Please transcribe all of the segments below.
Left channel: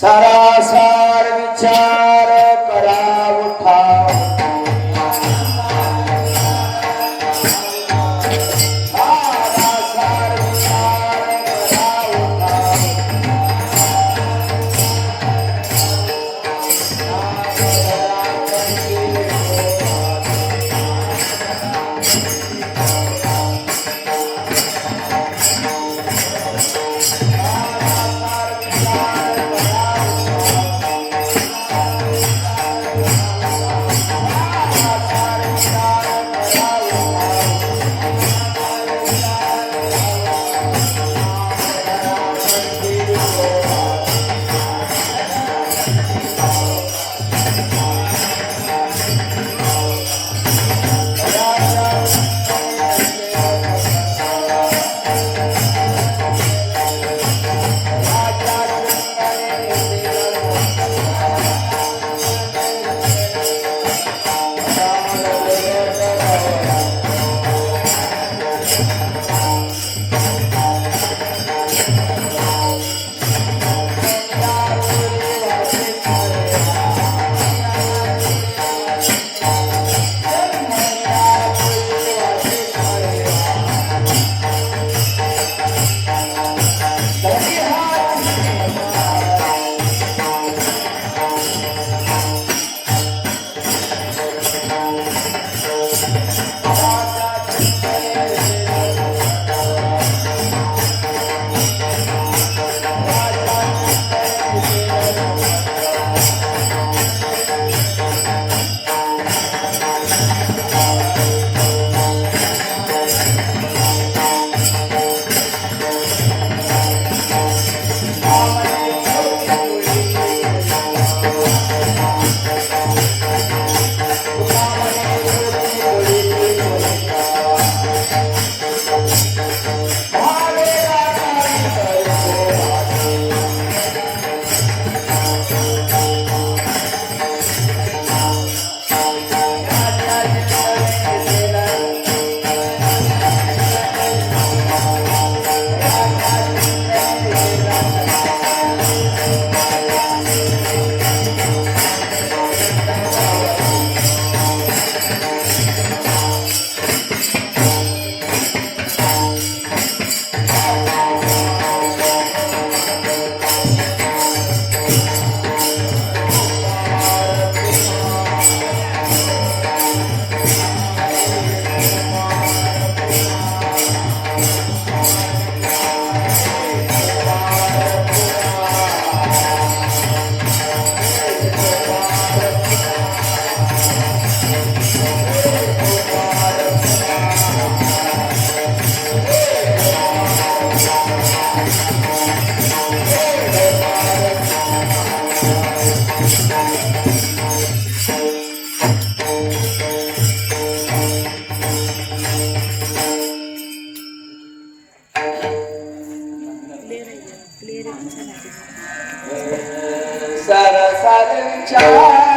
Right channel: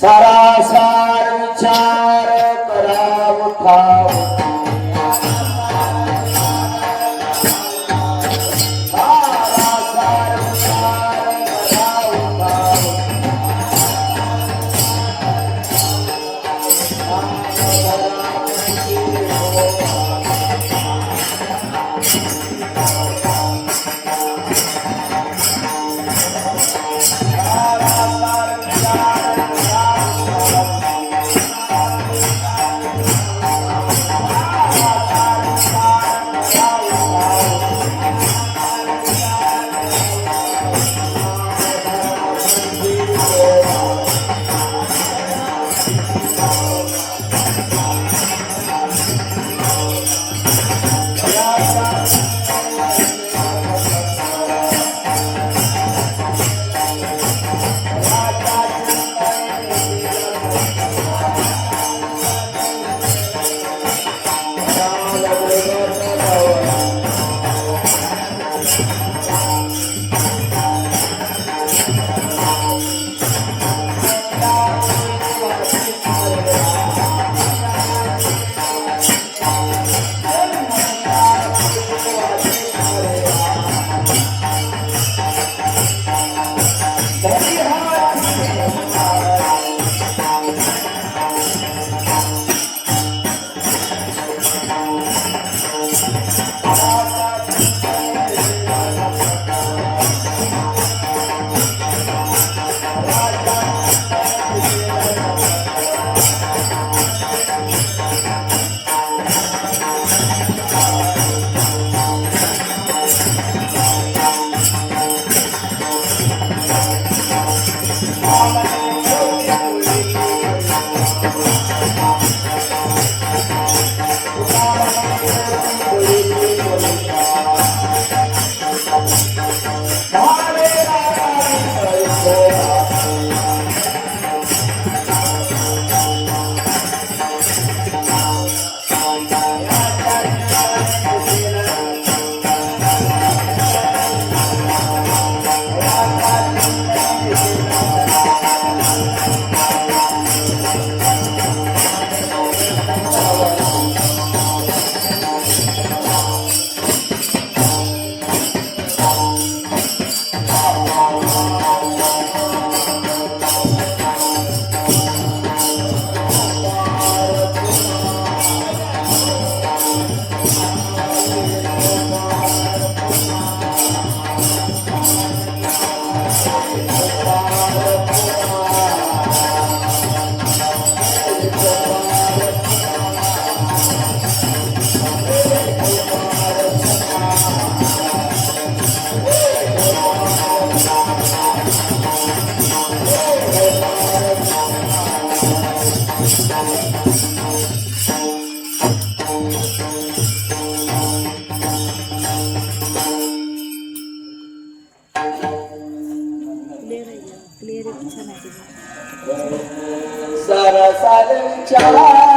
सारासार विचार करा उठाव सरसाद विचार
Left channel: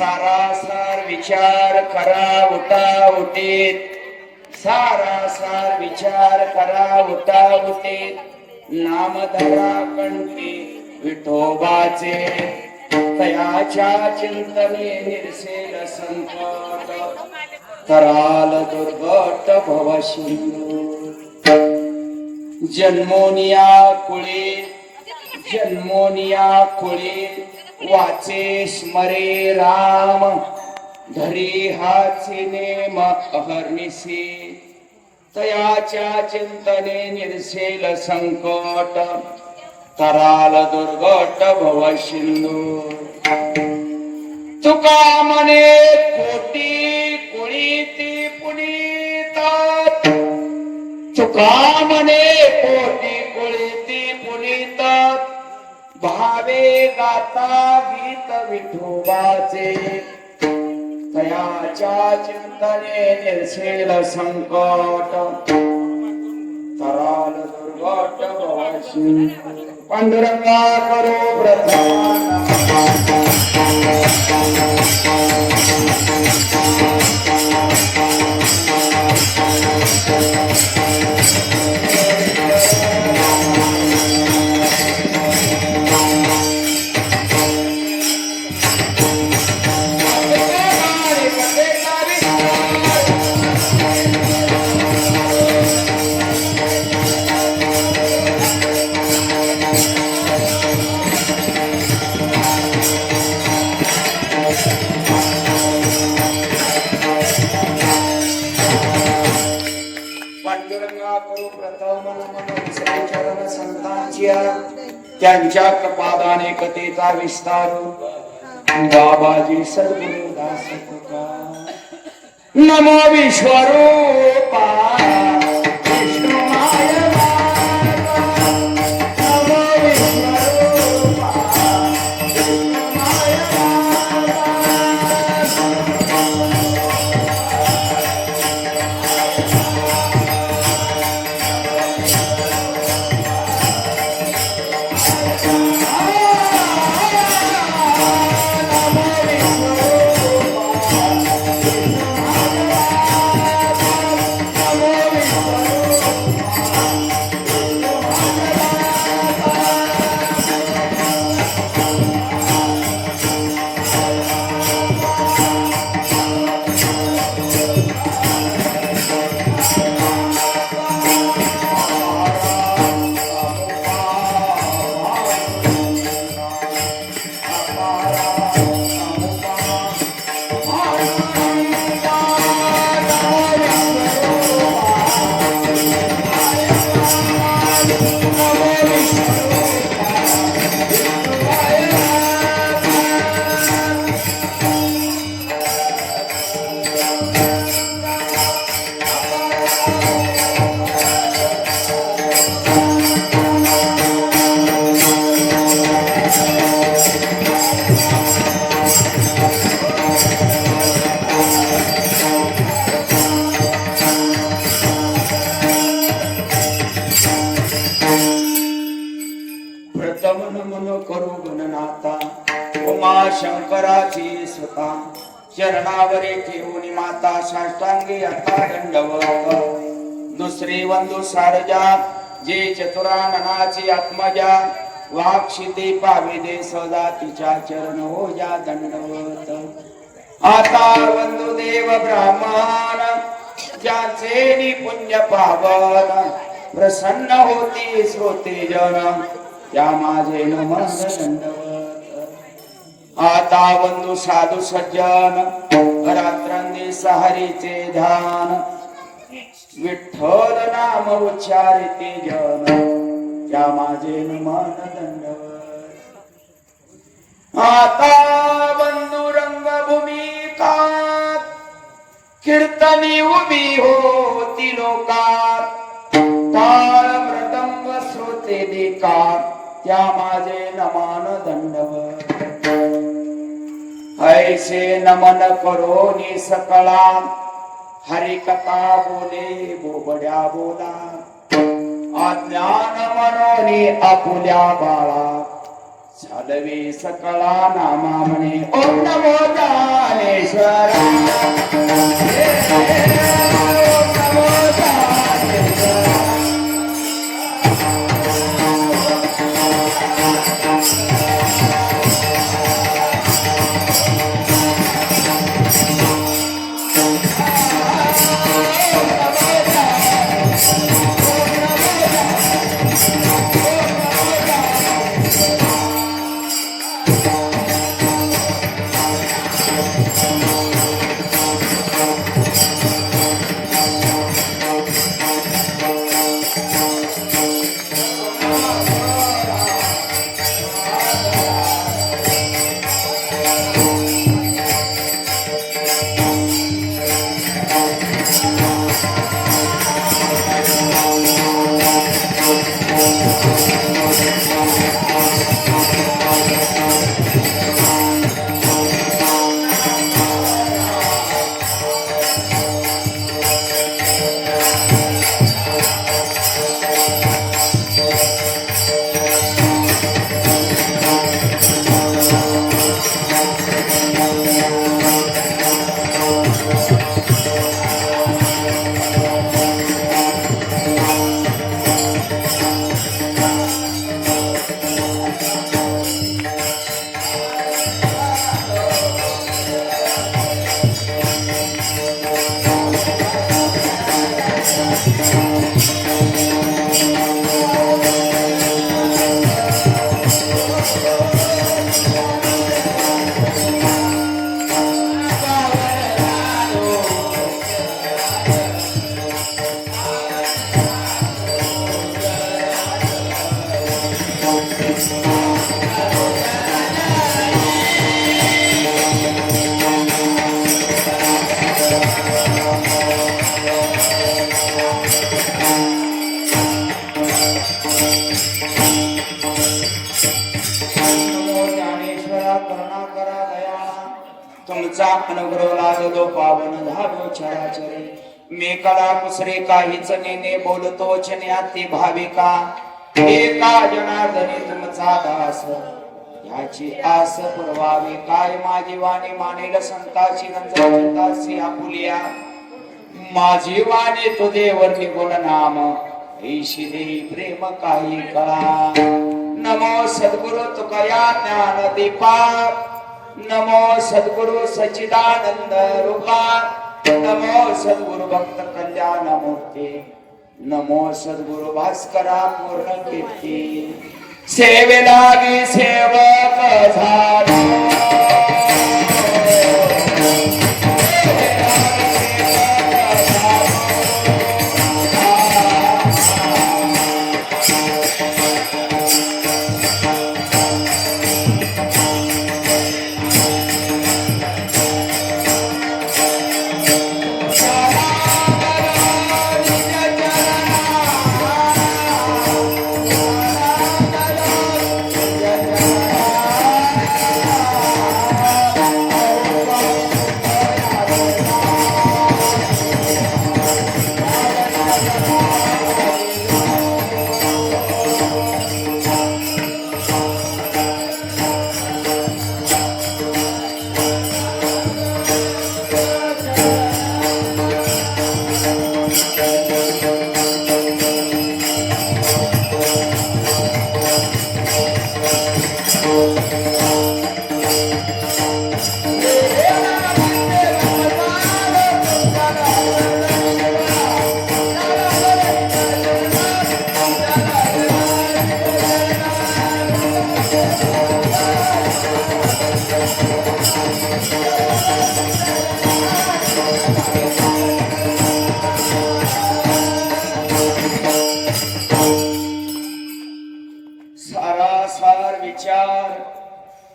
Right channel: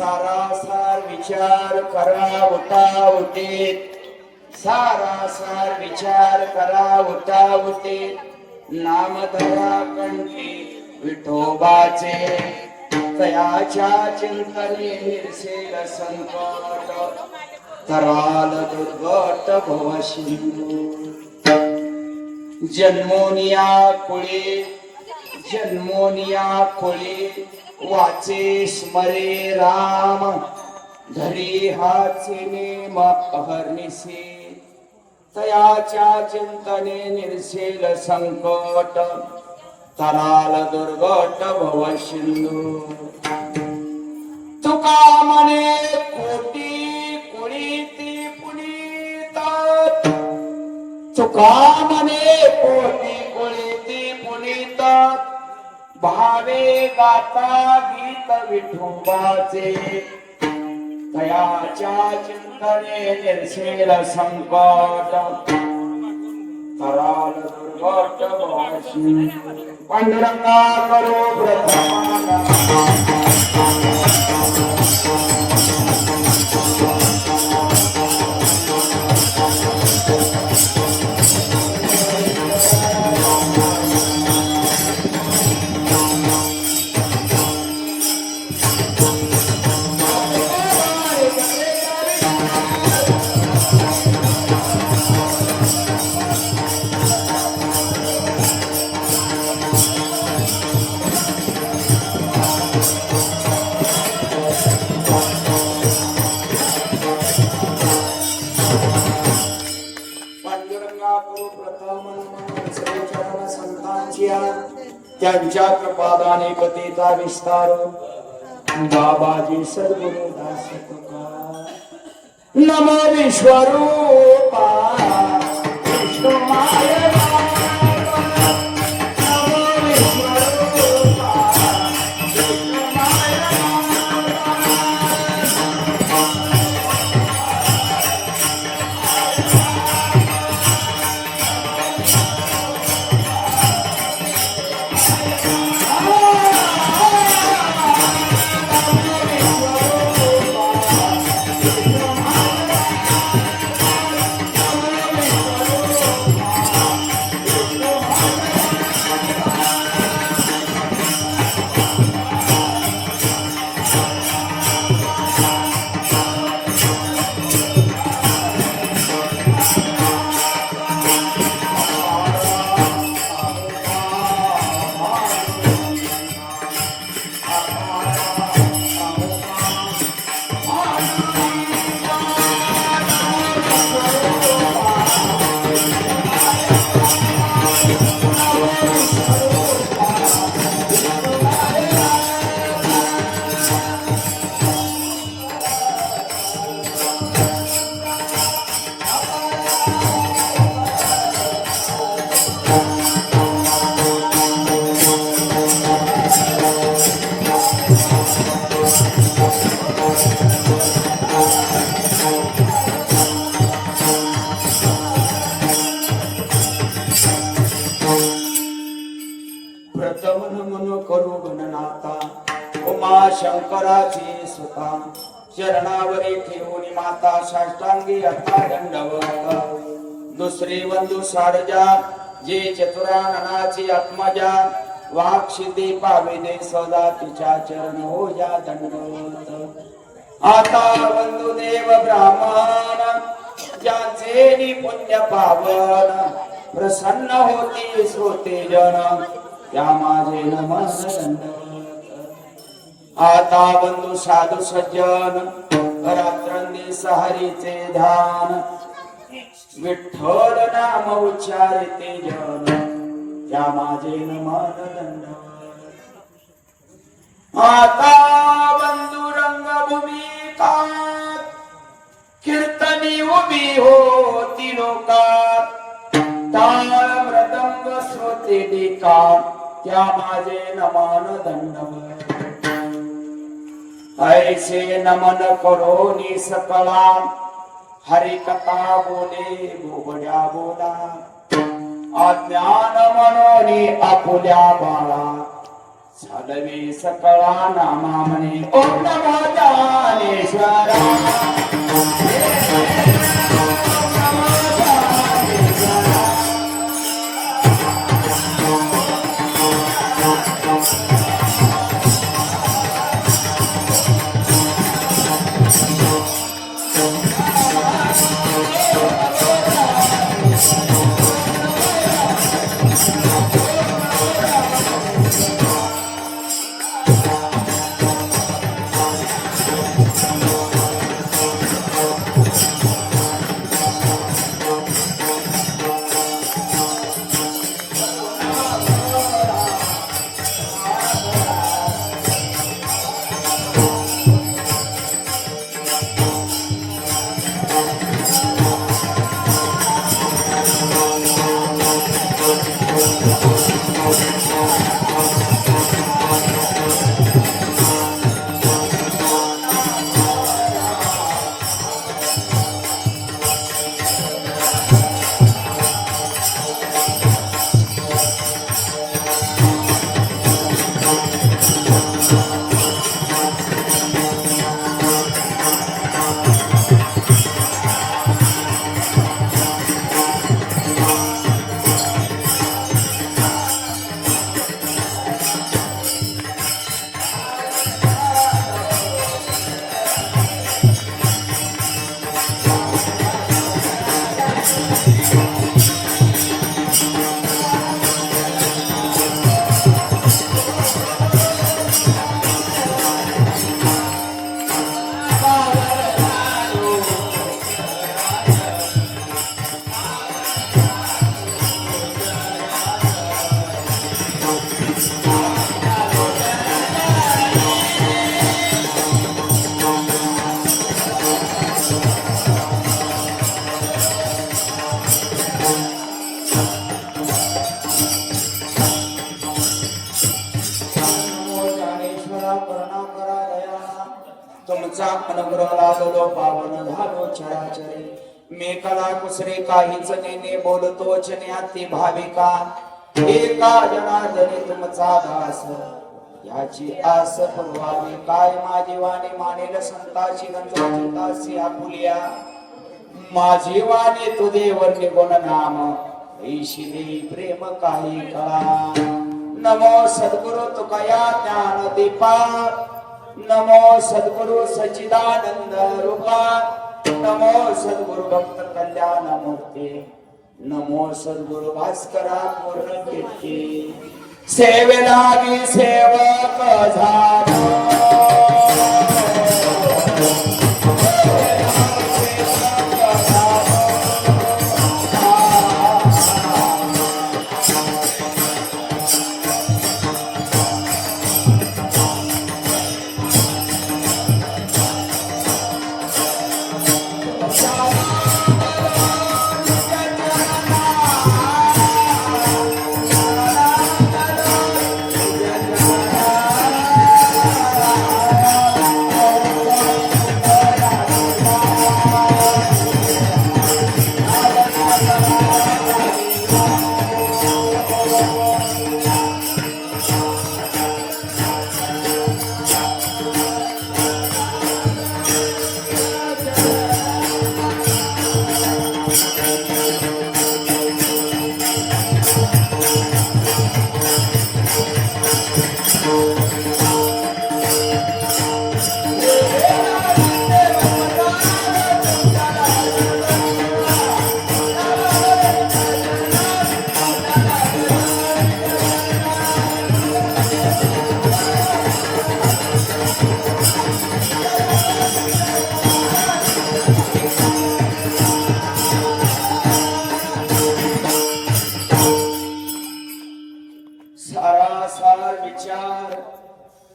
सारासार विचार करा उता उठेत, सारासार विचार करा उता उठेत, नाम धरा कंठी विठोबाचे, तयाच्या चिंतने निर्सेल संकट, कराल दुर्गट भवशिंदू. जन्मोनिया कुळे वाचे स्मरे राम, धरी हाचे नेम अहर्निशे, तयाच्या चिंतने निर्सेल संकट, तराल दुर्गट भवशिंदू. तुका म्हणे कोटी कुळीती पुनीता, तुका म्हणे कोटी कुळीती पुनीता, भावे गाता गीत विठोबाचे, तयाच्या चिंतने निर्सेल संकट, तराल दुर्गट भवशिंदू. पांडुरंगा करो प्रथम त्यांच्या पादाने कथेचा विस्तार. बाबाजी सद्गुरु दास तुका. नमो विश्वरूपा विष्णुमाय करू गणनाथा. उमा शंकराची सुता चरणावरी ठेवून माता साष्टांगी अठरा दंडवत. दुसरे बंधू सारजा जे चतुराननाची आत्मजा, वाक्षिते पाविदे सदा तिच्या चरण हो जा दंडवत. आता बंधू देव ब्राह्मण ज्याचे पुण्य पावन, प्रसन्न होती श्रोते जन त्या माझे नमन. आता बंधू साधू सज्जन रात्रंदिवस हरीचे ध्यान, विठ्ठल नाम उच्चारिते जन त्या माझे नमन दंडवत. आता बंधू रंगभूमिकात कीर्तनी उभी होती लोकात, ताल मृदंग श्रोते देकार त्या माझे नमन दंडवत. ऐसे नमन करोनी सकळा, हरि कथा बोले बोबड्या बोला, अज्ञान मनोनी आपुल्या बाळा, चालवी सकळा नामा म्हणे ओम नमो ज्ञानेश्वरा तुमचा अनुग्रह लागतो पावन झालो चराचरे मी कळा कुसरे काहीच नेने बोलतो ज्ञाती भाविका एका जनार्दनी तुमचा दास याची आस पुरवावी काय माझी वाणी मानेल संताची गंजाची आपुलिया माझी वाणी तु देवर निगुण नाम ईशिनी प्रेम काही कळा नमो सद्गुरु तुकया ज्ञान दीपा नमो सद्गुरु सच्चिदानंद रूपा नमो सद्गुरु भक्त कल्याण मूर्ती नमो सद्गुरु भास्करा पूर्ण कीर्ती सेवेलागी सेवक झालो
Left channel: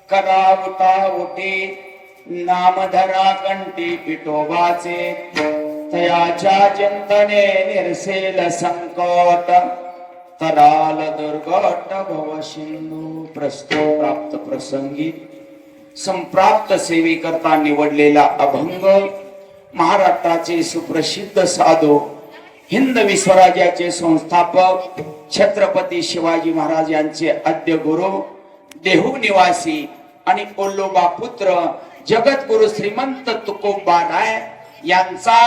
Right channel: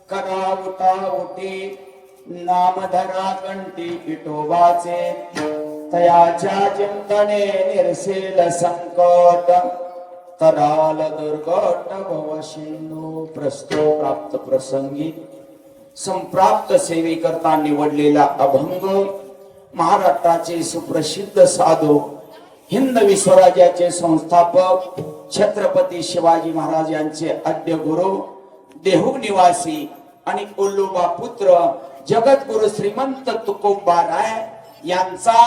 करावता उठे नामधरा कंठी विठोबाचे तयाच्या चिंतने निरसेल संकट तराल दुर्घट भवशिंदू प्रस्तुत प्राप्त प्रसंगी संप्राप्त सेवी करता निवडलेला अभंग महाराष्ट्राचे सुप्रसिद्ध साधू हिंद विश्वराज्याचे संस्थापक छत्रपती शिवाजी महाराज यांचे आद्य गुरु देहू निवासी आणि ओल्लोबा पुत्र जगद्गुरु श्रीमंत तुकोबा राय यांचा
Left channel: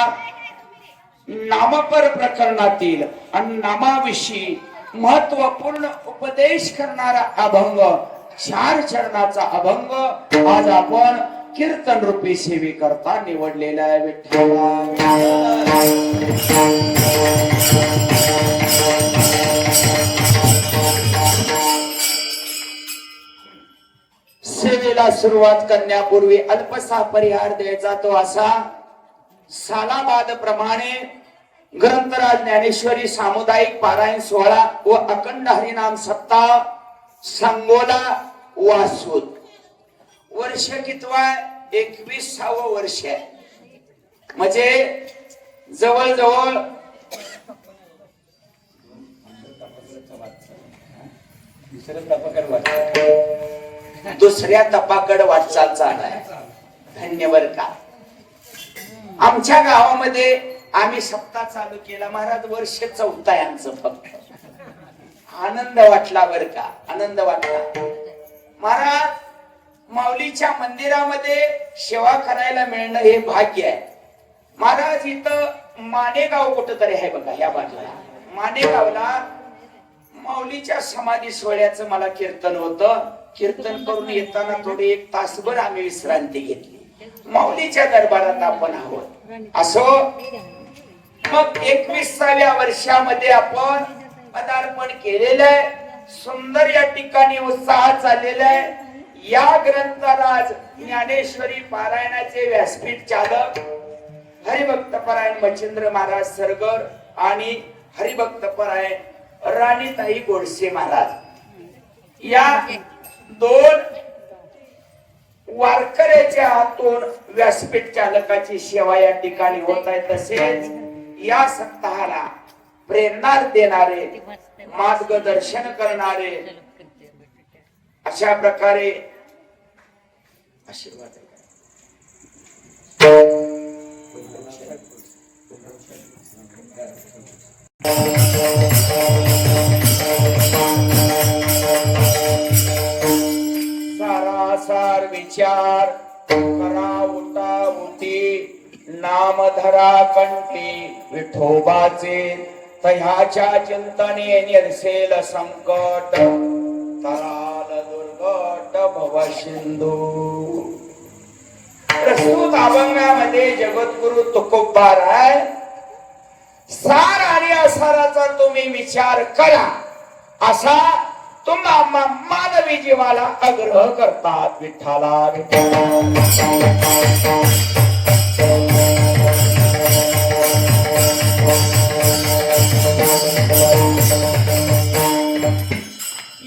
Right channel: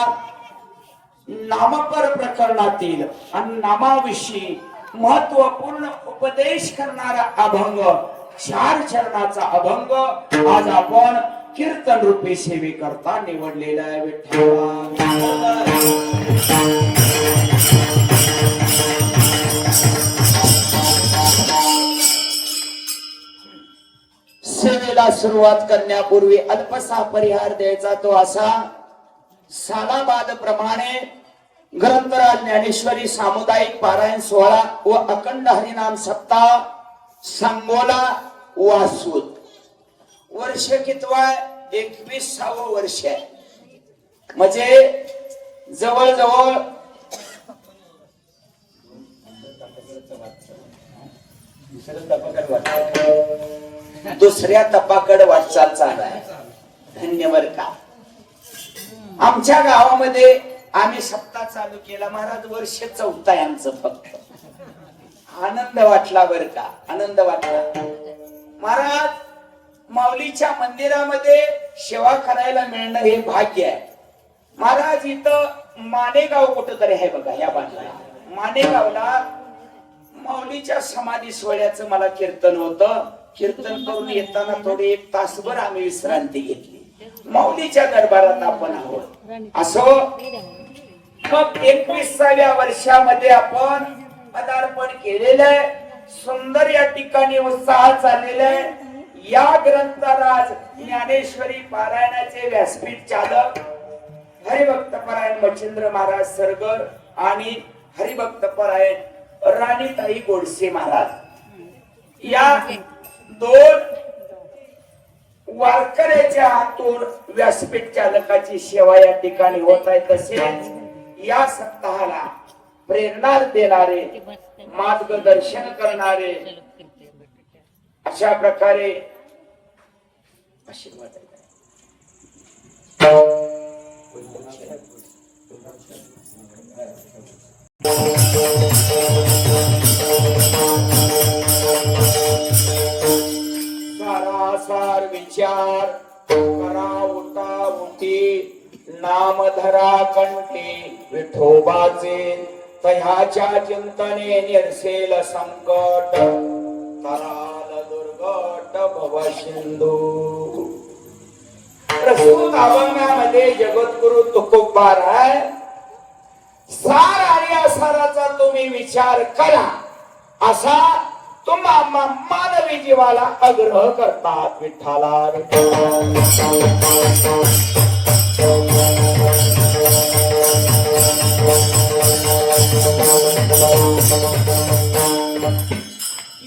नामपर प्रकरणातील आणि नामाविषयी महत्वपूर्ण उपदेश करणारा अभंग 4 चरणाचा अभंग आज आपण कीर्तन रूपी सेवे करता निवडलेला आहे. विठ्ठला सेवेला सुरुवात करण्यापूर्वी अल्पसा परिहार द्यायचा तो असा. सालाबाद प्रमाणे ग्रंथराज ज्ञानेश्वरी सामुदायिक पारायण सोहळा व अखंड हरिनाम सप्ताह सांगोला वासूद वर्ष कितवा 21वे वर्ष म्हणजे जवळजवळ दुसऱ्या तपाकड वाटचाल चालू आहे. धन्यवाद का आमच्या गावामध्ये आम्ही सप्ताह चालू केला महाराज. वर्ष 4th आहे आमचं. फक्त आनंद वाटला बर का. आनंद वाटला महाराज. माऊलीच्या मंदिरामध्ये सेवा करायला मिळणं हे भाग्य आहे महाराज. इथं मानेगाव कुठंतरी आहे बघा या बाजूला. मानेगावला माऊलीच्या समाधी सोहळ्याचं मला कीर्तन होतं. कीर्तन करून येताना थोडी 1 तासभर आम्ही विश्रांती घेतली. माऊलीच्या दरबारात आपण आहोत. असो मग 21व्या वर्षामध्ये आपण पदार्पण केलेलं आहे. सुंदर या ठिकाणी उत्साह चाललेला आहे. या ग्रंथराज ज्ञानेश्वरी पारायणाचे व्यासपीठ चालक हरिभक्तपरायण मच्छिंद्र महाराज सरगर आणि हरिभक्तपरायण राणीताई गोडसे महाराज या 2 वारकऱ्याच्या हातून व्यासपीठ चालकाची सेवा या ठिकाणी होत आहे. तसेच या सप्ताहाला प्रेरणा देणारे मार्गदर्शन करणारे अशा प्रकारे आशीर्वाद सारासार विचार करा उठा उठी नामधरा कंठी विठोबाचे तह्याच्या चिंतने निरसेल संकट तराल दुर्गट भव सिंधू. प्रस्तुत अभंगामध्ये जगद्गुरु तुकोबा राय सार आणि असाराचा तुम्ही विचार करा असा तुम्हाला मानवी जीवाला आग्रह करतात. विठ्ठला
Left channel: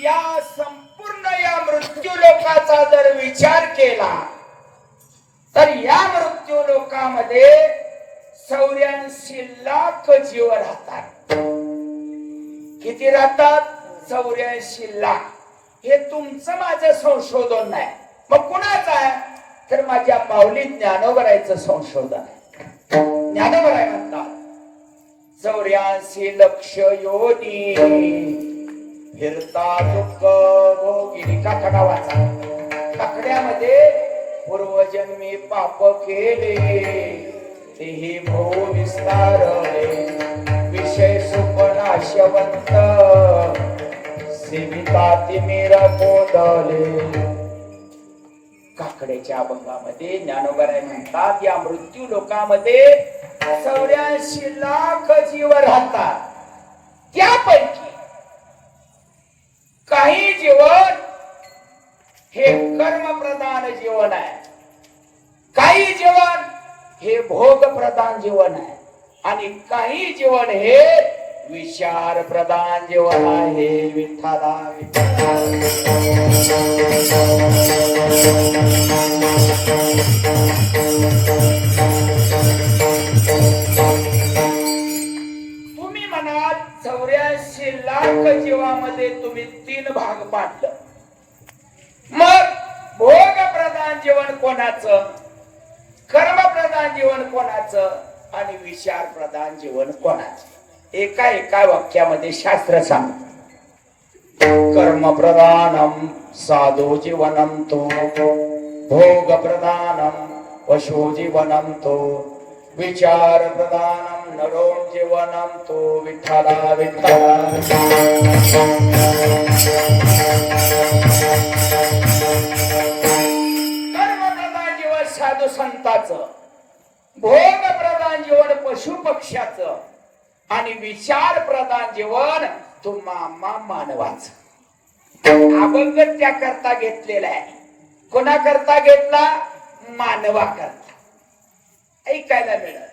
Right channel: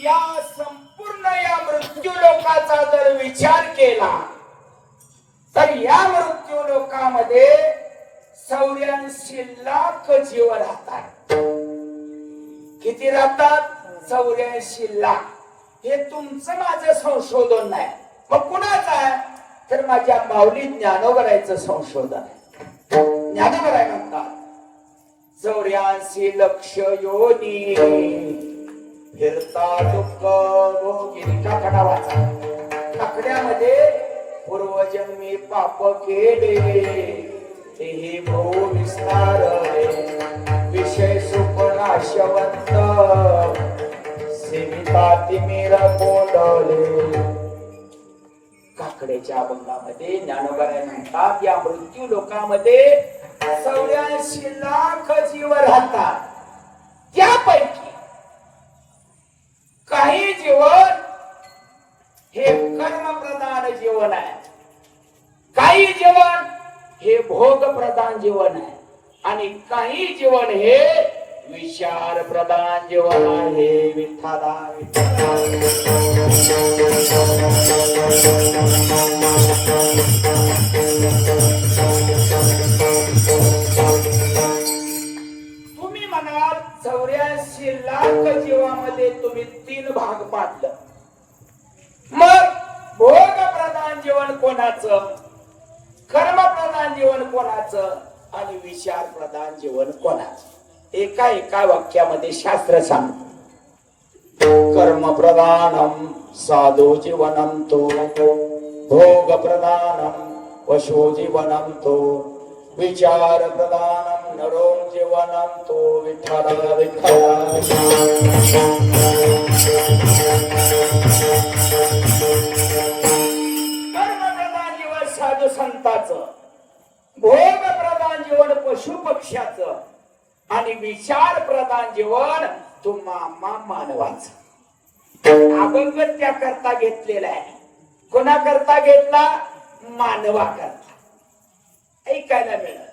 या संपूर्ण या मृत्यू लोकाचा जर विचार केला तर या मृत्यू लोकामध्ये 84 लाख जीव राहतात. किती राहतात? 84 लाख. हे तुमचं माझं संशोधन नाही. मग कुणाचं आहे? तर माझ्या माऊली ज्ञानोबरायचं संशोधन आहे. ज्ञानोबराय म्हणतात 84 लक्ष योनी फिरता दुःख भोगी. काकडा वाचा. काकड्यामध्ये पूर्वजन्मी पाप केले तेही भो विस्तार विषय सुपनाशवंत सेविता तिमिर कोंडले. काकड्याच्या अभंगामध्ये ज्ञानोबराय म्हणतात या मृत्यू लोकामध्ये 84 लाख जीव राहतात. त्यापैकी काही जीवन हे कर्म प्रधान जीवन आहे. काही जीवन हे भोग प्रधान जीवन आहे आणि काही जीवन हे विचार प्रधान जीवन आहे. विठ्ठला तुम्ही म्हणाल 84 लाख जीवामध्ये तुम्ही 3 भाग पाडलं. मग भोग प्रधान जीवन कोणाचं, कर्म प्रधान जीवन कोणाचं आणि विचार प्रधान जीवन कोणाचं? एका वाक्यामध्ये शास्त्र सांगतं कर्म प्रधानम साधो जीवनम तो भोग प्रधानम पशु जीवनम तो विचार प्रधानम नरो जीवनम तो विठ्ठला विठ्ठला. कर्म प्रधान जीवन साधू संताचं, भोग प्रधान जीवन पशु पक्ष्याचं आणि विचार प्रधान जीवन तुम्हा मानवाचं. अभंग त्याकरता घेतलेला आहे. कोणाकरता घेतला? मानवा करता. ऐकायला मिळत.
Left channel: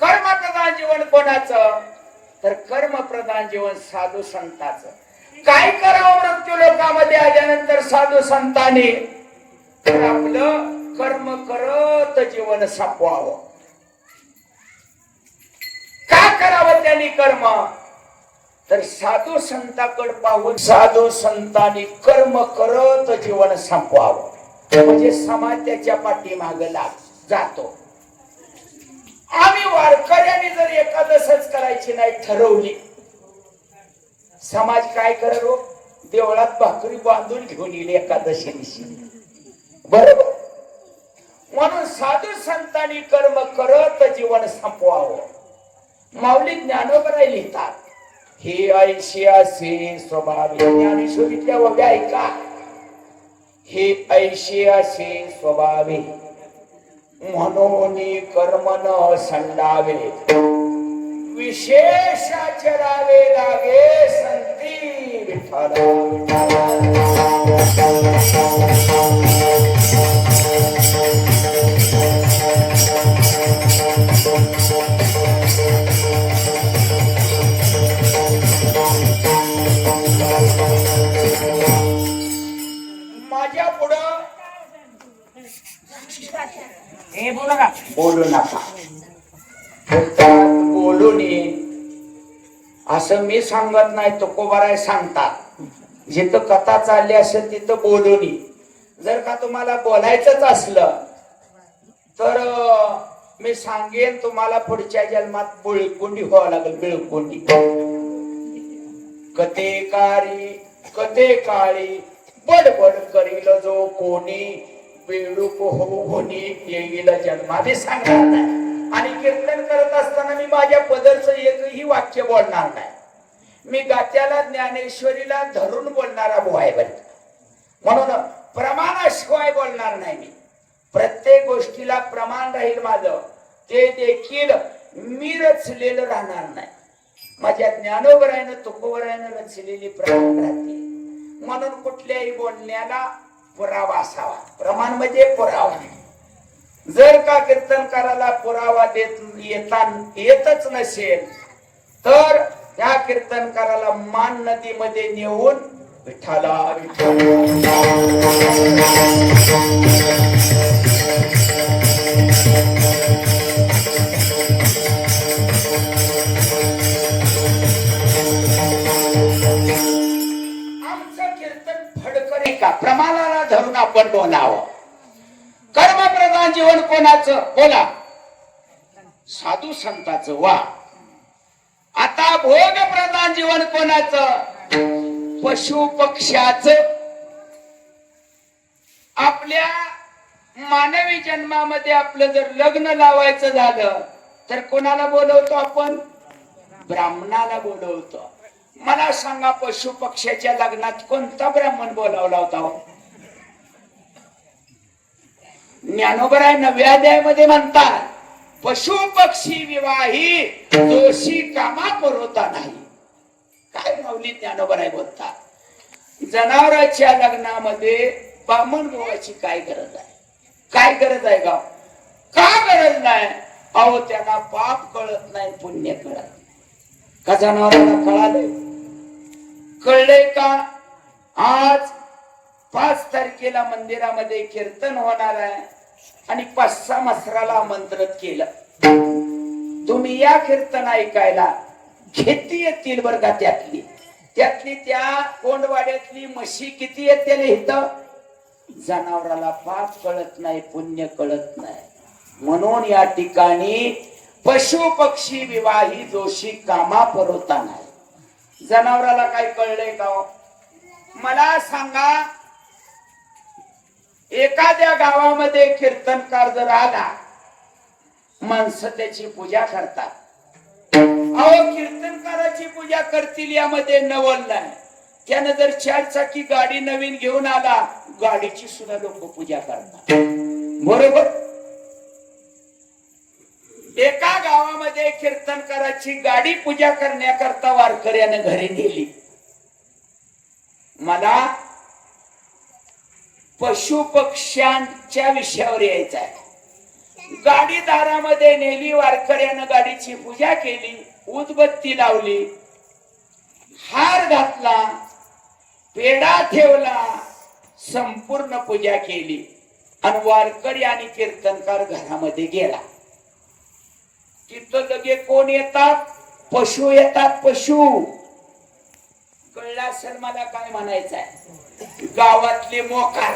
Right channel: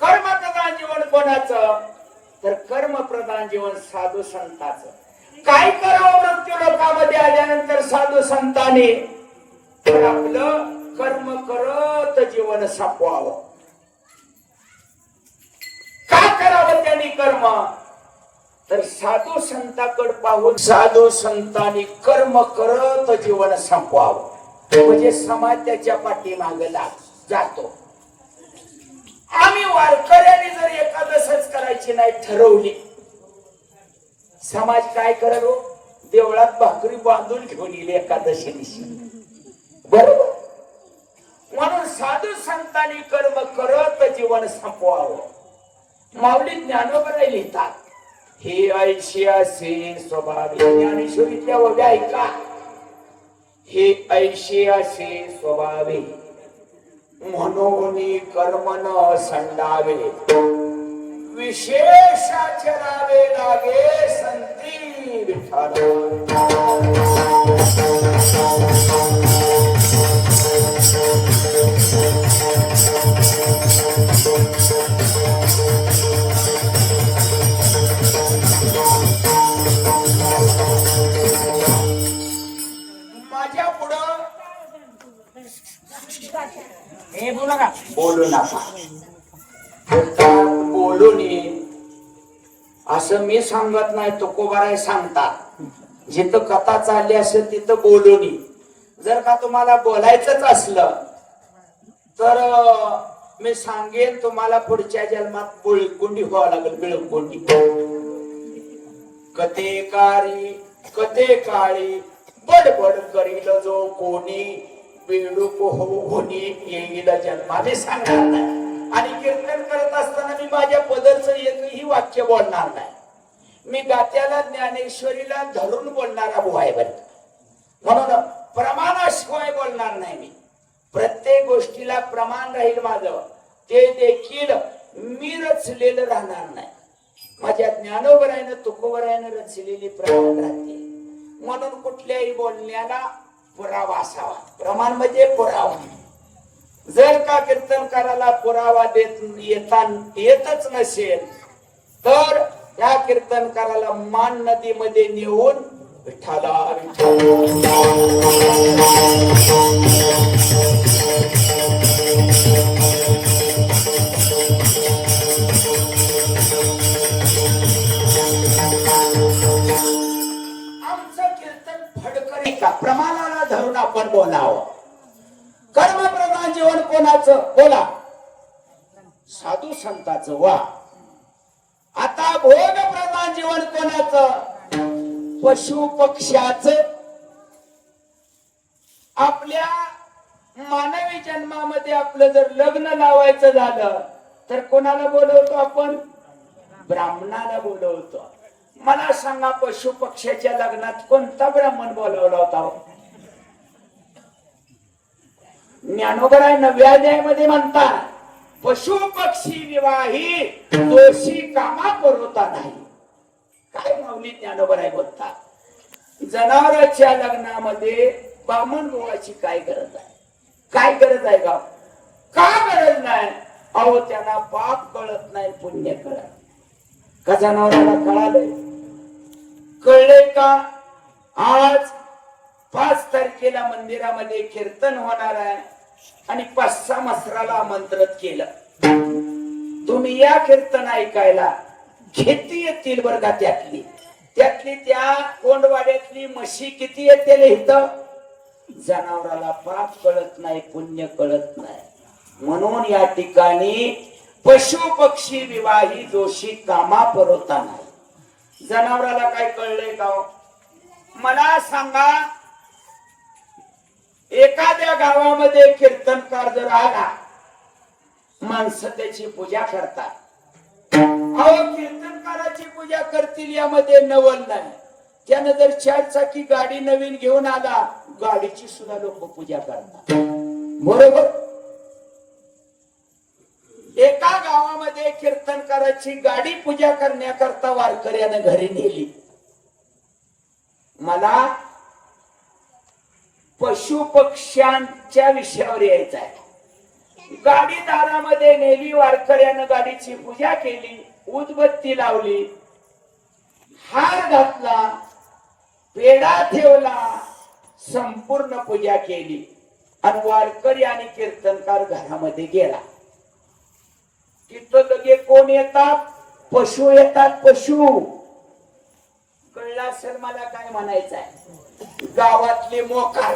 कर्म प्रधान जीवन कोणाचं? तर कर्म प्रधान जीवन साधू संताचं. काय करावं मृत्यू लोकामध्ये आल्यानंतर साधू संतांनी? तर आपलं कर्म करत जीवन सापवावं. का करावं त्यांनी कर्म? तर साधू संताकडे पाहून साधू संतांनी कर्म करत जीवन संपवावं. म्हणजे समाज त्याच्या पाठीमागे जातो. आम्ही वारकऱ्यांनी जर एकादशच करायची नाही ठरवली, समाज काय करो? देवळात भाकरी बांधून घेऊन येईल एकादशी दिवशी, बरोबर. म्हणून साधू संतांनी कर्म करत जीवन संपवावं. माऊली ज्ञानोबा लिहितात, हे ऐशी असे स्वभावे. ज्ञानेश्वरीतल्या ओव्या ऐका. हे ऐशी असे स्वभावे म्हणून कर्म न संडावे, विशेष आचरावे लागे संती विठ्ठला. बोलू नका. बोलू नये असं मी सांगत नाही, तुकोबाराय सांगतात. जिथं कथा चालली असेल तिथं बोलू नये. जर का तुम्हाला बोलायचंच असलं तर मी सांगेन तुम्हाला पुढच्या जन्मात बिळकुंडी व्हावं लागेल. बिळकुंडी. कथे काळी बडबड करील जो कोणी, बेडूक होऊन येईल जन्माने सांगणार नाही. आणि कीर्तन करत असताना मी माझ्या पदरचं एकही वाक्य बोलणार नाही. मी गात्याला ज्ञानेश्वरीला धरून बोलणारा बुवाय बर. म्हणून प्रमाणाशिवाय बोलणार नाही. मी प्रत्येक गोष्टीला प्रमाण राहील माझं, ते देखील मी रचलेलं राहणार नाही. माझ्या ज्ञानोबरायनं तुकोबरायनं रचलेली प्रमाण राहते. म्हणून कुठल्याही बोलण्याला पुरावा असावा. प्रमाण म्हणजे पुरावा. जर का कीर्तनकाराला पुरावा येतच नसेल तर त्या कीर्तनकाराला मान नदीमध्ये नेऊन विठ्ठला आमचं कीर्तन फडकरी का प्रमाणाला धरून आपण बोलावं. कर्मप्रधान जीवन कोणाचं? बोला. साधू संतांचं. वा. आता भोग प्रधान जीवन कोणाचं? पशु पक्ष्याचं. आपल्या मानवी जन्मामध्ये आपलं जर लग्न लावायचं झालं तर कोणाला बोलवतो आपण? ब्राह्मणाला बोलवतो. मला सांगा, पशु पक्ष्याच्या लग्नात कोणता ब्राह्मण बोलावला होता? ज्ञानोबराय 9व्या अध्यायामध्ये म्हणतात, पशु पक्षी विवाही दोषी कामा पुरवता नाही. काय माऊली ज्ञानोबराय बोलतात? जनावरांच्या लग्नामध्ये ब्राह्मण गोवाची काय गरज आहे? काय गरज आहे गाव? का गरज नाही? अहो, त्यांना पाप कळत नाही, पुण्य कळत. का जनावरांना कळालंय? कळलंय का? आज 5 तारखेला मंदिरामध्ये कीर्तन होणार आहे आणि 5-6 मसराला आमंत्रित केलं. तुम्ही या कीर्तन ऐकायला. किती येतील बरं का? त्यातली त्या कोंडवाड्यातली म्हशी किती येतील इथं? जनावराला पाप कळत नाही, पुण्य कळत नाही. म्हणून या ठिकाणी पशु पक्षी विवाही दोषी कामा पुरवता नाही. जनावराला काय कळलंय का? मला सांगा, एखाद्या गावामध्ये कीर्तनकार जर आला, माणसं त्याची पूजा करतात. अहो, कीर्तनकाराची पूजा करतील यामध्ये नवल नाही. त्यानं जर 4 चाकी गाडी नवीन घेऊन आला, गाडीची सुद्धा लोक पूजा करतात. बरोबर. एका गावामध्ये कीर्तनकाराची गाडी पूजा करण्याकरता वारकऱ्यानं घरी नेली. मला पशु पक्ष्यांच्या विषयावर यायचं आहे. गाडी दारामध्ये नेली, वारकऱ्यानं गाडीची पूजा केली, उदबत्ती लावली, हार घातला, पेढा ठेवला, संपूर्ण पूजा केली आणि वारकरी आणि कीर्तनकार घरामध्ये गेला. तिथं लगे कोण येतात? पशु येतात. पशु. कळलं असेल मला काय म्हणायचं आहे. गावातले मोकार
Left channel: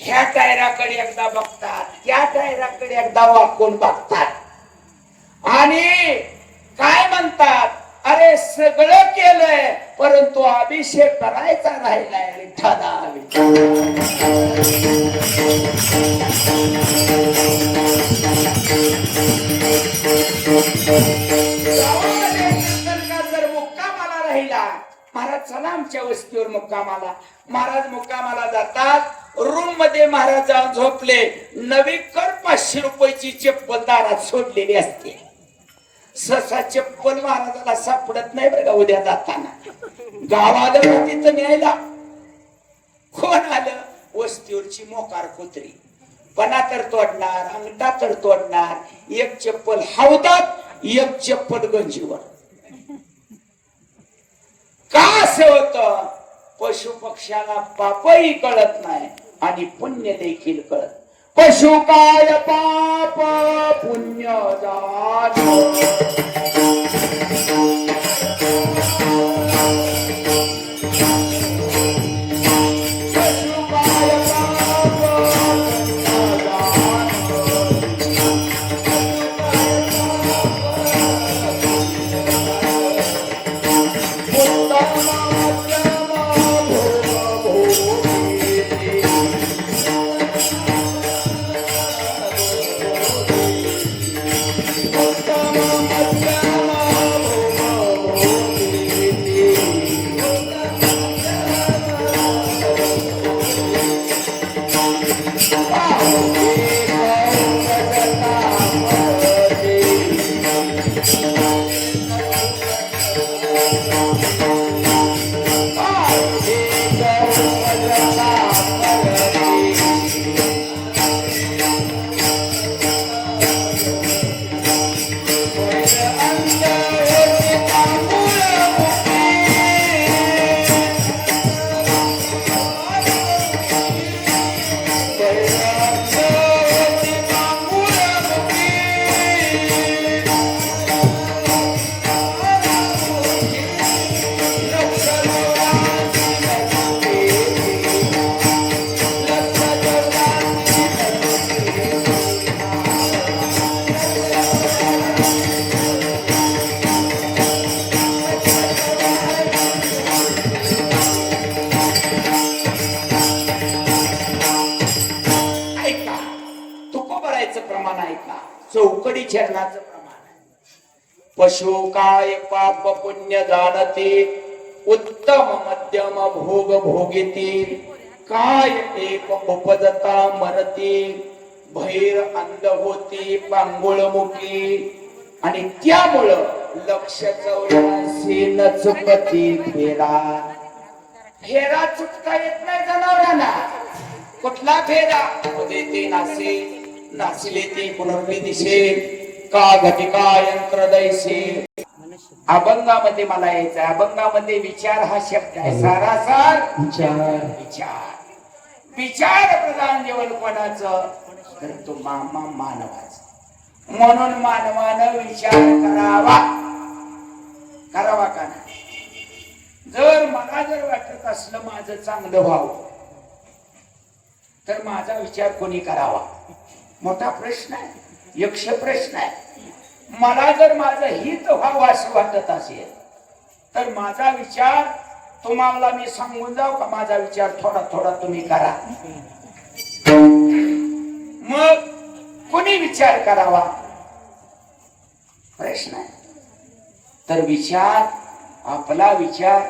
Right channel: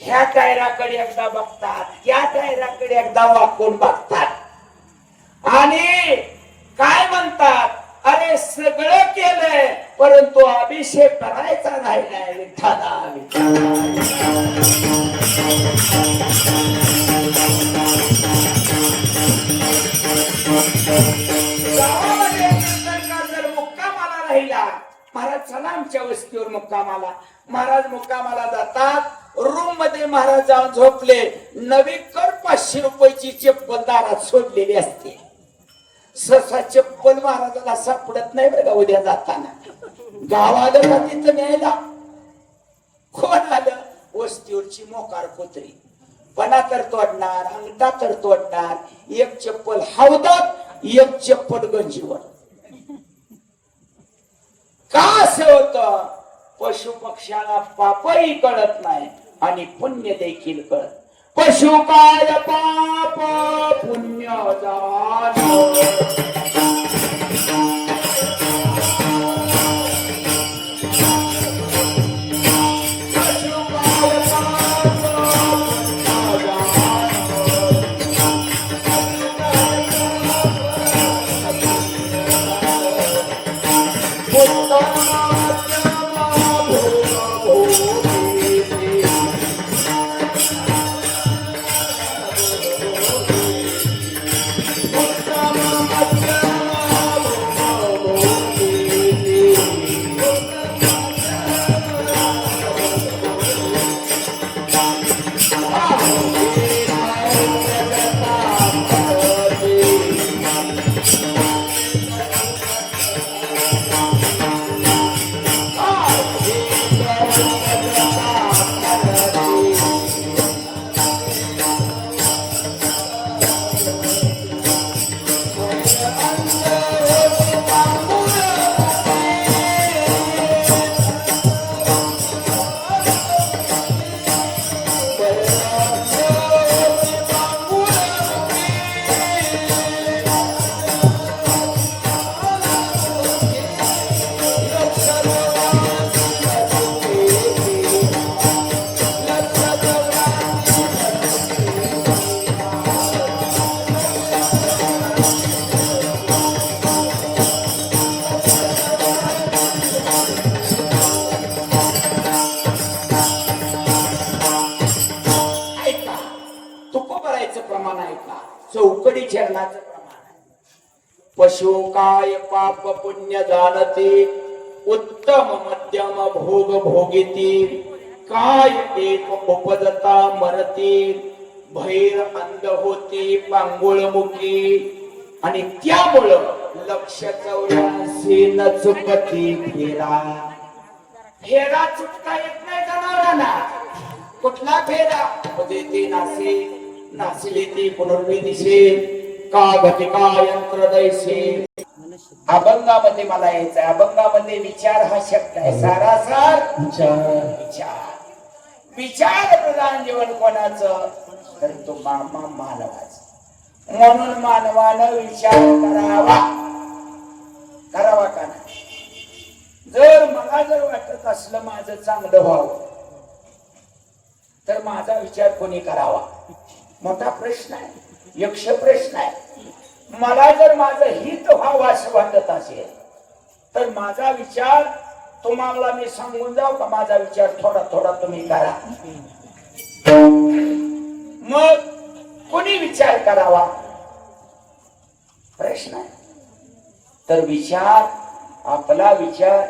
ह्या टायराकडे एकदा बघतात, त्या टायराकडे एकदा वाकून बघतात आणि काय म्हणतात? अरे सगळं केलंय परंतु अभिषेक करायचा राहिलाय. विठ्ठला जर मुक्कामाला राहिला, महाराज चला आमच्या वस्तीवर मुक्कामाला. महाराज मुक्कामाला जातात. रूम मध्ये महाराज जाऊन झोपले. नवी कर 500 रुपयाची चप्पल दारात सोडलेली असते. ससा चप्पल महाराजाला सापडत नाही बरं. उद्या जाताना गावाला तिथं न्यायला कोण आलं? वस्तीवरची मोकार कुत्री. पणा तर तोडणार, अंगठा तर तोडणार. एक चप्पल हौदात, एक चप्पल गंजीवर. का असं होतं? पशु पक्ष्याला पापही कळत नाही आणि पुण्य देखील कळत. पशु काय पाप पुण्य चौकडी चरणाचं प्रमाण. पशु काय पाप पुण्य जाणते, उत्तम मध्यम भोग भोगिती. काय एक उपजता मरती, भैर अंध होती पांगुळमुखी. आणि त्यामुळं लक्ष 84 न चुकती फेरा. फेरा चुकता येत नाही जनावरांना. कुठला फेरा? उदिती नासी नाचले ती पुनर्वी दिसे, का घटिका यंत्र दैसे. अभंगामध्ये मला यायचं आहे. अभंगामध्ये विचार हा शब्द आहे. सारासार विचार. विचार प्रधान जीवन कोणाचं? तर तो मानवाचा. म्हणून मानवानं विचार करावा. करावा का नाही? जर मला जर वाटत असलं माझं चांगलं व्हावं तर माझा विचार कोणी करावा? मोठा प्रश्न आहे. यक्ष प्रश्न आहे. मला जर माझं हित व्हावं असं वाटत असेल तर माझा विचार तुम्हाला मी सांगून जाऊ का माझा विचार थोडा थोडा तुम्ही करा. मग कोणी विचार करावा प्रश्न आहे. तर विचार आपला विचार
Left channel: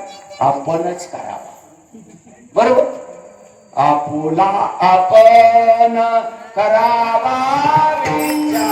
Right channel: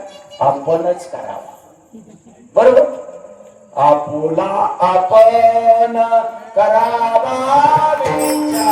आपणच करावा. बरोबर. आपुला आपण करावा विचार.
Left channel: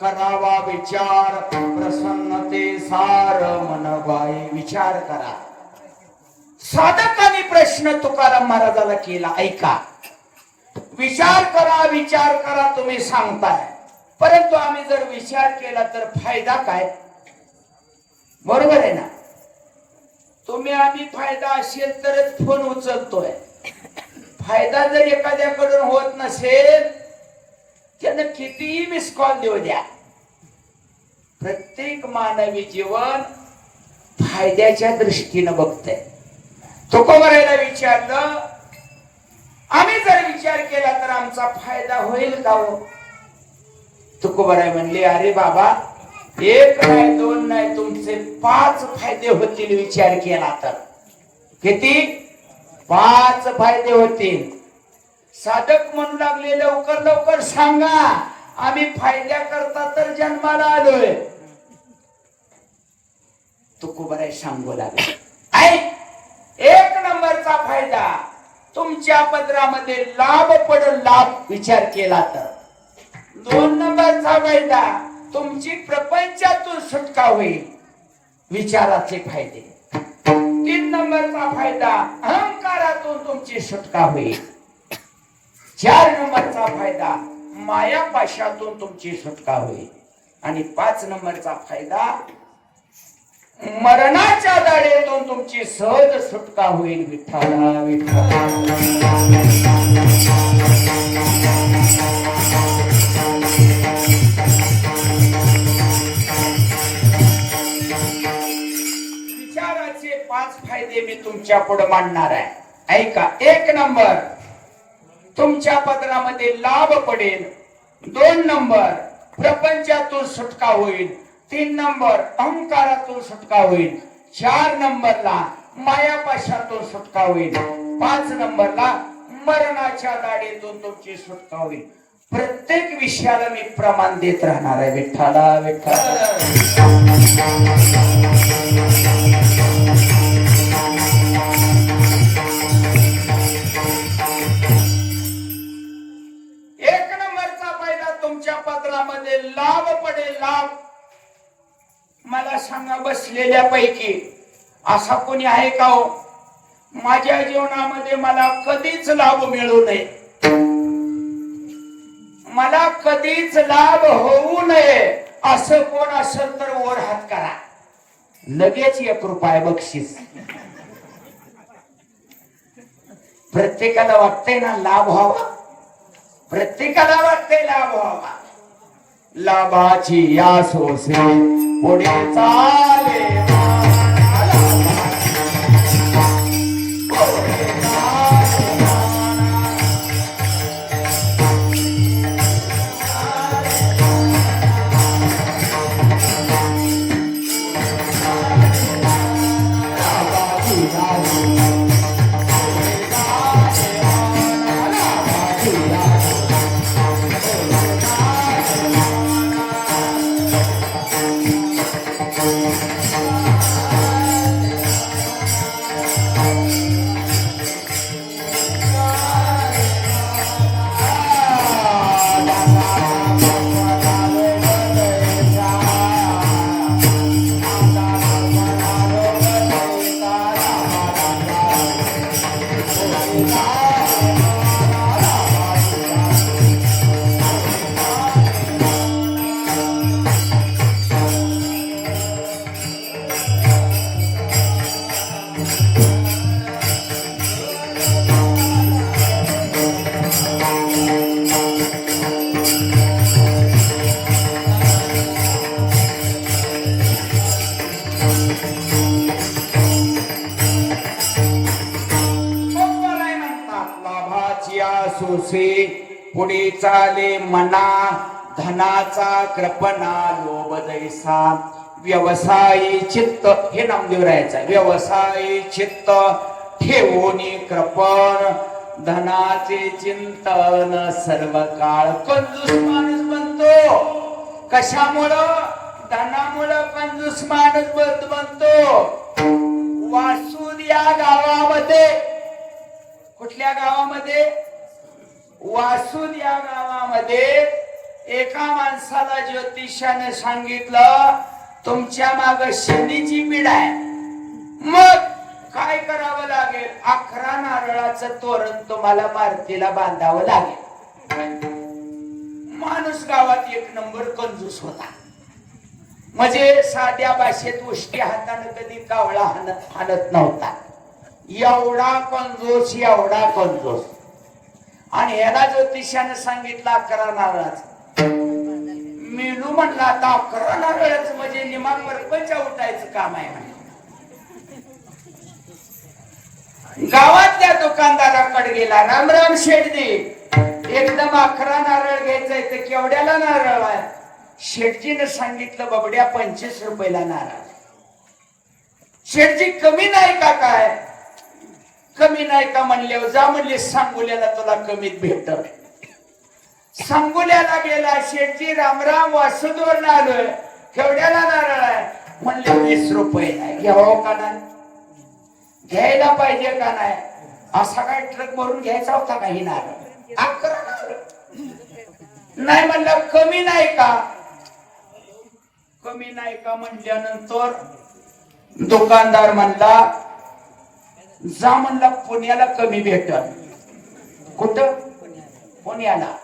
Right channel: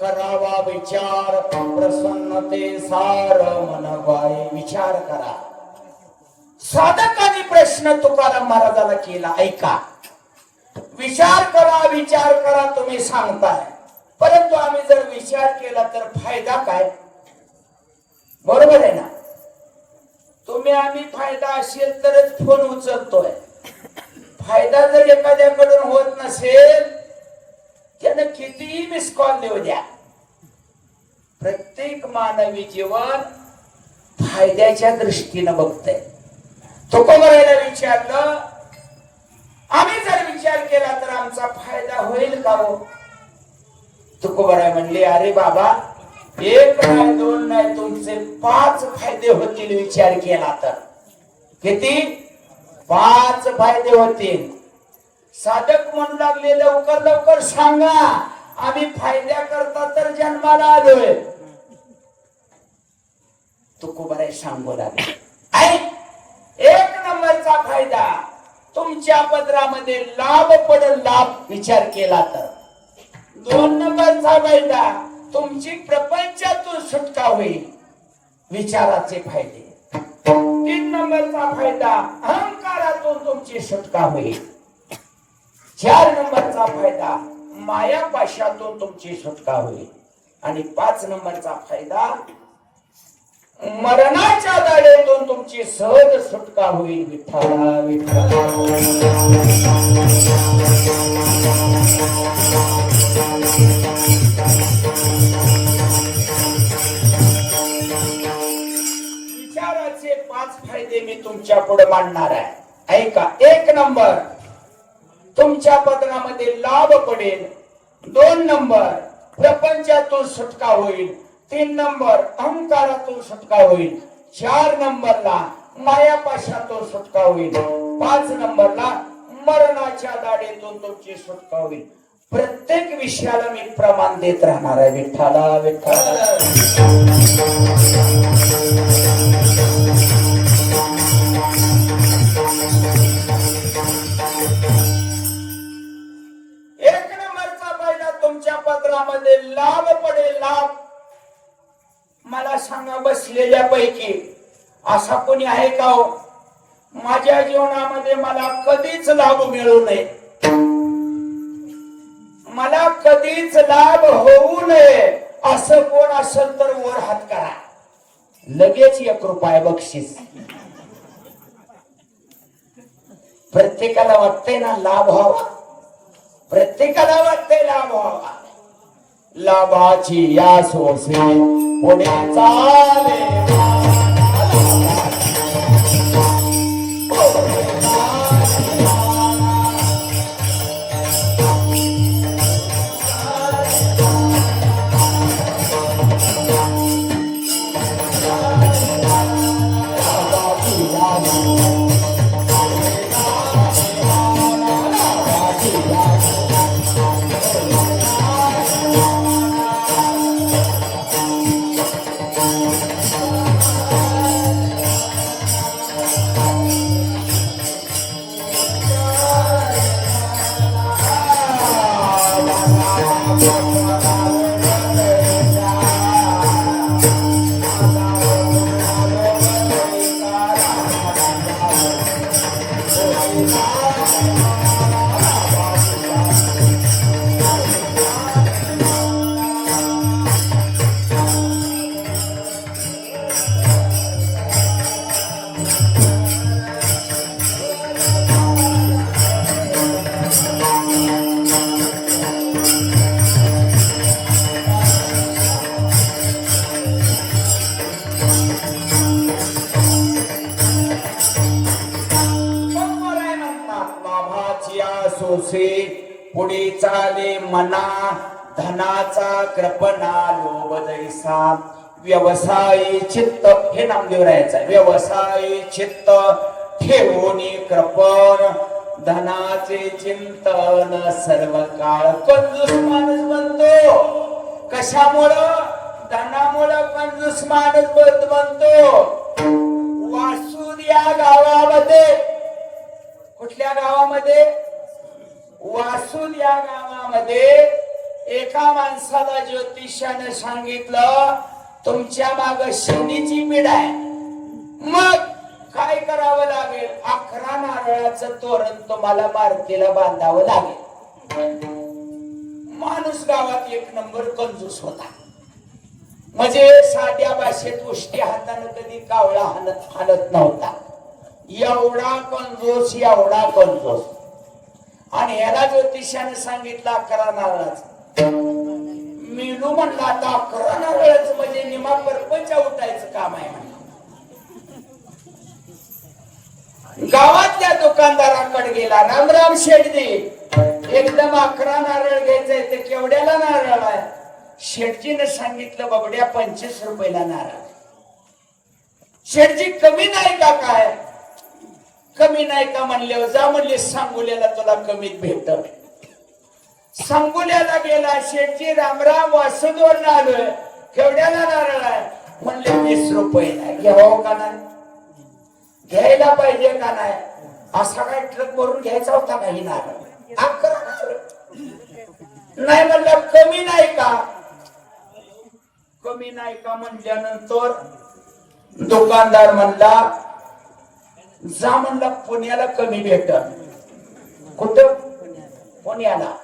करावा विचार प्रसन्नते सार मनवाय. विचार करा. साधकाने प्रश्न तुकाराम महाराजाला केला. ऐका. विचार करा तुम्ही सांगताय. परंतु आम्ही जर विचार केला तर फायदा काय. बरोबर आहे ना. तुम्ही आम्ही फायदा असेल तरच फोन उचलतोय. फायदा जर एखाद्याकडून होत नसेल त्यानं कितीही मिस कॉल देऊ द्या. प्रत्येक मानवी जीवन फायद्याच्या दृष्टीनं बघतंय. तुकोबारायला विचारलं आम्ही जर विचार केला तर आमचा फायदा होईल का हो. तुकोबाराय म्हणले अरे बाबा एक नाही दोन नाही तुमचे 5 फायदे होतील विचार केला तर. किती. 5 फायदे होतील. साधक म्हणू लागले लवकर लवकर सांगा आम्ही फायद्या करता तर जन्माला आलोय. तुकोबाराय सांगू लागले. 1 नंबरचा फायदा तुमच्या पदरामध्ये लाभ पडेल. लाभ विचार केला तर. 2 नंबरचा फायदा तुमची प्रपंचातून सुटका होईल. विचाराचे फायदे. 3 नंबरचा फायदा अहंकारातून तुमची सुटका होईल. 4 नंबरचा फायदा मायापाशातून तुमची सुटका होईल. आणि 5 नंबरचा फायदा मरणाच्या दाढेतून तुमची सहज सुटका होईल. विठ्ठला विठ्ठला. विचाराचे 5 फायदे मी तुमच्या पुढे मांडणार आहे. ऐका. 1 नंबर तुमच्या पदरामध्ये लाभ पडेल. 2 नंबर प्रपंचातून सुटका होईल. 3 नंबर अहंकारातून सुटका होईल. 4 नंबरला मायापाशातून सुटका होईल. 5 नंबरला मरणाच्या दाढेतून तुमची सुटका होईल. प्रत्येक विषयाला मी प्रमाण देत राहणार आहे. विठ्ठला विठ्ठला. लाभ पडेल. लाभ. मला सांगा बसलेल्या पैकी असा कोणी आहे का हो माझ्या जीवनामध्ये मला कधीच लाभ मिळू नये. मला कधीच लाभ होऊ नये असं कोण असेल तर वर हात करा. लगेच 1 रुपया बक्षीस. प्रत्येकाला वाटतंय ना लाभ व्हावा. प्रत्येकाला वाटतंय लाभ व्हावा. लाभाची या सोसने पुढे चाले. पुढे चाले मना धनाचा कृपणा लोभ दैसा व्यवसायी चित्त हे नामदेवरायाचं व्यवसायी चित्त ठेवून कृपण धनाचे चिंतन सर्व काळ कंजूस माणूस बनतो कशामुळं धनामुळं कंजूस माणूस बनतो वासूद या गावामध्ये कुठल्या गावामध्ये वासूद या गावामध्ये एका माणसाला ज्योतिषाने सांगितलं तुमच्या माग शनीची पीड आहे मग काय करावं लागेल 11 नारळाचं तोरण तुम्हाला मारुतीला बांधावं लागेल माणूस गावात एक नंबर कंजूस होता म्हणजे साध्या भाषेत उष्टी हाताने कधी कावळा हाणत नव्हता एवढा कंजूस आणि याला ज्योतिषाने सांगितलं 11 नारळाचं मेनू म्हणला आता 11 नारळाचं म्हणजे निमा परपंच उठायचं काम आहे म्हणे गावातल्या दुकानदाराकडे गेला रामराम शेठजी एकदम 11 नारळ घ्यायचंय तर केवढ्याला नारळ आहे शेठजीने सांगितलं बबड्या 25 रुपयाला नारळ शेठजी कमी नाही का काय कमी नाही का म्हणले जा म्हणले सांगोल्याला तुला कमीत भेटत सांगोल्याला गेला शेठजी रामराम वासुदवर आलोय केवढ्याला नारळ आहे म्हणले 20 रुपये घ्यावं का नाही घ्यायला पाहिजे का नाही असा काय ट्रक भरून घ्यायचा होता काही नारळ 11 नाही म्हणलं कमी नाही का म्हणल्यानंतर दुकानदार म्हणला जा म्हणला पुण्याला कमी भेटत कुठं पुण्याला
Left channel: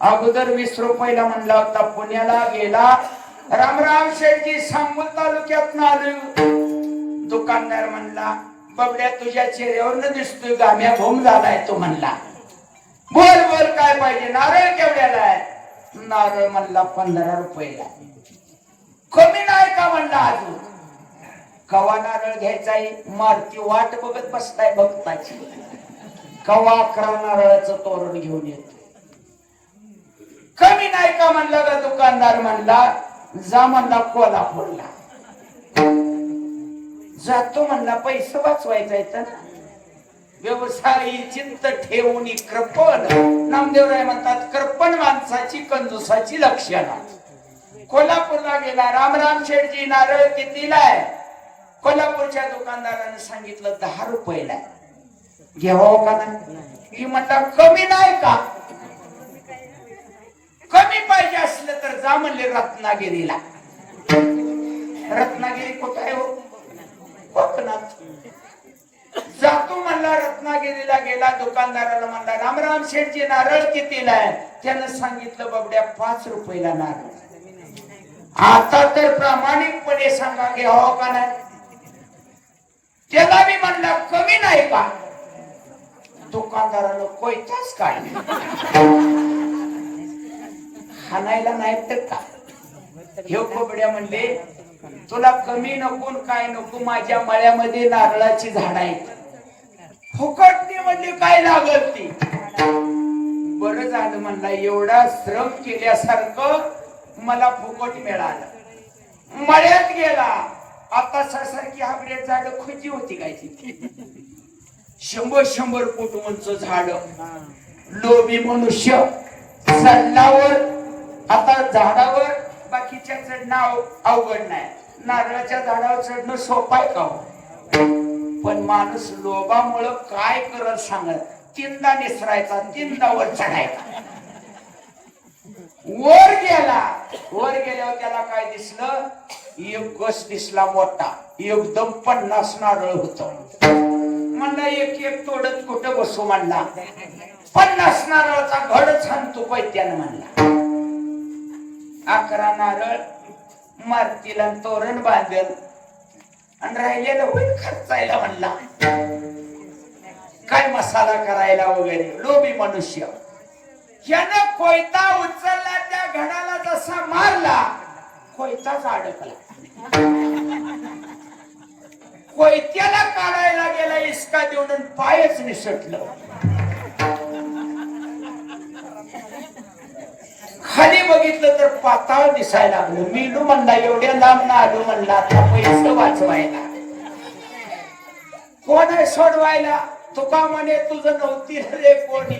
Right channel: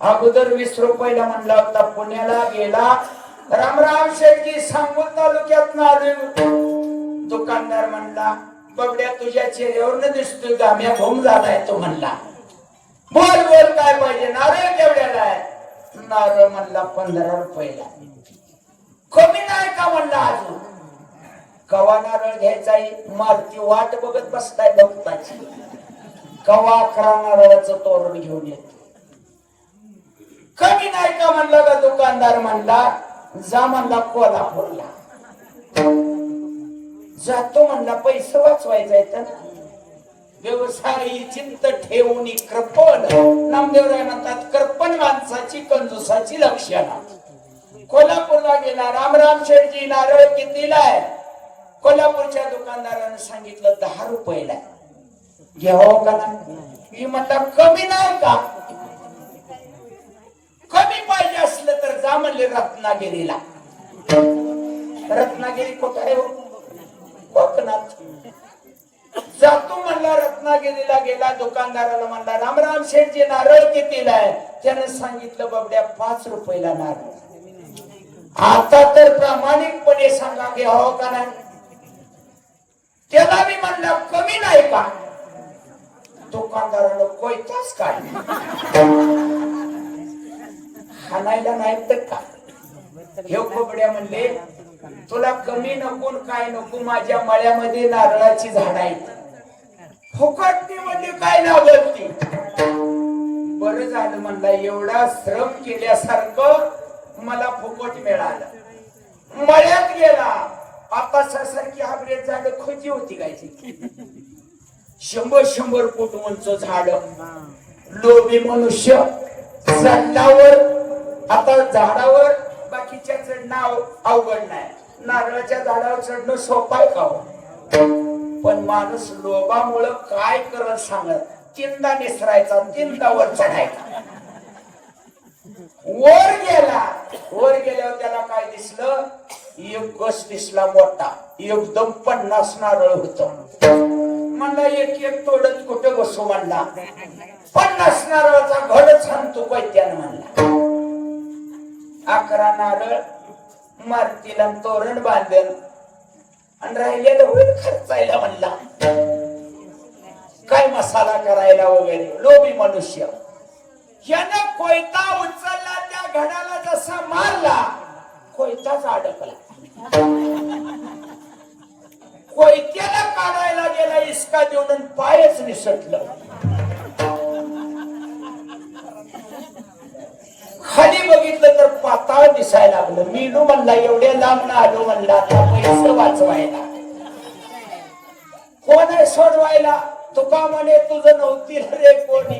अगोदर 20 रुपयाला म्हणला होता पुण्याला गेला रामराम शेठजी सांगोल तालुक्यात आलो दुकानदार म्हणला बबड्या तुझ्या चेहऱ्यावर दिसतोय गाम्या घुम झालाय तो म्हणला बोल बोल काय पाहिजे नारळ केवढ्याला आहे नारळ म्हणला 15 रुपयाला कमी नाही का म्हणला अजून कवा नारळ घ्यायचाय मारुती वाट बघत बसताय भक्ताची कवा 11 नारळाचं तोरण घेऊन येत कमी नाही का म्हणला का दुकानदार म्हणला जा म्हणला कोल्हापूरला जातो म्हणला पैसे वाचवायचा ना व्यवसायी चिंत ठेवून कृपण नामदेवराय म्हणतात कृपण माणसाची कंजूसाची लक्षणं कोल्हापूरला गेला रामराम शेठजी नारळ कितीला आहे कोल्हापूरच्या दुकानदाराने सांगितलं 10 रुपयाला घ्यावं का नाही म्हणतात कमी नाही का कमी पाहिजे असलं तर जा म्हणले रत्नागिरीला रत्नागिरी कुठे आहे कोकणात जातो म्हणला रत्नागिरीला गेला दुकानदाराला म्हणला रामराम शेठजी नारळ कितीला आहे त्याने सांगितलं बबड्या 5 रुपयाला नारळ आता तर प्रामाणिकपणे सांगा घ्यावं का नाही त्याला मी म्हणला कमी नाही का दुकानदाराला कोयताच काढला हाणायला नाही तर का हे बबड्या म्हणले तुला कमी नको काय नको माझ्या मळ्यामध्ये नारळाची झाड आहेत फुकटणी म्हणजे काय लागत ती बरं झालं म्हणला एवढा श्रम केल्यासारखं मला फुकट मिळालं मळ्यात गेला आता सारखी हाबरेट झाड खोची होती काय 100 फूट उंच झाड लोभी मनुष्य झाडावर आता झाडावर बाकीच्या चढणं अवघड नाही नारळाच्या झाडावर चढणं सोपं आहे का पण माणूस लोभामुळं काय करत सांगत 3दा निसरायचा 3दा वर चढायचा वर गेल्यावर त्याला काय दिसलं, एक गस दिसला मोठा, एकदम 50 नारळ होत. म्हणला एक तोडत कुठं बसू, म्हणला 50 नारळाचा घडच आणतो पैत्यानं. म्हणला 11 नारळ मारतीला तोरण बांधल आणि राहिलेलं होईल खर्चायला. म्हणला काय मसाला करायला वगैरे. लोभी मनुष्य. यानं कोयता उचलला, त्या घडाला जसा मारला कोयताच अडकला. कोयत्याला काढायला गेला, इसका देऊन पायच निसटलं. खाली बघितलं तर पाताळ दिसायला लागलं. मीनू म्हणला एवढ्या लांब ना आलो, म्हणला पैसे वाचवायला. कोण आहे सोडवायला? तुका म्हणे तुझं नव्हती रे कोणी,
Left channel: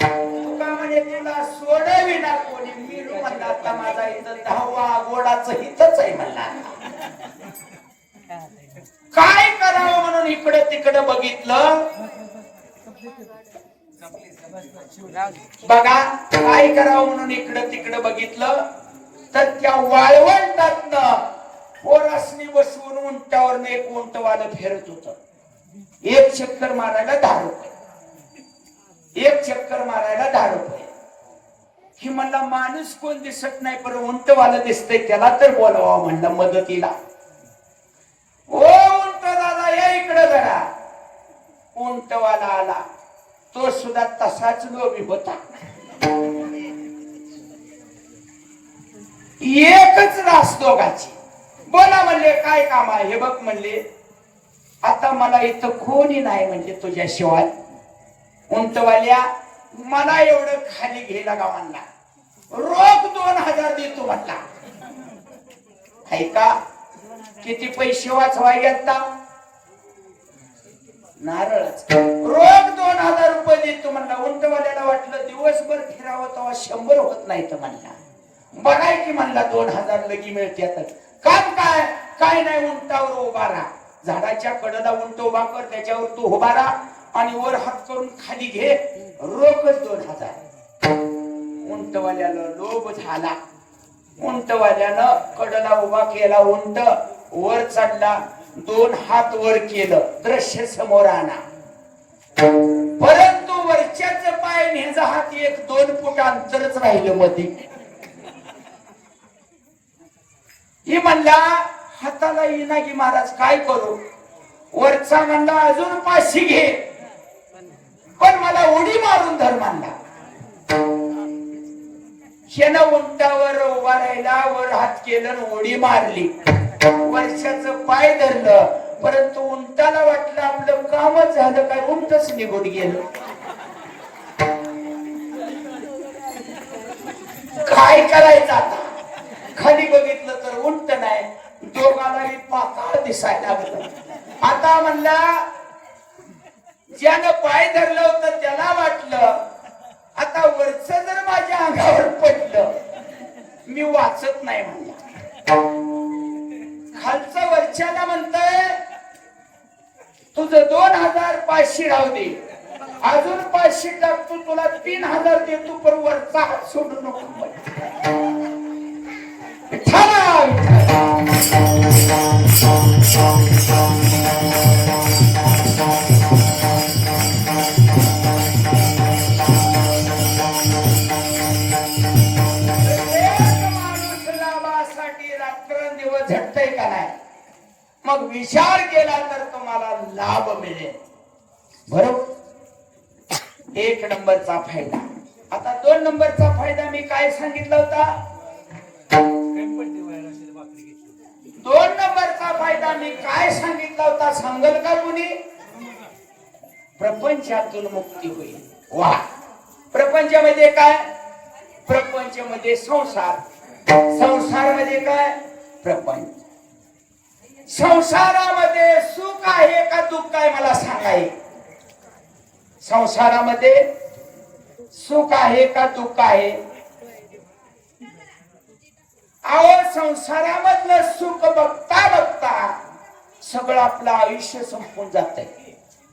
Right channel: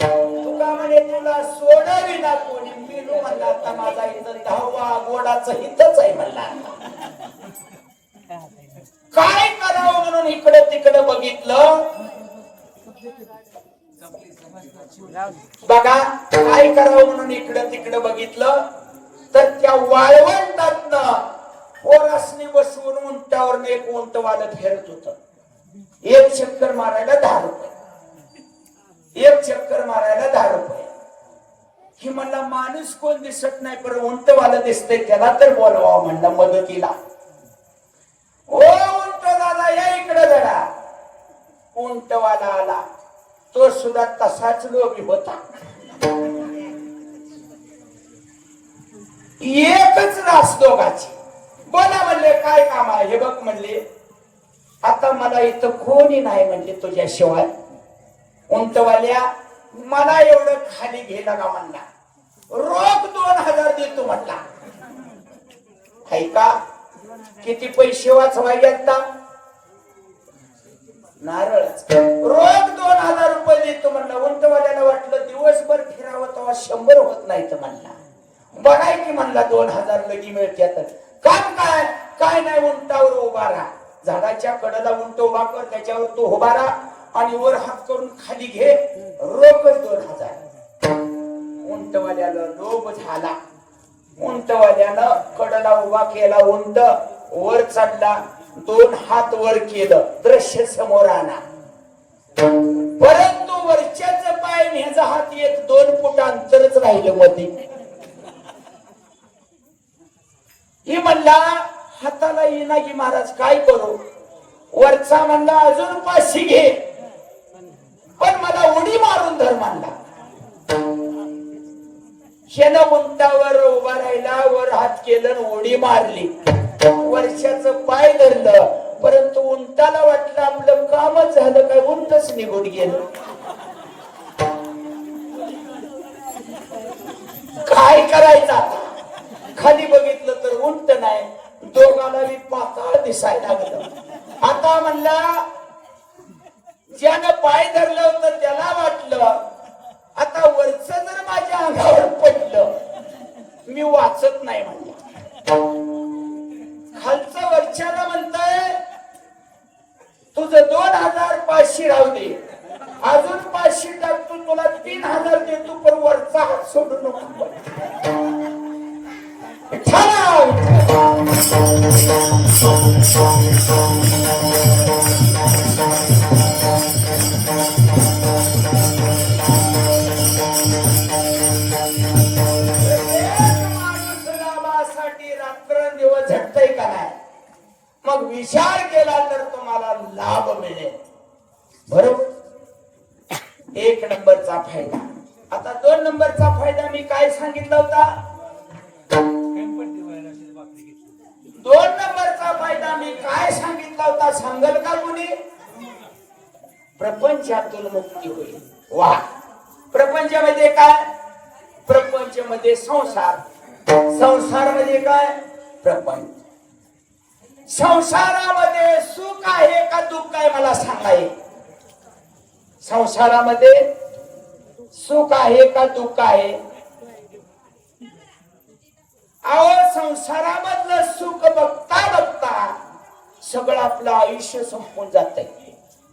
तुका म्हणे तुला सोडावी ना कोणी. मीनू म्हणला आता माझा इथं 10वा गोडाचं हितच आहे. म्हणला काय करावं म्हणून इकडे तिकडे बघितलं. बघा काय करावं म्हणून इकडे तिकडे बघितलं तर त्या वाळवंटातनं पोरासनी बसवून उंटावर एक उंटवालं फिरत होत. एक चक्कर मारायला 10 रुपये, एक चक्कर मारायला 10 रुपये. ही म्हणला माणूस कोण दिसत नाही, पण उंटवालं दिसतंय, त्याला तर बोलवावं म्हणलं मदतीला. ओ उंट दादा या इकडे जरा. उंटवाला आला, तो सुद्धा तसाच लोभी होता. एकच रास दोघाची. बोला म्हणले काय काम आहे हे बघ. म्हणले आता मला इथं कोणी नाही म्हणजे तुझ्याशिवाय. उंटवाल्या मला एवढं खाली घ्यायला का म्हणला. रोख 2000 देतो म्हटला. ऐका किती पैसे वाचवाय आता नारळच. रोख 2000 रुपये देतो म्हणला. उंटवाल्याला वाटलं दिवसभर फिरावं तेव्हा 100 होत नाही तर म्हणला. बघाय की म्हणला 2000 लगी मिळतात. काम काय काय नाही, उंटावर उभा राहा. झाडाच्या कडेला उंट उभा कर, त्याच्यावर तू उभा राहा आणि वर हात करून खाली घे. रोखच 2000. उंटवाल्याला लोभ झाला. उंटवाल्यानं कडेला उभा केला उंट, वर चढला, 2 हात वर केलं, दृश्य समोर आला. परंतु वरच्याच पाय आणि ह्याचा हात 1-2 फूट अंतरच राहिलं मध्ये. ही म्हणला हाताला येईना की महाराज काय करू. वरचा म्हणला अजून 500 घे, पण मला उडी मारून धर म्हणला. ह्यानं उंटावर उभा राहिला, वर हात केलं, उडी मारली. वर्षाचं पाय धरलं, परंतु उंटाला वाटलं आपलं कामच झालं, काय उंटच निघून गेलं. काय करायचं आता. खाली बघितलं तर उंट नाही, दोघांनाही पाताळ दिसायला लागलं. आता म्हणला ज्यानं पाय धरलं होतं त्याला वाटलं आता वरच जर माझ्या अंगावर पडलं मी वाचत नाही म्हणलं. खालचं वरच्याला म्हणतंय तुझं 2500 राहू दे, अजून 500 टाकतो, तुला 3000 देतो, पण वरचा हात सोडू नको. रात्रंदिवस झटतय का नाही, मग विचार केला तर तुम्हाला लाभ मिळेल. बरोबर. 1 नंबरचा फायदा. आता 2 नंबरचा फायदा मी काय सांगितला होता. 2 नंबरचा फायदा मी काय सांगितला होता सांगल का कुणी. प्रपंचातून मुक्ती होईल. वा. प्रपंचामध्ये काय. प्रपंचामध्ये संसार, संसारामध्ये काय प्रपंच. संसारामध्ये सुख आहे का दुःख आहे मला सांगाय. संसारामध्ये सुख आहे का दुःख आहे. अहो संसारामधलं सुख बघता बघता सगळं आपलं आयुष्य संपून जातंय.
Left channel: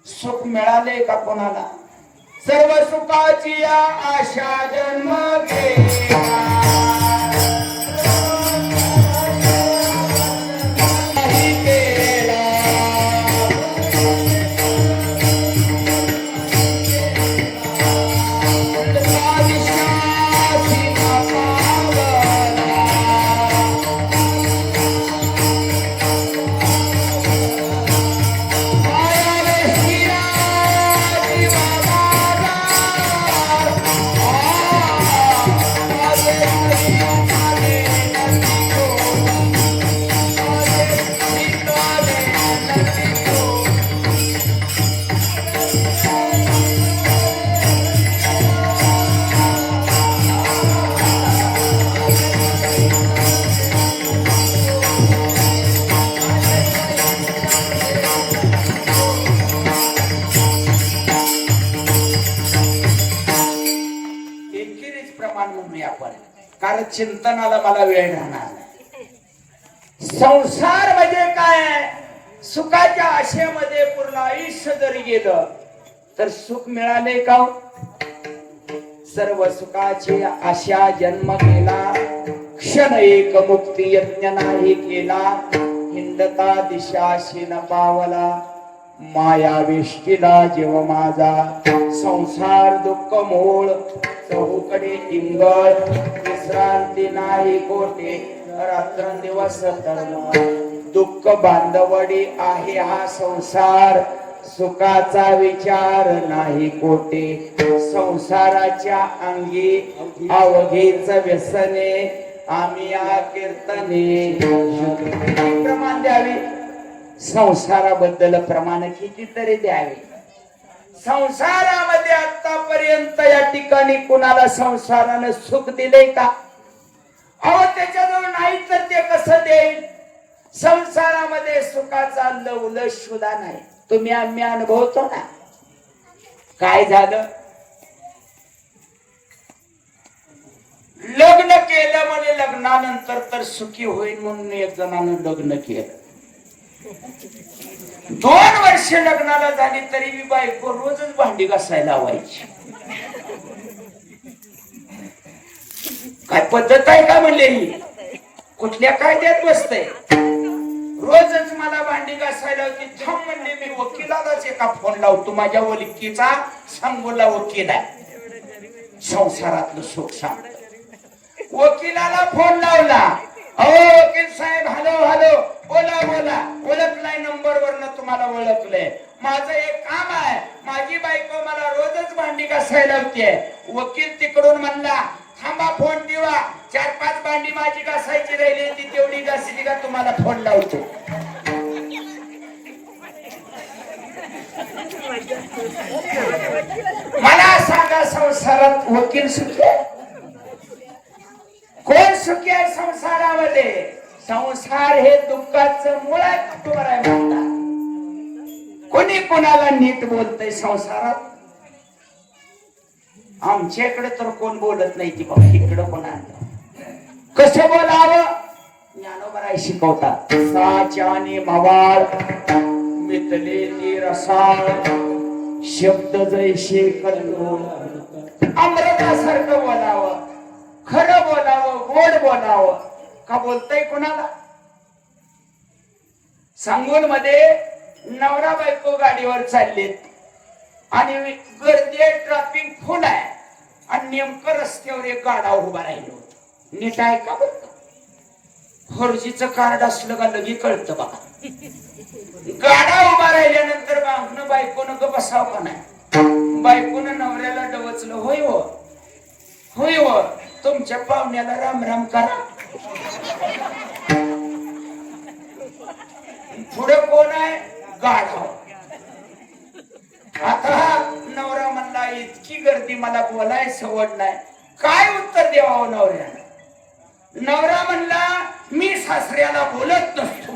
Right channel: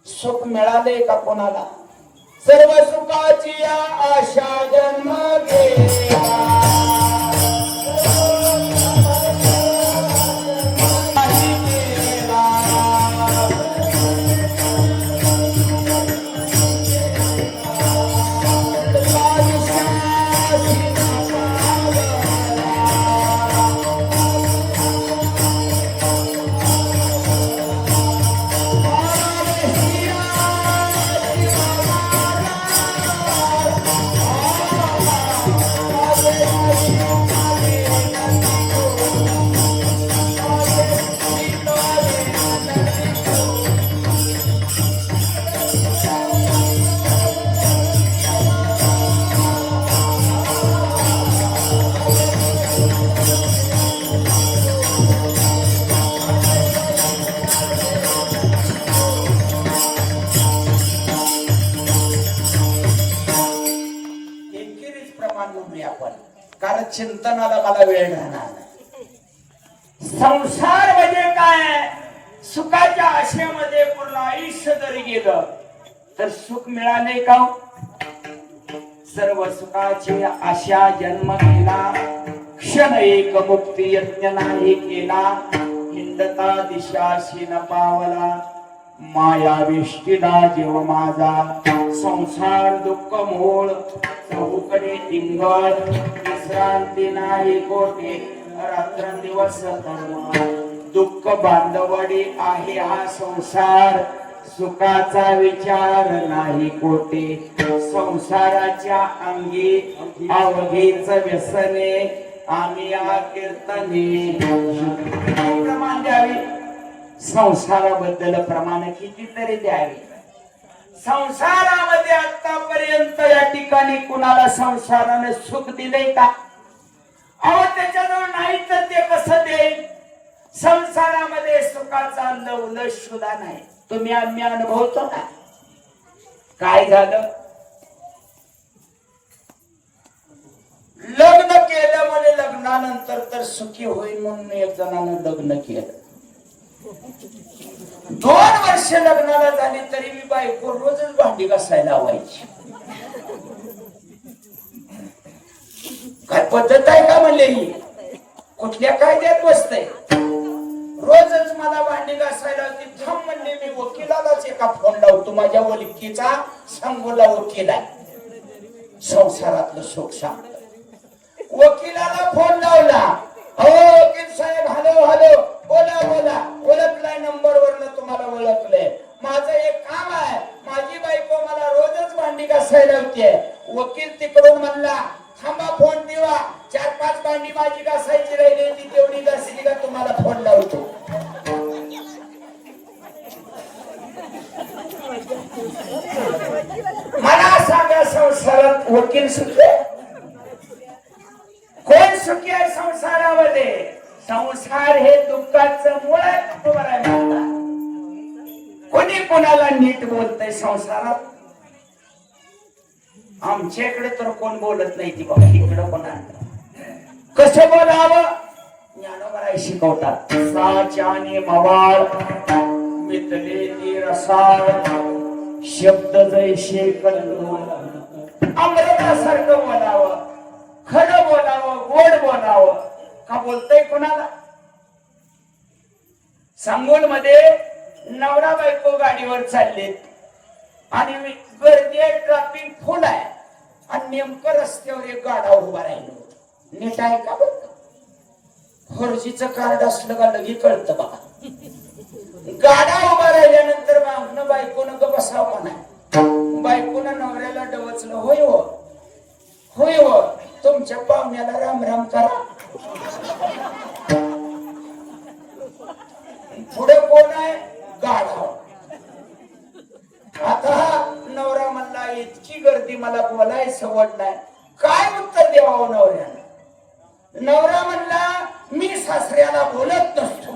सुख मिळाले का कोणाला. सर्व सुखाची आशा जन्म घेतला. चिंतनाला मला वेळ राहणार नाही. संसार म्हणजे काय? सुखाच्या आशेमध्ये पूर्ण आयुष्य जरी गेलं तर सुख मिळाले का? सर्व सुखाची आशा जन्म गेला, क्षण एक मुक्ती यज्ञ नाही केला. हिंदता दिशाशी न पावला, माया वेष्टीला जीव माझा. संसार दुःख मूळ, चहूकडे इंगळ, विश्रांती नाही कोठे, रात्रंदिवस तळमळ. दुःख बांधवडी आहे हा संसार, सुखाचा विचार नाही कोठे. संसाराच्या अंगी अवघीच व्यसने, आम्ही या कीर्तने प्रमाण द्यावे. संसाराबद्दल प्रमाण कितीतरी द्यावे. संसारामध्ये आतापर्यंत या ठिकाणी कुणाला संसाराने सुख दिले का? अहो त्याच्याजवळ नाही तर ते कसं देईल? संसारामध्ये सुखाचा लवलश सुद्धा नाही. तुम्ही आम्ही अनुभवतो ना. काय झालं? लग्न केलं म्हणे, लग्नानंतर तर सुखी होईल म्हणून एक जणांना लग्न केलं. 2 वर्ष लग्नाला झाली तरी मी बायको रोजच भांडी घासायला लावायची. काय पद्धत आहे का म्हणले? ही कुठल्या कायद्यात बसते? रोजच मला भांडी घासायला होती. थांब म्हणले, मी वकिलालाच एका फोन लावतो. माझ्या वकिलीचा सांगोला वकील आहे, संसारातलं सुख सांग. वकिलाला फोन लावला. अहो वकील साहेब, हॅलो हॅलो, बोला बोला. ओळखलाय नंबर वरनं तुम्हाला ओळखलंय. माझं एक काम आहे, माझी बायको मला रोजच भांडी घासायला होते. वकील तिकडून म्हणला, थांबा फोन ठेवा, 4-5 भांडी माझी घासायची राहिली, ती तेवढी घासली का तुम्हाला फोन लावतो. मला सांगा, संसारात वकील सुखी? कोण सुखी आहे संसारामध्ये? संसार हे दुःखाचं मूळ आहे. कोणी कोणाला नीट बोलतंय संसारात? आमच्याकडे तर कोण बोलत नाही. ती बाबा इकडं कोण कसं बोलावं? ज्ञानोबा शिकवतात. साच्याने मवाळ मितले ती रसाळ, शब्द जैसे कल्लोळ. अमृतासारखं बोलावं, खरं बोलावं, गोड बोलावं. का बोलतय कोणाला? सांगोल मध्ये नवरा बायको गाडीवर चाललेत आणि गर्दी, ट्रॅफिक फुल आहे आणि नेमकं रस्त्यावर एक गाडा उभा राहिलो. नीट आहे का? बघ, 4Gचं कार्ड असलं का लगी कळतं बघा. गाडा उभा राहिल्यानंतर मागणं बायकोनं ग बसावं का नाही? बायकोनं नवऱ्याला डवचलं. होय हो, होय हो, तुमच्या पाहुण्याला राम राम करा. पुढे कोण आहे? गाढव. आता नवरा म्हणला, इतकी गर्दी, मला बोलाय सवड नाही. काय उत्तर द्यावं नवऱ्याला? नवरा म्हणला, मी सासऱ्याला बोलत नसतो.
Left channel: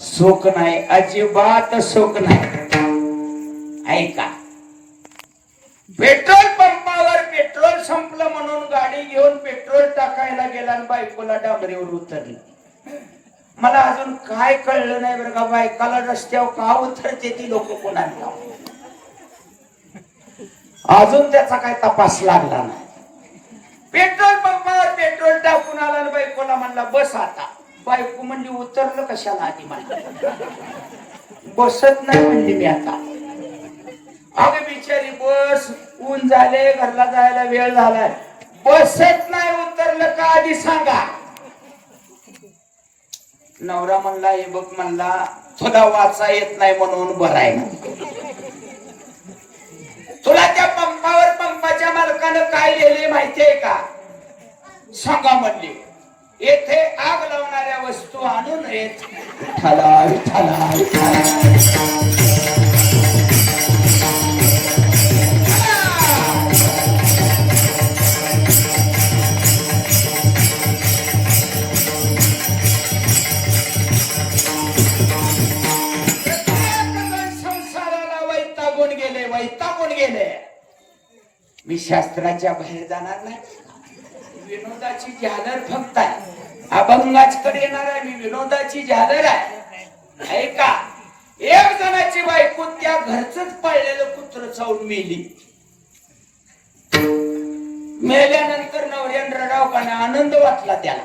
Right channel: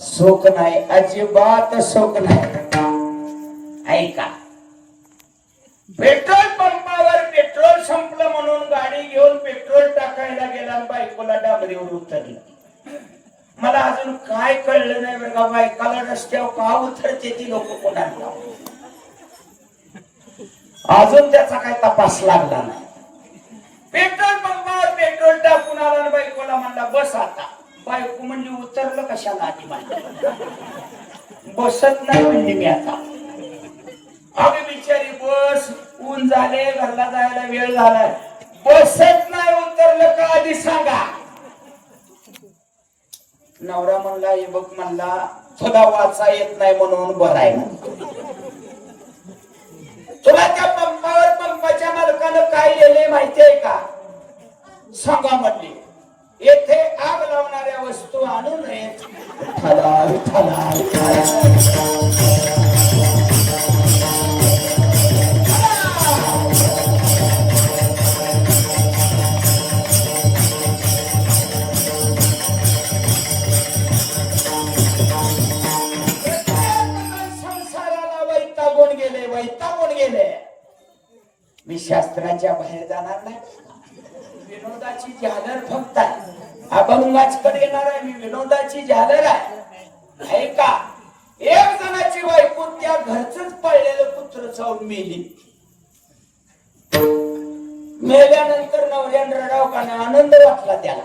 सुख नाही, अजिबात सुख नाही. ऐका, पेट्रोल पंपावर पेट्रोल संपलं म्हणून गाडी घेऊन पेट्रोल टाकायला गेला आणि बायकोला डांबरीवर उतरली. मला अजून काय कळलं नाही बरं का, बायकाला रस्त्यावर का उतरते ती लोक कोणाला? अजून त्याचा काय तपास लागला नाही. पेट्रोल पंपावर पेट्रोल टाकून आला आणि बायकोला म्हणला, बस आता. बायको म्हणजे उतरलं कशाला? आधी मला बसत नाही म्हणजे मी आता. अगं बिचारी, बस, ऊन झाले, घरला जायला वेळ झालाय, बसत नाही. उतरलं का आधी सांगा. नवरा म्हणला, हे बघ म्हणला, तुला वाचा येत नाही म्हणून बरं आहे. तुला त्या पंपावर पंपाच्या मालकानं काय लिहिले माहिती आहे का? सांगा म्हणले. येथे आग लावणाऱ्या वस्तू आणू नयेत. विठ्ठला विठ्ठला वैतागून गेले. मी शास्त्राच्या बाहेर जाणार नाही. विनोदाची झालर फक्त अभंगाचकडे येणार आहे. मी विनोदाची झालर आहे. ऐका, एक जणाची बायको त्या घरचंच पाळलेलं कुत्र चावून मेली. मेल्यानंतर नवऱ्यान रडावकाने आनंद वाटला त्याला.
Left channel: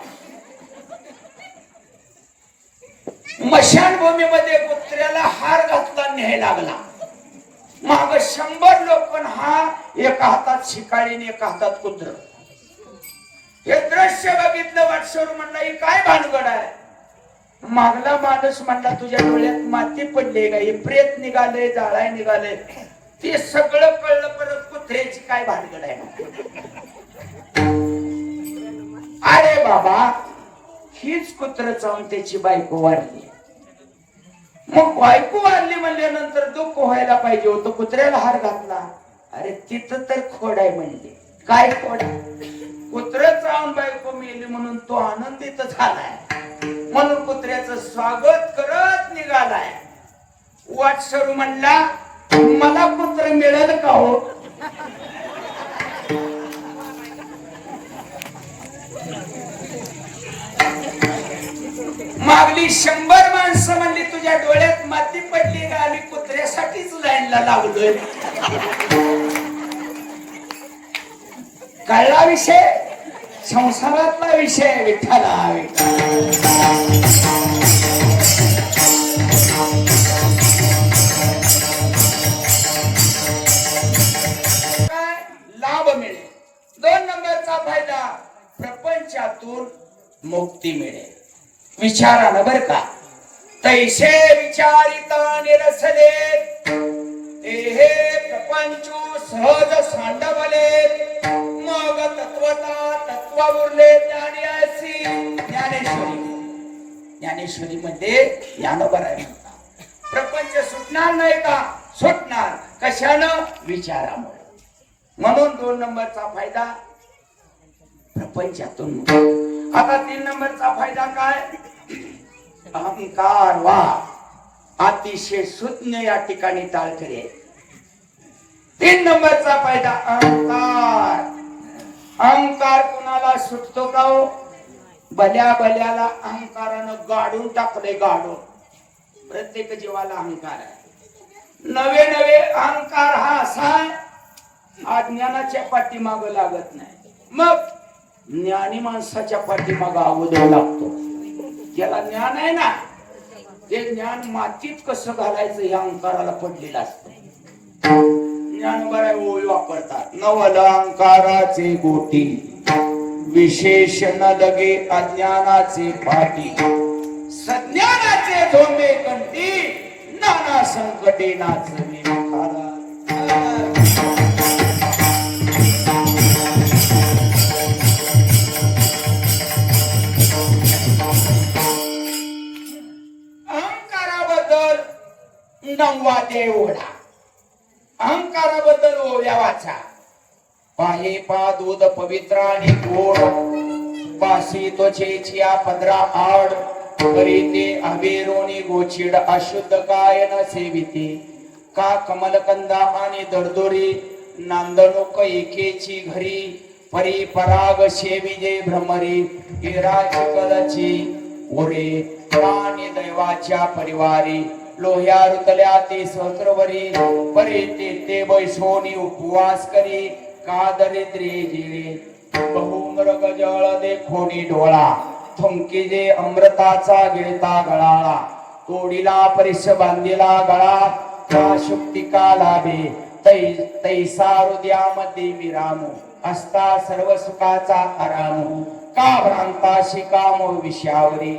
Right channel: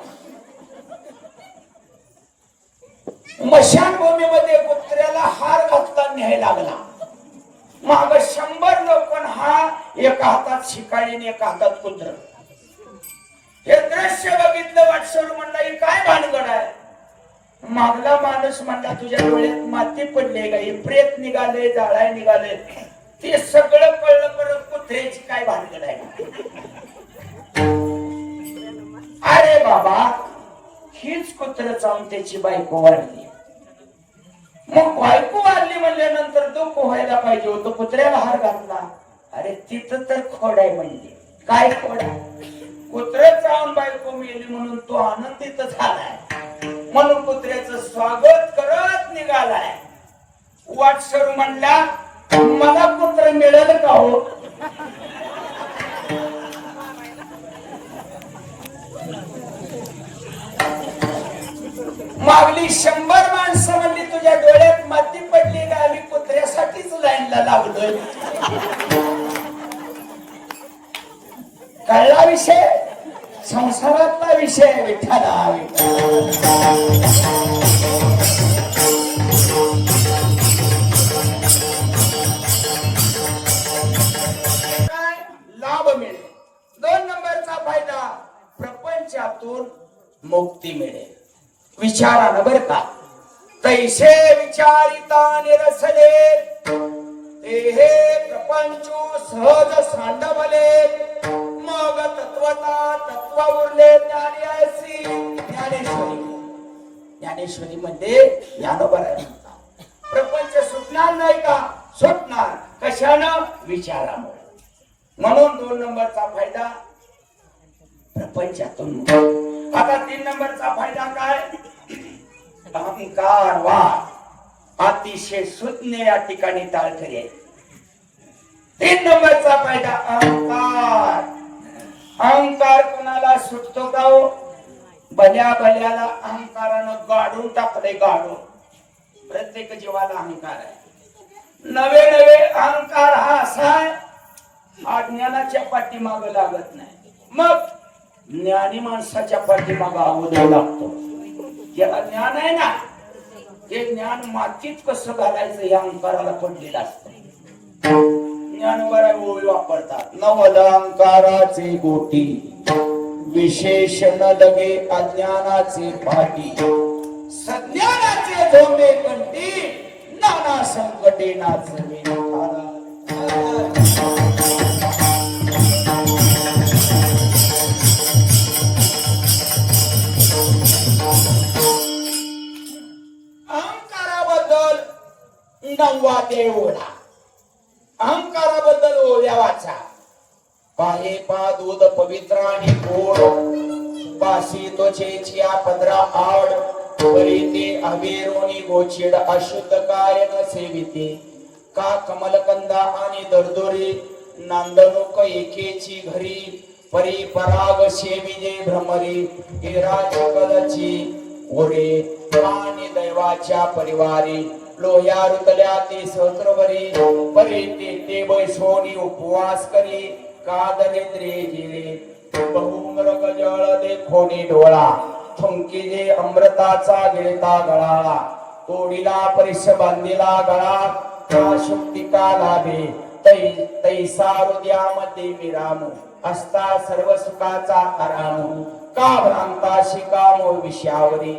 मशानभूमीमध्ये कुत्र्याला हार घातला न्यायला लागला. माग 100 लोक, हा एका हातात शिकाळी आणि एका हातात कुत्र. हे दृश्य बघितलं. वाटसर म्हणला ही काय भानगड आहे. मागला माणूस म्हणला तुझ्या डोळ्यात माती पडली का, हे प्रेत निघाले, जाळाय निघाले. ते सगळं कळलं, परत कुत्र्याची काय भानगड आहे. अरे बाबा, हीच कुत्र चावून त्याची बायको वाढली. मग बायको वाढली म्हणल्यानंतर दुःख व्हायला पाहिजे होतं. कुत्र्याला हार घातला. अरे तिथं तर खोड आहे. म्हणजे काय खोड आहे. कुत्र चावून बायको मेली म्हणून तो आनंदित झालाय. म्हणून कुत्र्याचं स्वागत करत निघालाय. वाटसरू म्हणला मला कुत्र मिळेल का हो. मागली 100 माणसं म्हणली तुझ्या डोळ्यात माती पडली का, आम्ही कुत्र्यासाठीच लाईनला लागलोय. कळला विषय. संसारातला विषय. विठ्ठला काय लाभ मिळेल. 2 नंबरचा फायदा, प्रपंचातून मुक्ती मिळेल. विचारानं बर का. तैसे विचारिता निरसले हे प्रपंचू सहज सांडवले. मग तत्वता तत्व उरले ज्ञानी. ज्ञानेश्वरी मध्ये ज्ञानोबा आहे म्हणता. प्रपंच सुटणार नाही का. सुटणार. कशानं. विचारामुळे. म्हणून 2 नंबरचा फायदा प्रपंचातून. आता 3 नंबरचा फायदा काय. अहंकार वा अतिशय सुज्ञ या ठिकाणी टाळकरी आहे. 3 नंबरचा फायदा अहंकार. अहंकार कुणाला सुटतो का हो. भल्या भल्याला अहंकारानं गाडून टाकले. गाडून. प्रत्येक जीवाला अहंकार आहे. नवे नवे अहंकार हा असा अज्ञानाच्या पाठीमाग लागत नाही. मग ज्ञानी माणसाच्या पाठीमाग अगोदर लागतो. ज्याला ज्ञान आहे ना, ते ज्ञान मातीत कसं घालायचं या अहंकाराला पडलेलं असतं. ज्ञानोबा ओळी वापरतात. नवल अहंकाराचे गोटी विशेषण लगे अज्ञानाचे पाठी. सज्ञानाचे झोंबे कंठी नाना संकटे नाचले. नववा ओढा. अहंकाराबद्दल ओव्या वाचा. पाये पा दूध पवित्र आणि गोड. पासी त्वचेची पदरा आड. परिते अभिरोनी गोचिड अशुद्ध काय न सेविते. का कमलकंदा आणि दडदोरी नांदणूक एकेची घरी. परी पराग सेविजे भ्रमरी. हिराची ओरे आणि दैवाच्या परिवारी. लोह्या रुतल्या ते सहस्रवरी. परी ते बैसोनी उपवास करी. का दरिद्री जिरे बहुमृग जळ देखोनी डोळा. थुंकी जे अमृताचा गिळता गळाळा. तोडीला परिस बांधिला गळा. का शुक्तिका लाभे तैसा हृदयामध्ये विरामो. असता सर्व सुखाचा आराम. का भ्रांता शिकामो विषयावरी.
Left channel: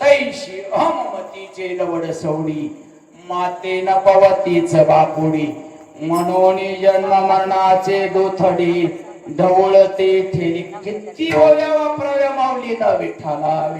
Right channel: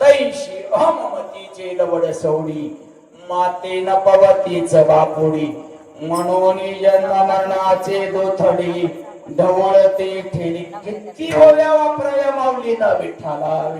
तैशी अहमतीचे लवड सवडी. माते न पवतीच बापुडी. म्हणून जन्म मरणाचे गोथडी. ढवळते ठेली किती ओव्या वापराव्या माऊलीनं विठ्ठला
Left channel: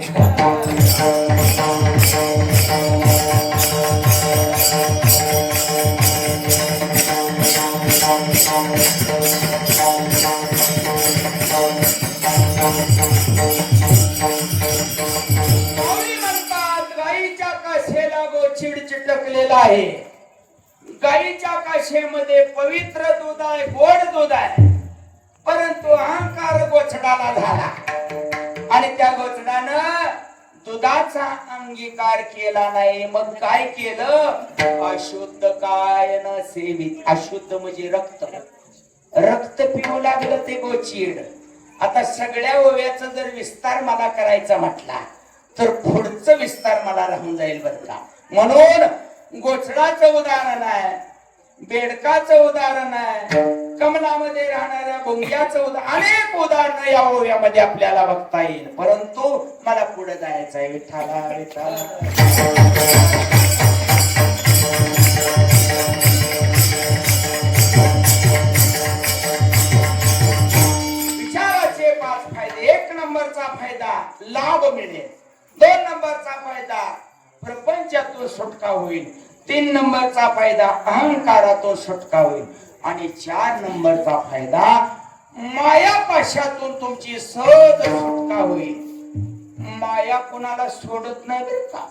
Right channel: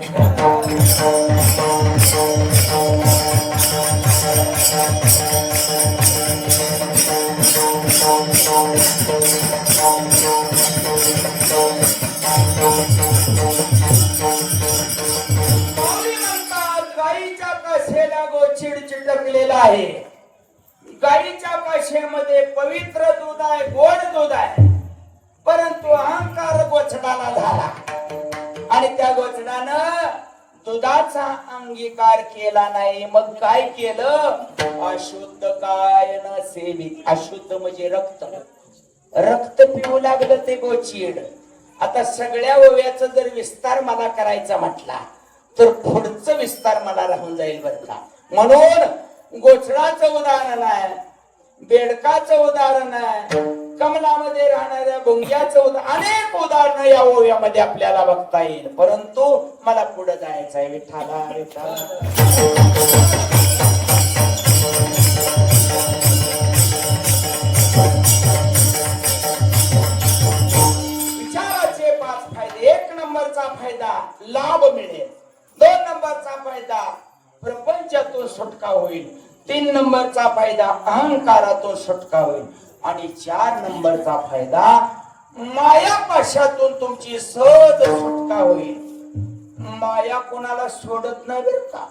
गाईच्या कासेला गोचिड चिटकलेला आहे. गाईच्या काशेमध्ये पवित्र दूध आहे, गोड दूध आहे, परंतु अहंकार गोचडाला झाला आणि त्या गोचडानं दुधाचा अंगीकार केला नाही. मग काय केलं? अशुद्ध काय न सेवित. अशुद्ध म्हणजे रक्त. रक्त पिऊ लागलं ते गोचीड. आता सगळ्या ओव्याचा जर विस्तार मला करायचा म्हटला तर पुढचं विस्तार मला राहून जाईल बरं का. म्हणून गोचडाचं उदाहरण आहे, बेडकाचं उदाहरण आहे, कमलामध्ये राहणाऱ्या भुंग्याचं उदाहरण, अनेक उदाहरणं या ओव्यामध्ये आपल्याला बघता येईल. परंतु मला पुढे जायचं आहे. विठ्ठला विचाराचे 5 फायदे. 1 नंबरचा फायदा लाभ मिळेल. 2 नंबरचा फायदा प्रपंचातून सुटका होईल. 3 नंबरचा फायदा अहंकारातून सुटका होईल. आणि 4 नंबरचा फायदा मायापाशातून तुमची सहज सुटका होईल. माया कोणाला सोडत नाही बरं का.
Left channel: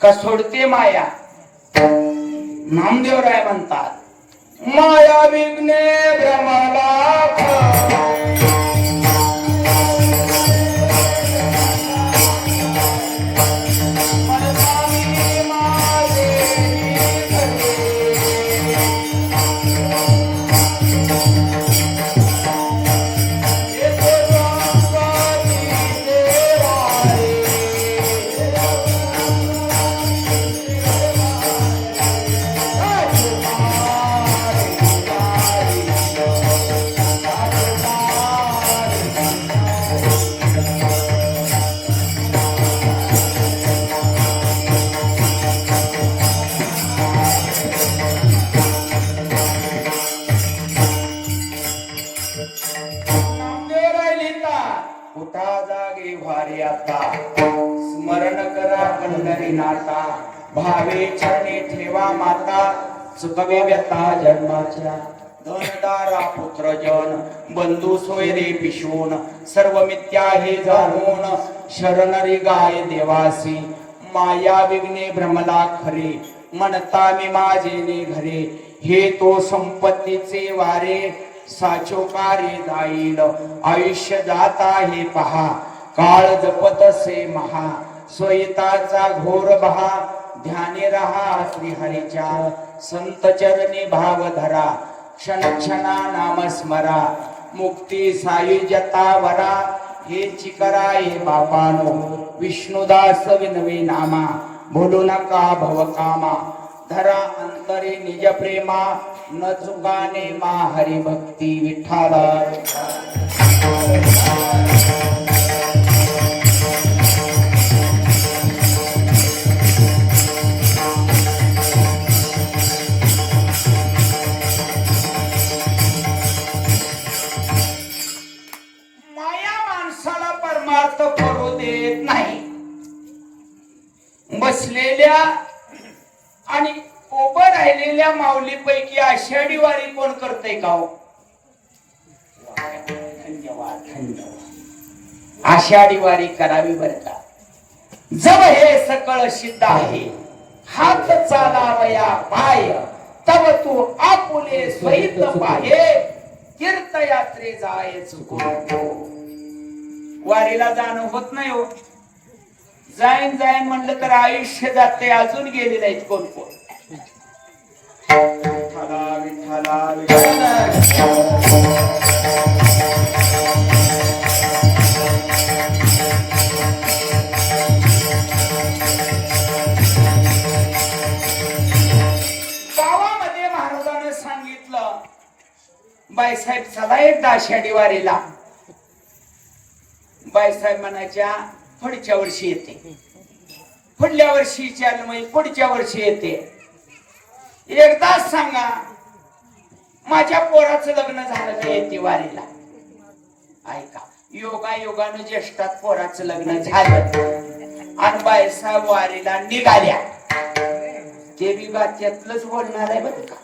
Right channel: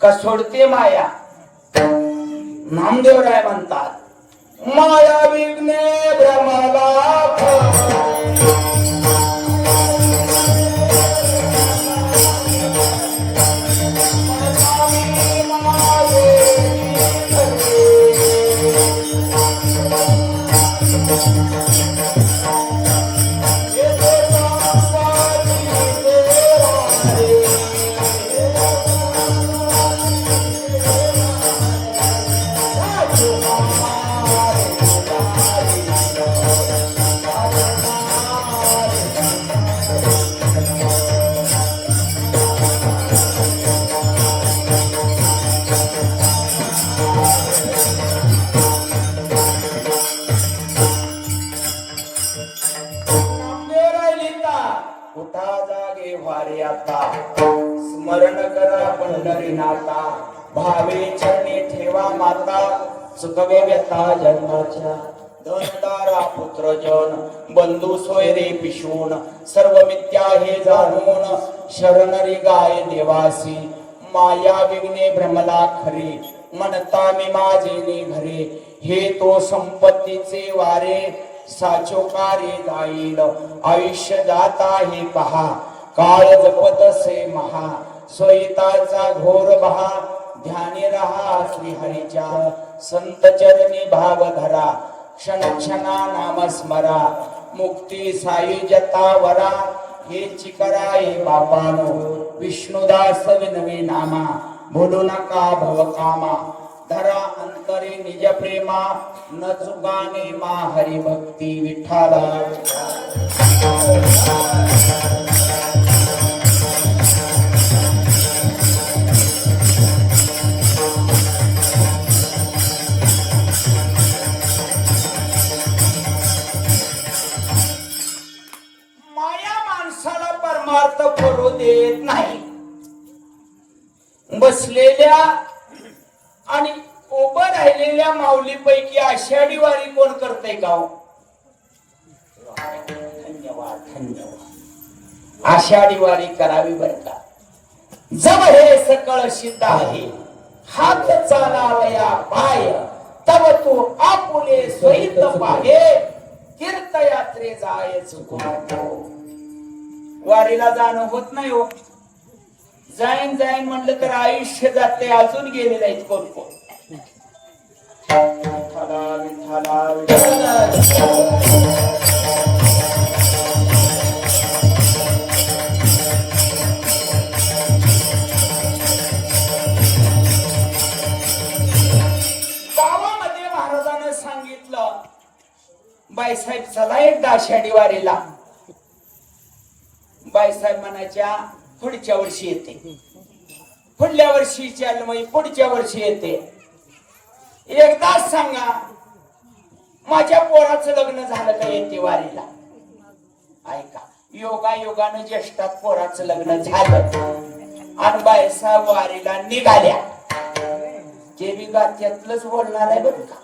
का सोडते माया? नामदेवराय म्हणतात माया विघ्ने भ्रमाला स्मरण करा पंढरीनाथा, भावे चरणी ठेवा माता, सुखवे व्यथा जन्माच्या. धनदारा पुत्र जन बंधू सोयरे पिशून, सर्व मिथ्या हे जाणून, शरणरी गाय देवासी. माया विघ्ने भ्रमला खरे, म्हणता मी माझे घरे. हे तो संपत्तीचे वारे, साचोकारे जाईल. आयुष्य जाता हे पहा, काळ जपत से महा. स्वयताचा घोर बहा, ध्यानी रहा श्रीहरीच्या. संत चरणी भाव धरा, क्षण क्षणा नाम स्मरा. मुक्ती सायुजता वरा, हे चिकराय बापानो. विष्णुदास विनवी नामा, भूलू नका भवकामा. धरा अंतरे निज प्रेमा, न चुकाने मा हरी भक्ती. विठ्ठला पडू देत नाही. बसलेल्या आणि उभं राहिलेल्या माऊलीपैकी आषाढी वारी कोण करते का? धन्यवाद धन्यवाद. आषाढी वारी करावी बर का. जब हे सकळ सिद्ध आहे, हात चालावया पाय. तव तू आपुले स्वहित पाहे, तीर्थयात्रे जाय चुको. वारीला जाणं होत नाही हो. जाईन जाईन म्हणलं तर आयुष्य जाते. अजून गेले नाहीत कोण कोण. गावामध्ये महाराजांनी सांगितलं, बाईसाहेब चला एकदा आषाढी वारीला. बाईसाहेब म्हणायच्या पुढच्या वर्षी येते, पुढल्या वर्षी चाल, पुढच्या वर्षी येते. एकदाच सांगा. माझ्या पोराचं लग्न झालं का येते वारीला. ऐका, योगा योगानं ज्येष्ठात पोराचं लग्न झालं आणि बायसा वारीला निघाल्या. ते बी त्यातलंच बोलणार आहे बरं का,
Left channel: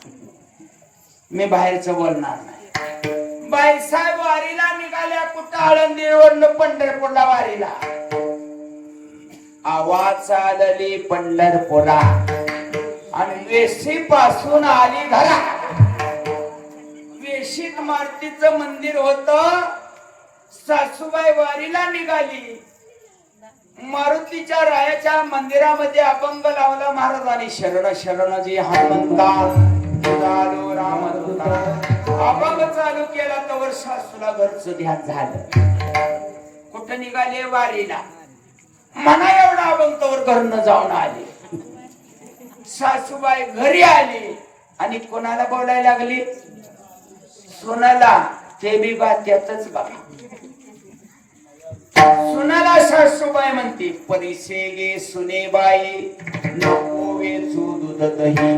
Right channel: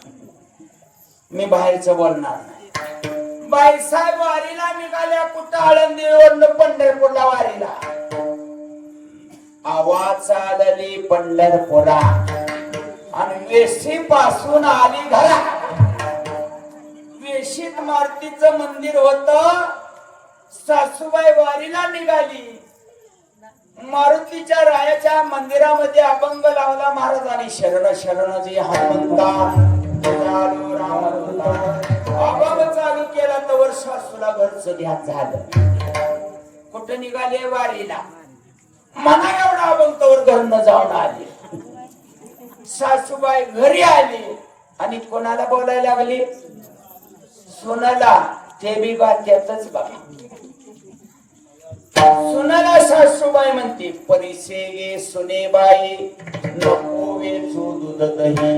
मी बाहेरचं बोलणार नाही. बायसा वारीला निघाल्या कुठं, आळंदीवरनं पंढरपूरला वारीला. आवाज आलेली पंढरपुरा आणि वेशी पासून आली घरा. वेशीत मारुतीचं मंदिर होत. सासूबाई वारीला निघाली. मारुतीच्या रायाच्या मंदिरामध्ये अभंग लावला महाराजांनी. शरण शरण जी हनुमंता अभंग चालू केला तर सासूला घरचं ध्यान झालं. कुठं निघाले वारीला. मना एवढा अभंग तवर घरनं जाऊन आले. सासूबाई घरी आली आणि कोणाला बोलायला लागली, सुनाला. ते बी बात्यातच बघा. सुनाला सासूबाई म्हणते, परिसे गे सुने बाई नको वेचू दूध दही.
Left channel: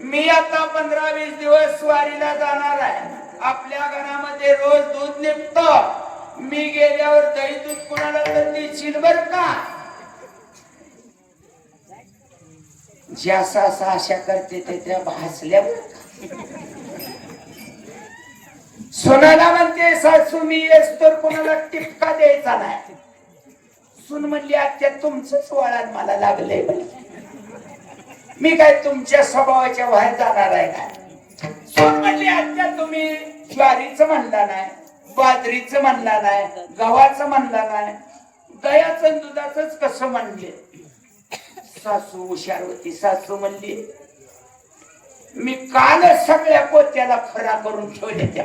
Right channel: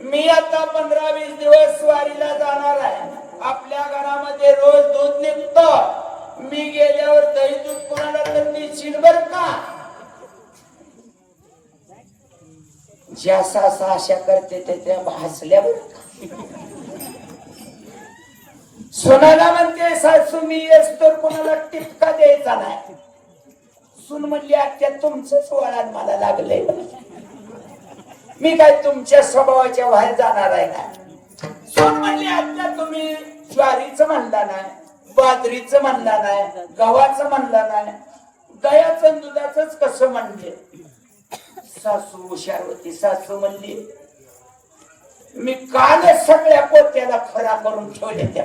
मी आता 15-20 दिवस वारीला जाणार आहे. आपल्या घरामध्ये रोज दूध निघतं. मी गेल्यावर दही दूध कोणाला तर देशील बर का. ज्यासा आशा करते ते त्या भासल्या. सुनाला म्हणते, सासू मी येस तर कोणाला टिपका द्यायचा नाही. सून म्हणली, आत्या तुमचंच वळण मला लागले. मी काय तुमच्या स्वभावाच्या बाहेर जाणार आहे का. सून म्हणली, आत्या तुम्ही ज्वारीचं म्हणला नाही, बाजरीचं म्हणला नाही, गव्हाचं म्हणला नाही, दह्याचं दुधाचंच कसं म्हणले. सासू हुशार होती. सासू म्हणली, मी कालच सगळ्या पोत्याला खरा करून ठेवले त्या.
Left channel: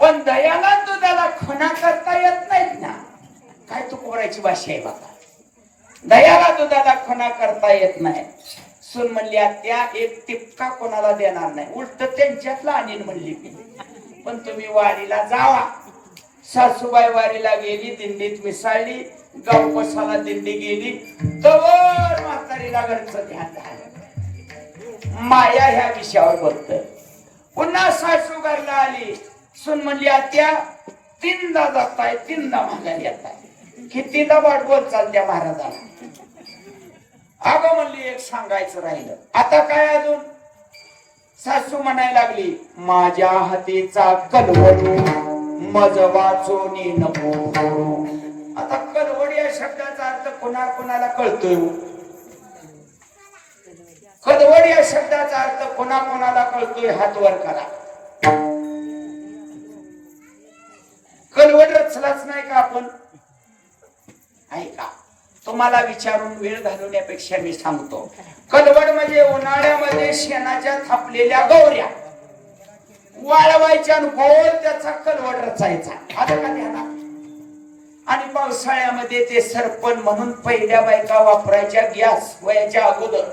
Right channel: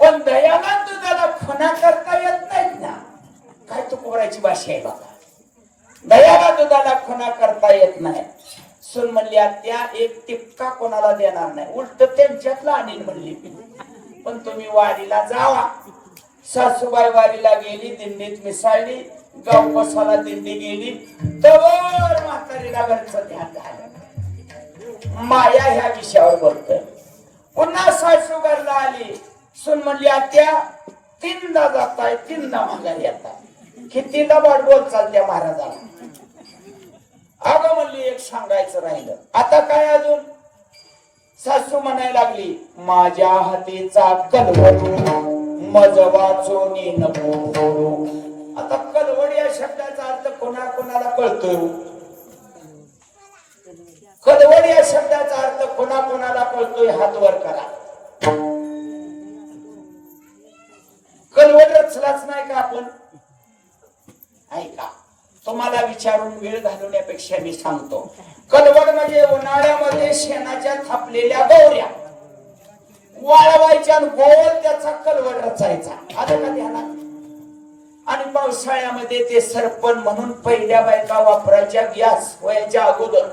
पण दह्याला दुधाला खना करता येत नाहीत ना. काय तू कोरायची भाषा आहे बाबा. दह्याला दुधाला खना करता येत नाही. सून म्हणली, आत्या एक टिपका कोणाला देणार नाही, उलट त्यांच्यातला आणीन म्हणली. पण तुम्ही वारीला जावा. सासूबाई वारीला गेली, दिंडीत मिसाळली. गाव बसाला दिंडी गेली तवर म्हातारीला घरचं ध्यान झालं. माया ह्या विषयावर बोलतोय. पुन्हा सासू घरला आली. सून म्हणली, आत्या 3दा जाताय 3दा माघारी येताय. कितीदा वाट बोल चालत्या महाराजाला. अगं म्हणली, एक सांगायचं राहिलं. आता काय अजून. सासू म्हणायला लागली, माझ्या हातीचा कलवड मज वाचोनी नको. आता कलवड या शब्दाचा अर्थ कोणाला कळतोय. कलवड या शब्दाचा अर्थ कोणाला कळतोय, हात वर करा. कलवड रचलाच नाही का आपण. ऐका, तुम्हाला विचारून वेळ घालवण्यापेक्षा मी सांगतो. कलवड म्हणजे उन्हाळ्यामध्ये शेणाच्या थापलेल्या गौऱ्या वाळवायच्या, गोल त्याचा कलवड रचायचा. आता का ध्यानात. आणि पावसाळ्यामध्ये ते सरपण म्हणून पहिल्या बायका वापरायच्या गॅस वयाच्या अगोदर,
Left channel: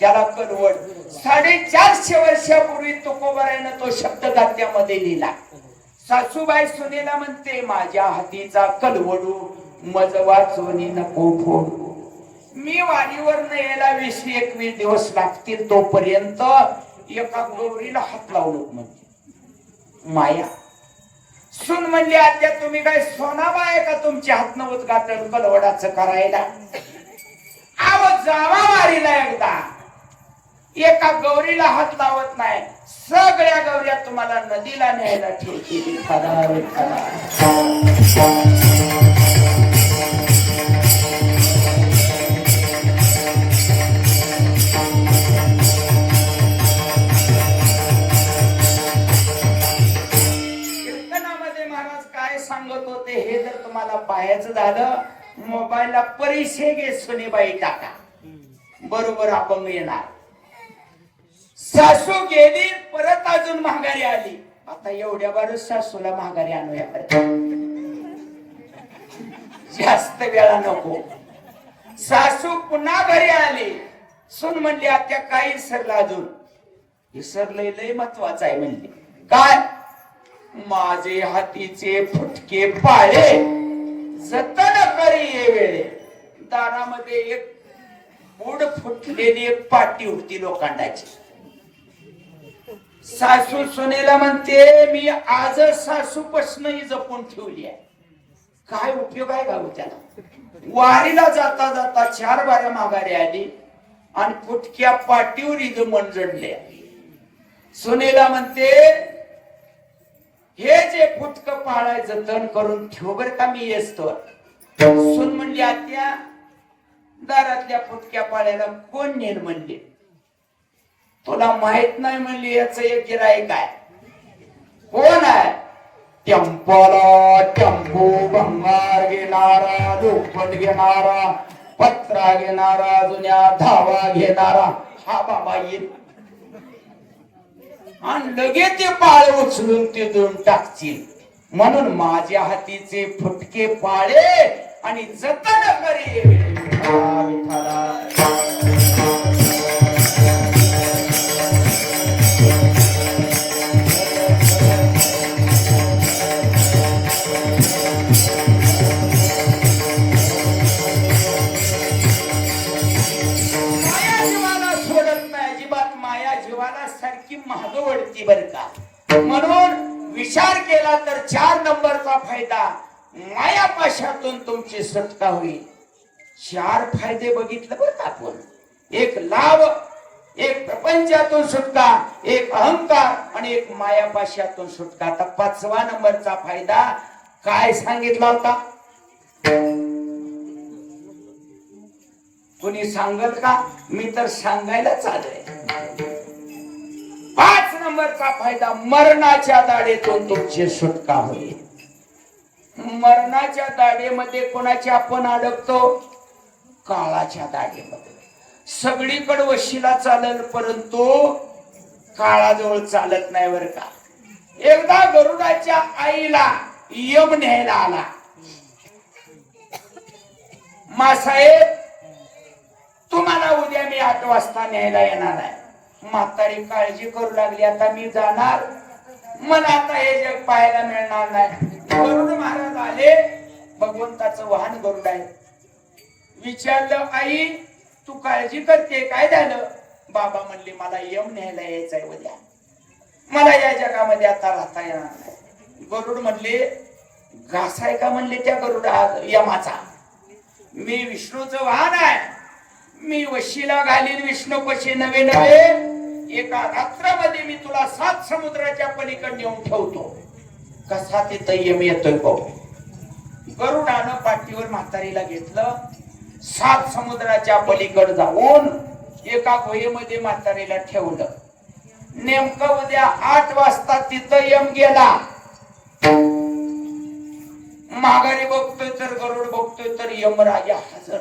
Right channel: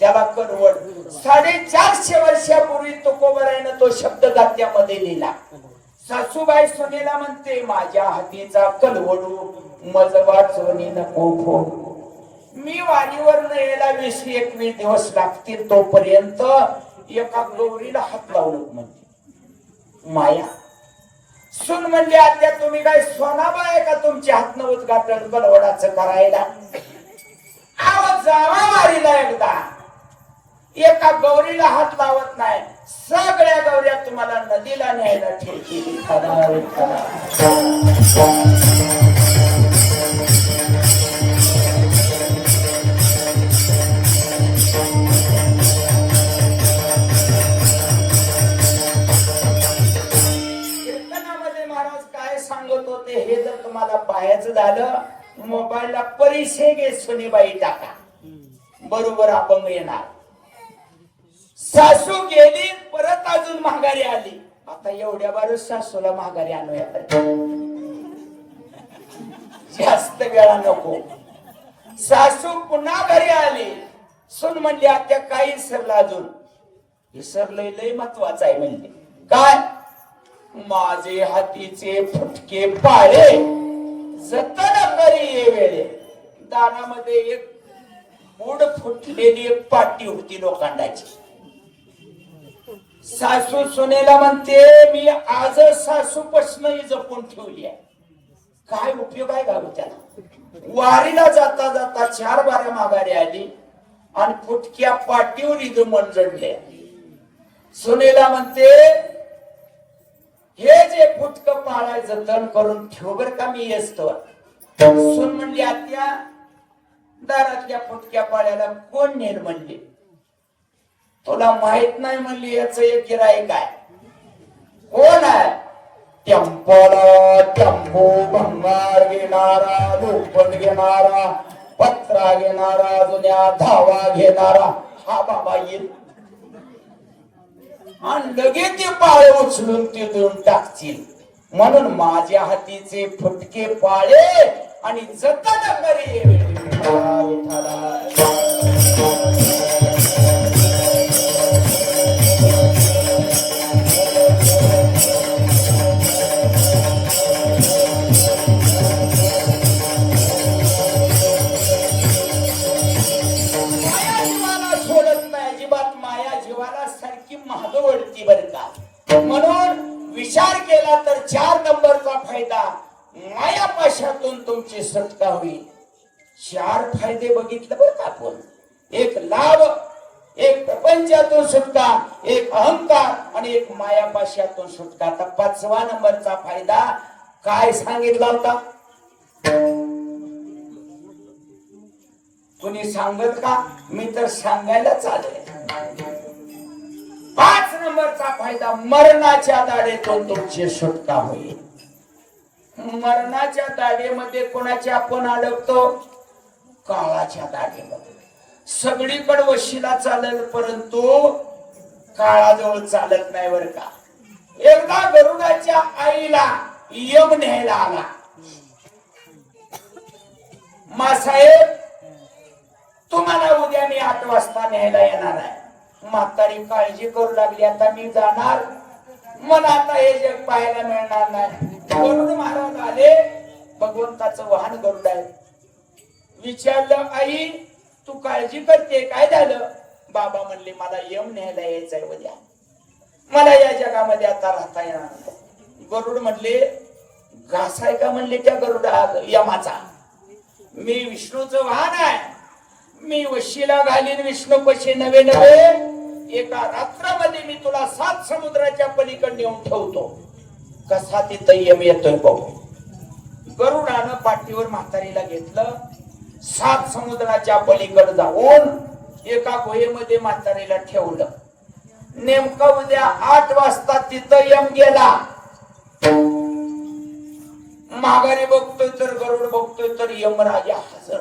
त्याला कलवड. 450 वर्षापूर्वी तुकोबरायनं तो शब्द गात्यामध्ये लिहिला. सासूबाई सुनेला म्हणते, माझ्या हातीचा कलवडू मज वाचोनी नको फोडू. मी वारीवर यायला 20-21 दिवस लागतील. तोपर्यंत एका गौरीला हात लावू नको म्हणजे माया. सून म्हणली, आत्या तुम्ही काय सोनाबाई का तुमच्या हात नवत गातल कलवडाचं करायला. आवाज जावा वारीला एकदा. एका गौरीला हात लावत नाही. सगळ्या गौऱ्या तुम्हाला नदीला न्यायला ठेवतील. हे जर तुम्हाला पाहायचं झालं, मोबाईलला परिसे गे सुनेबाई टाका, बरोबर आपण येणार. सासू गेली, परत अजून माघारी आली. आता एवढ्या बारच सासूला माघारी आणूया, जास्त वेळा नको. सासू पुन्हा घरी आली. सून म्हणली, आत्या काही विसरलं अजून. विसरलंय लय महत्वाचं आहे म्हणली. काय. माझे हातीचे फुटके पाळे जतन करी ये वेळे. दारामध्ये एक बुड फुटलेली एक पाटी होती लोखंडाची. सासू सुनेला म्हणते मी आजच सासू पसनही जपून ठेवली आहे. काय उपयोग आहे गाव त्याला? वारीला जाता जाता 4 बाऱ्या माघारी आली आणि फुटक्या पाठीवर इथं मन जडले. सुनेला म्हणते हे जे फुटक पाळाय जतन करून ठेव बर का मी येतो. सुन म्हणली आत्या दारातल्या फुटक्या पाळ्याला कोण नेल म्हणले. तुला माहित नाही म्हणली याच एक गिराईक आहे. कोण आहे? टेम्पोला टेम्पो भंगार घेणारा, लोखंड घेणारा, पत्रा घेणारा, जुन्या धावा घेणारा हा बाबा येईल आणि लगेच ते पाळे उचलून ते देऊन टाकतील. म्हणून माझ्या हातीचे फुटके पाळे आणि जतन करी. म्हणून विचार केला तर 4 नंबरचा फायदा मायापाशातून तुमची सुटका होईल. 4 फायदे बघितले बरं का आपण. एक लाभ, एक प्रपंचातून सुटका, एक अहंकार आणि एक मायापाशातून सुटका. आता 5वा नंबरचा फायदा काय सांगितला होता? कुणी सांगत का? मी तर सांगायला चालले. 5 नंबरचा फायदा मरणाच्या दाढेतून तुमची सुटका होईल. मरणाच्या दाढेमध्ये कोणाची आपण अडकतो? काळाच्या दाढेमध्ये. सगळीकडे वशिला चालेल परंतु काळाजवळ चालत नाही बर का. एकदा गरुडाच्या आईला यम न्यायला आला. मासाहेब तुम्हाला उद्या मी 8 वाजता न्यायला येणार आहे. म्हातारी काळजी करू लागली. आता मी जाणार, मला आता हे जग पाहायला मिळणार नाही. गरुड महाराज आले. भगवंताचं वाहन गरुड आहे. विचारलं आई तू काळजी करते काय झालं? बाबा म्हणले मला यम न्यायला यायचंय उद्या. मला या जगामध्ये आता राहता येणार नाही. गरुड म्हणले घास आहे का म्हणले त्या गरुडा यमाचा? मी विष्णूचं वाहन आहे. मी वशिला घालीन विष्णू पशी नवे नवे. एका रात्रामध्ये मी तुला 7 समुद्राच्या पलीकडे नेऊन ठेवतो. कसा तिथं यम येतोय पाहू. गरुडानं पाठीवर म्हातारीला घेतलं. 7 समुद्राच्या पलीकडे जाऊन एका गुहेमध्ये म्हातारीला ठेवलं. नेमकं उद्या 8 वाजता तिथं यम गेला. माघारी बघतोय तर गरुड बघतोय तर यमराजा हजर.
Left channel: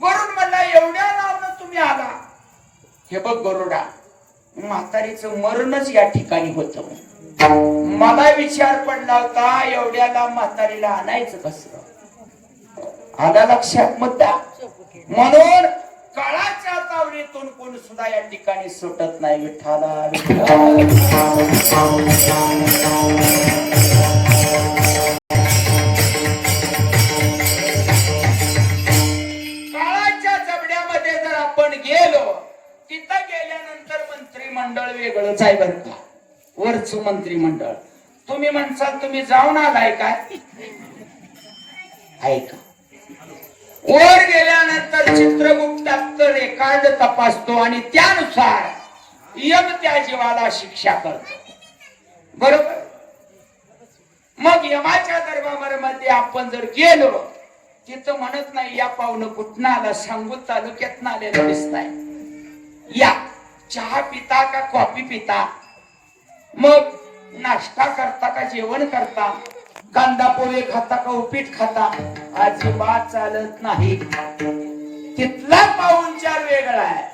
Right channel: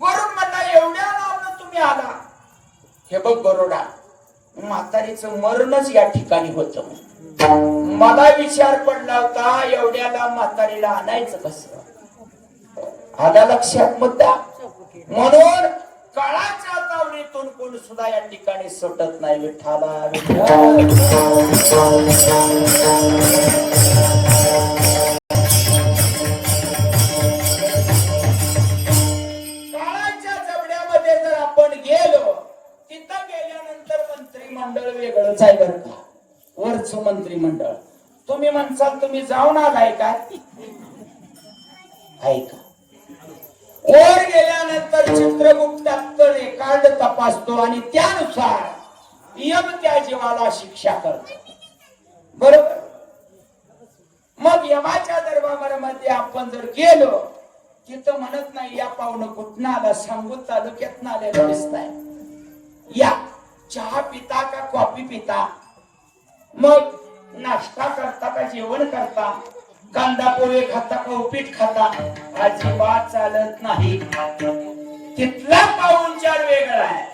गरुड म्हणला एवढ्या लांब तुम्ही आला? हे बघ गरुडा म्हातारीचं मरणच या ठिकाणी होतं. मला विचार पडला होता एवढ्या लांब म्हातारीला आणायचं कसं. आला लक्षात मुद्दा. म्हणून काळाच्या तावडीतून कोण सुद्धा या ठिकाणी सुटत नाही. विठ्ठला काळाच्या जबड्यामध्ये जर आपण गेलो तिथं गेल्यानंतर मंत्रिमंडळ वेगळंच आहे बरं का. वरचं मंत्रिमंडळ. तुम्ही म्हणसाल तुम्ही जाऊन आलाय काय? ऐका वर गेल्यानंतर चित्रगुप्त रेकॉर्ड तपासतो आणि त्यानुसार यम त्या जीवाला शिक्षा करतो. बरोबर. मग यमाच्या दरबारामध्ये आपण जर गेलो तिथं म्हणत नाही या पाहुणं कुठनं आला, सांगू तालुक्यात आलेलं दिसताय, या चहा पिता का कॉफी पिता, मग नाश्ता करता का जेवण करता, कांदा पोहे खाता का उपीट खाता, अजिबात चालत नाही. तिथला पाहुणचार वेगळा आहे.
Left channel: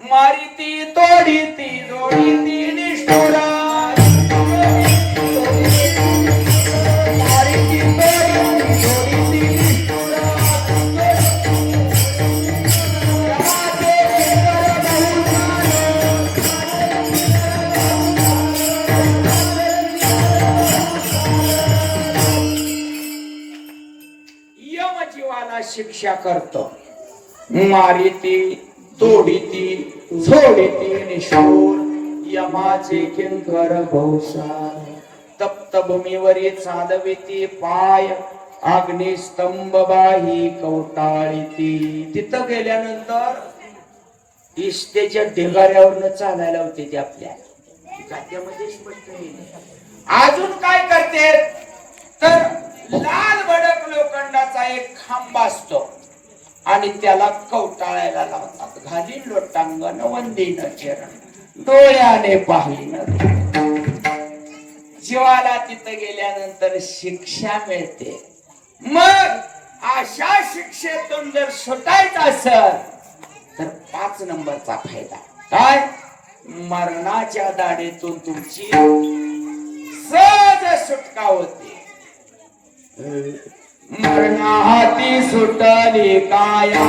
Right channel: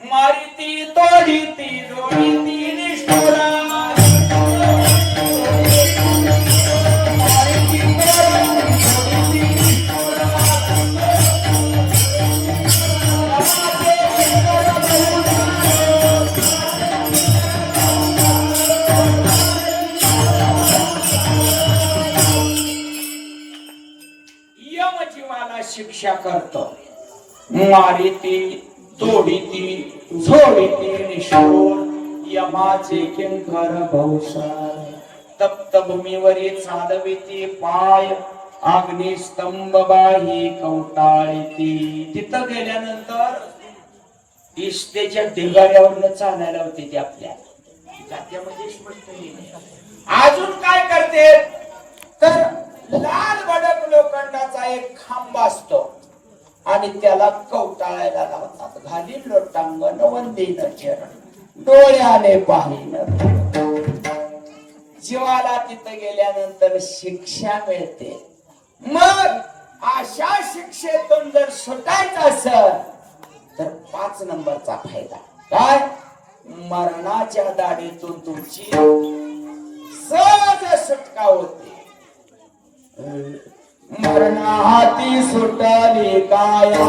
मारिती तोडीती जोडीती निष्ठुरा, शिक्षा करतो. मारिती तोडीती झोडीती निष्ठूर यमाचे किंकर भौसार तप्त भूमीवरी चालविती पाय अग्निस्तंभ बाही कवटाळीती. तिथं गेल्यानंतर इष्टेच्या ढिगाऱ्यावरनं चालायला होते ते आपल्या खाद्यामध्ये स्पष्ट येईल. अजून काय करते तर लाल भडक लोखंडाचा एक खांब असतो आणि त्याला कवटाळायला लावतात. घालीन लोटांगण वंदीन चरण डोळ्याने पाहिन. जीवाला तिथे गेल्यानंतर शिक्षा मिळते. मग अशा शिक्षेतून जर सुटायचं असेल तर 5 नंबरचा फायदा काय, मरणाच्या दाढीतून तुमची सहज सुटका होते. मरणाहाती सुटली काया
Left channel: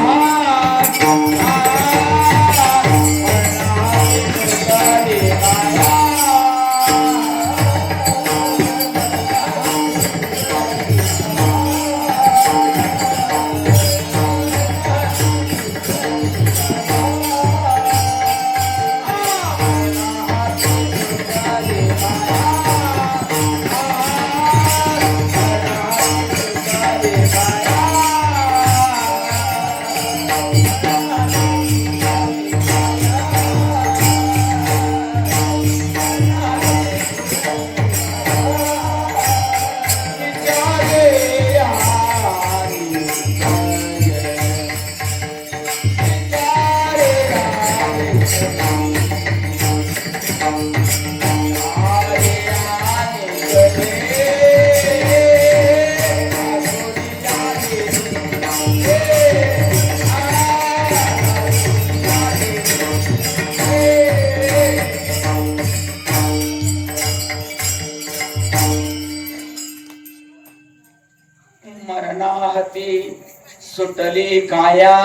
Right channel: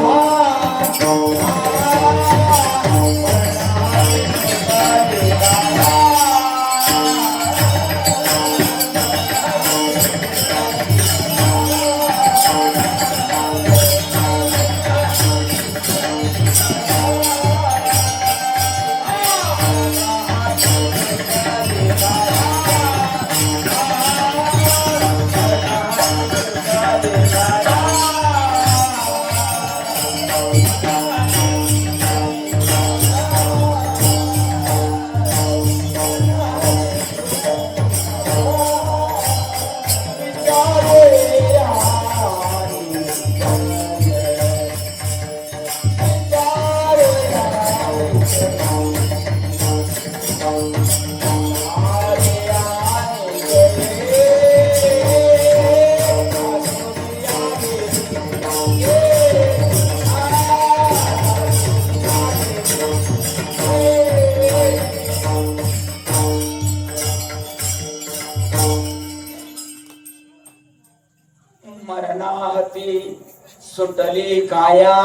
सुटली काया.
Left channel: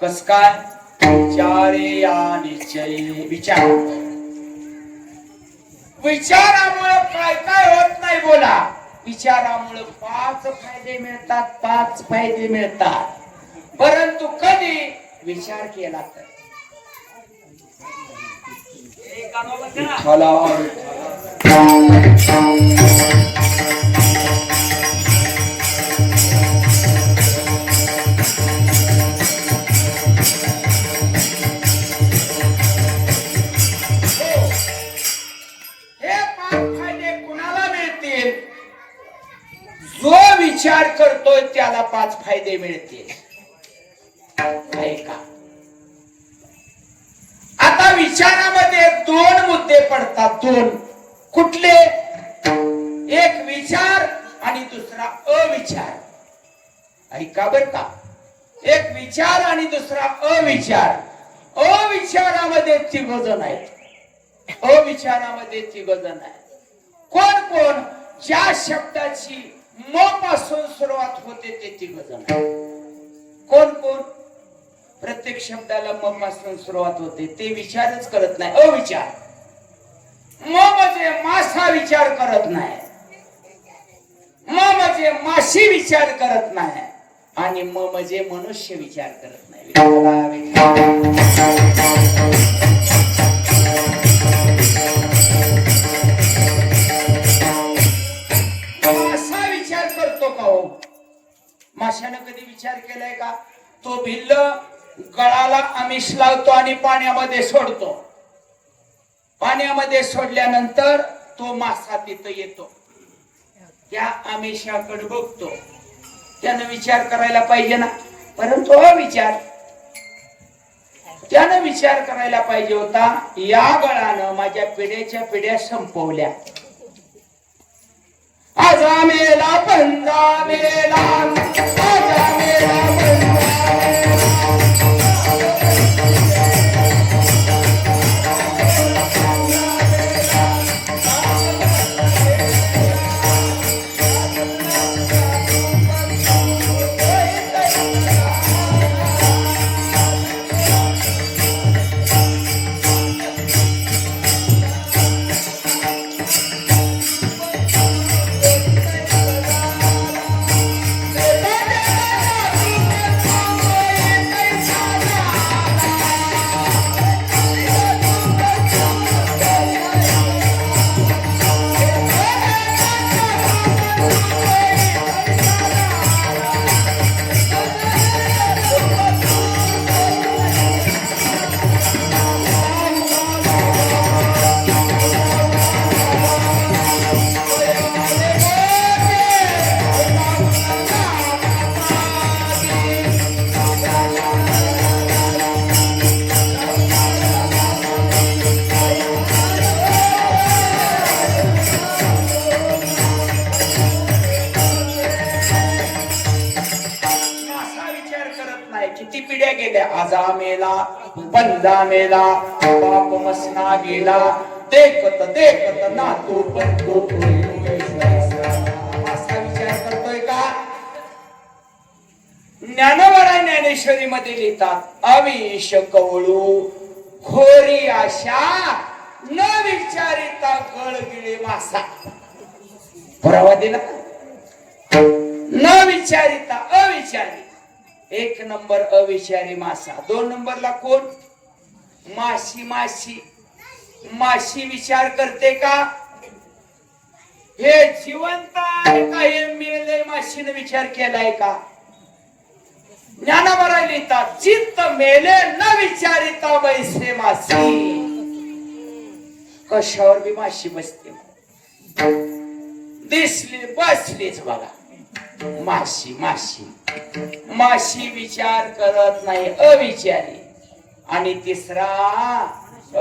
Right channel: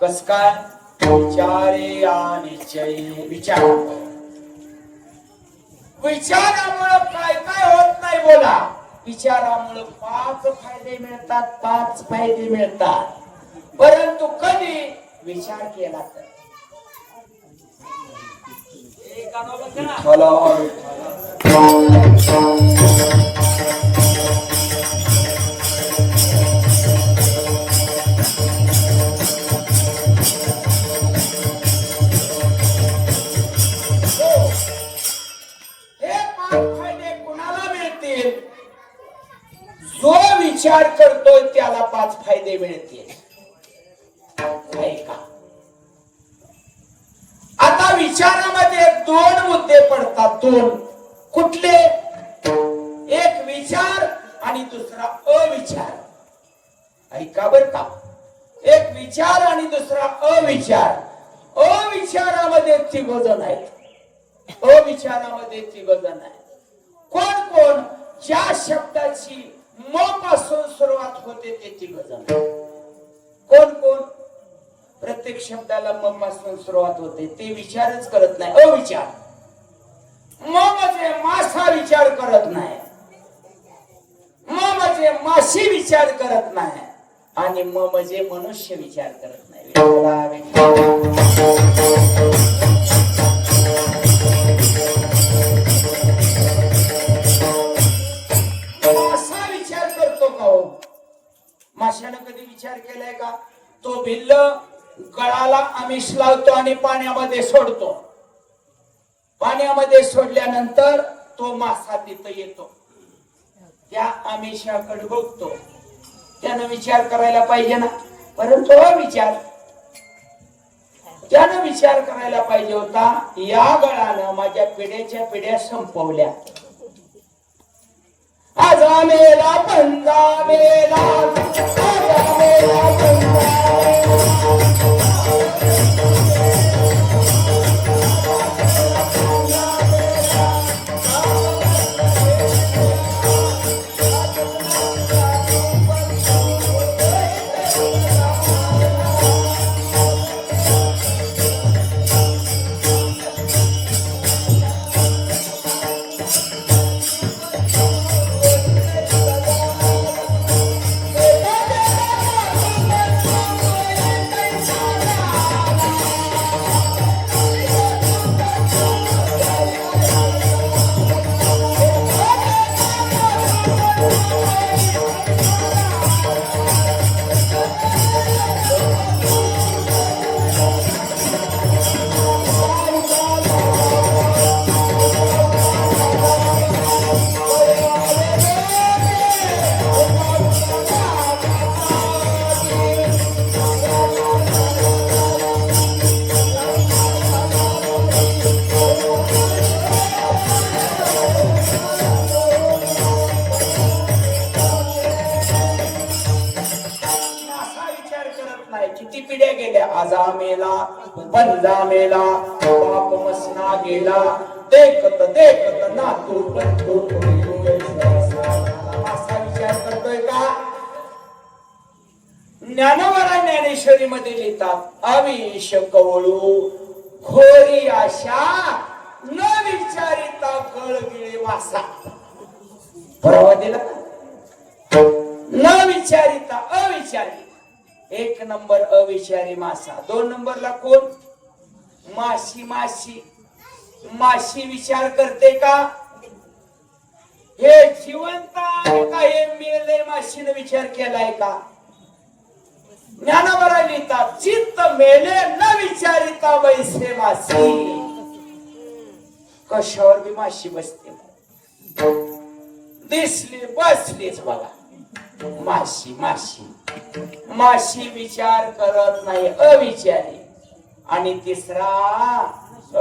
कस काय, विचारे आणि विचार. विचारामुळे काय काय होत नाही बोला. विचारामुळे 5 फायदे मिळतात, 5 फायदे मिळतात. परंतु कधी विचार केला तर जो विचार करतोय त्याला 5 फायदे मिळतील. का आता विचारामध्ये 2 मुद्दे पडतात. 2 कुठले, एक विचार आणि दुसरा अविचार. ऐका बर का, एक विचार आणि दुसरा अविचार. अविचारामध्ये 3 जण आहेत. अविचारामध्ये 3 जण आहेत. कोण कोण, ज्या शब्दाची म पासून सुरुवात होते ते 3 जण. कोण कोण, प्रत्येक शब्दाला म पासून सुरुवात होते ते विचारच करत नाही, अविचार. म म्हणजे मासा विचार करत नाही, म म्हणजे माशी विचार करत नाही, आणि म म्हणजे मनुष्य विचार करत नाही. माशाने कधी विचार केलाय का, तो भिल्ल गळाला आमिष लावतो आणि पाण्यामध्ये सोडतो. पाण्यामध्ये सोडल्यानंतर तो मासा तिथं येतो, त्या आमिषाकडे बघतो. त्यानं विचार करायला पाहिजे ना, परंतु अविचार. त्यानं विचार करायला पाहिजे होता, या गळानं माझ्या पिढ्याच्या पिढ्या संपवल्या. आजा मेला पंजा मेला, आजा मेला पंजा नाही. किती पिढ्या गेल्या, आजा मेला, पंजा मेला, बाप मसना गेला, देखत देखत नातू करतो. असा विचार करतोय का? ज्ञानोबा ज्ञानेश्वरी मध्ये लिहितात, अविश कवळू खोरी आशा न विचारिता कळगिळे वासा. बरोबर दिला. न विचारिता, अविचारी. एक नंबर अविचारी मासा. दोन नंबरला कोण? माशी. माशी विचार करते का? हे जिवंत आहे का हे मेले? माशीने विचार केलाय का? ज्ञानावर लिहितात, चित्त मेले न विचारिता बैसे मासी. कशावर बी माशी बसते, दिसली बसलीच बघा. माशी विचार करत नाही, अविचारी. आणि तिसरा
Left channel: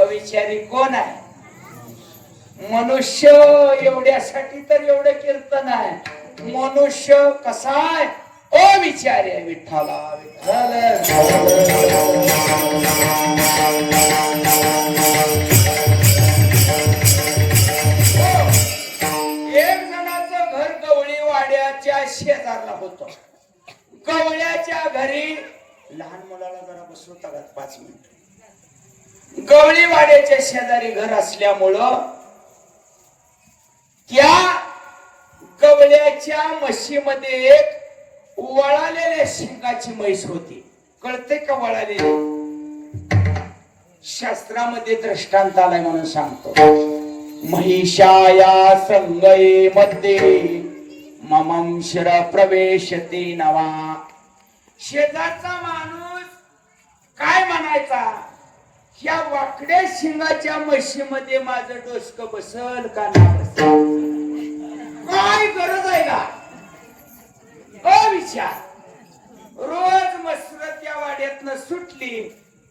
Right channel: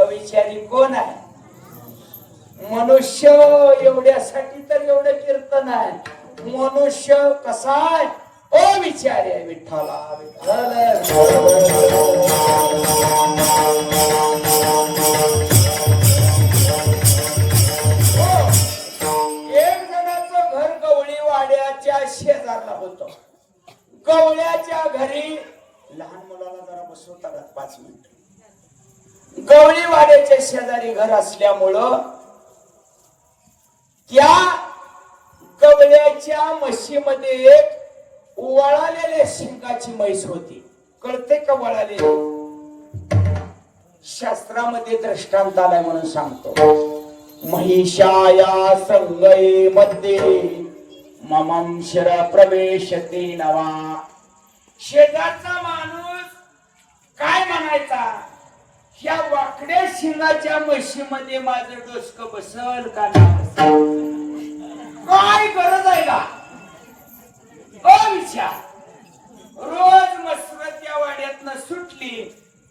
अविचारी कोण आहे? मनुष्य. एवढ्यासाठी तर एवढं कीर्तन आहे. मनुष्य कसा आहे? अविचारी आहे. विठ्ठला शेजारला होतो. गवळ्याच्या घरी लहान मुलाला जरा बसवता 5 मिनिट. गवळी वाड्याच्या शेजारी घर असल्यामुळं त्या गवळ्याच्या म्हशीमध्ये एक वळालेल्या शिंगाची म्हैस होती. कळते का वळालेली? शास्त्रामध्ये दृष्टांत आलाय म्हणून सांगतो. महिषाया संगये मध्ये ममंशर प्रवेशते नवा. शेजारचा माणूस काय म्हणायचा? या वाकड्या शिंगाच्या म्हशीमध्ये माझं डोसकं बसल का नाही? काय गरज आहे का? अविचार. रोज मसरत या वाड्यातनं सुटली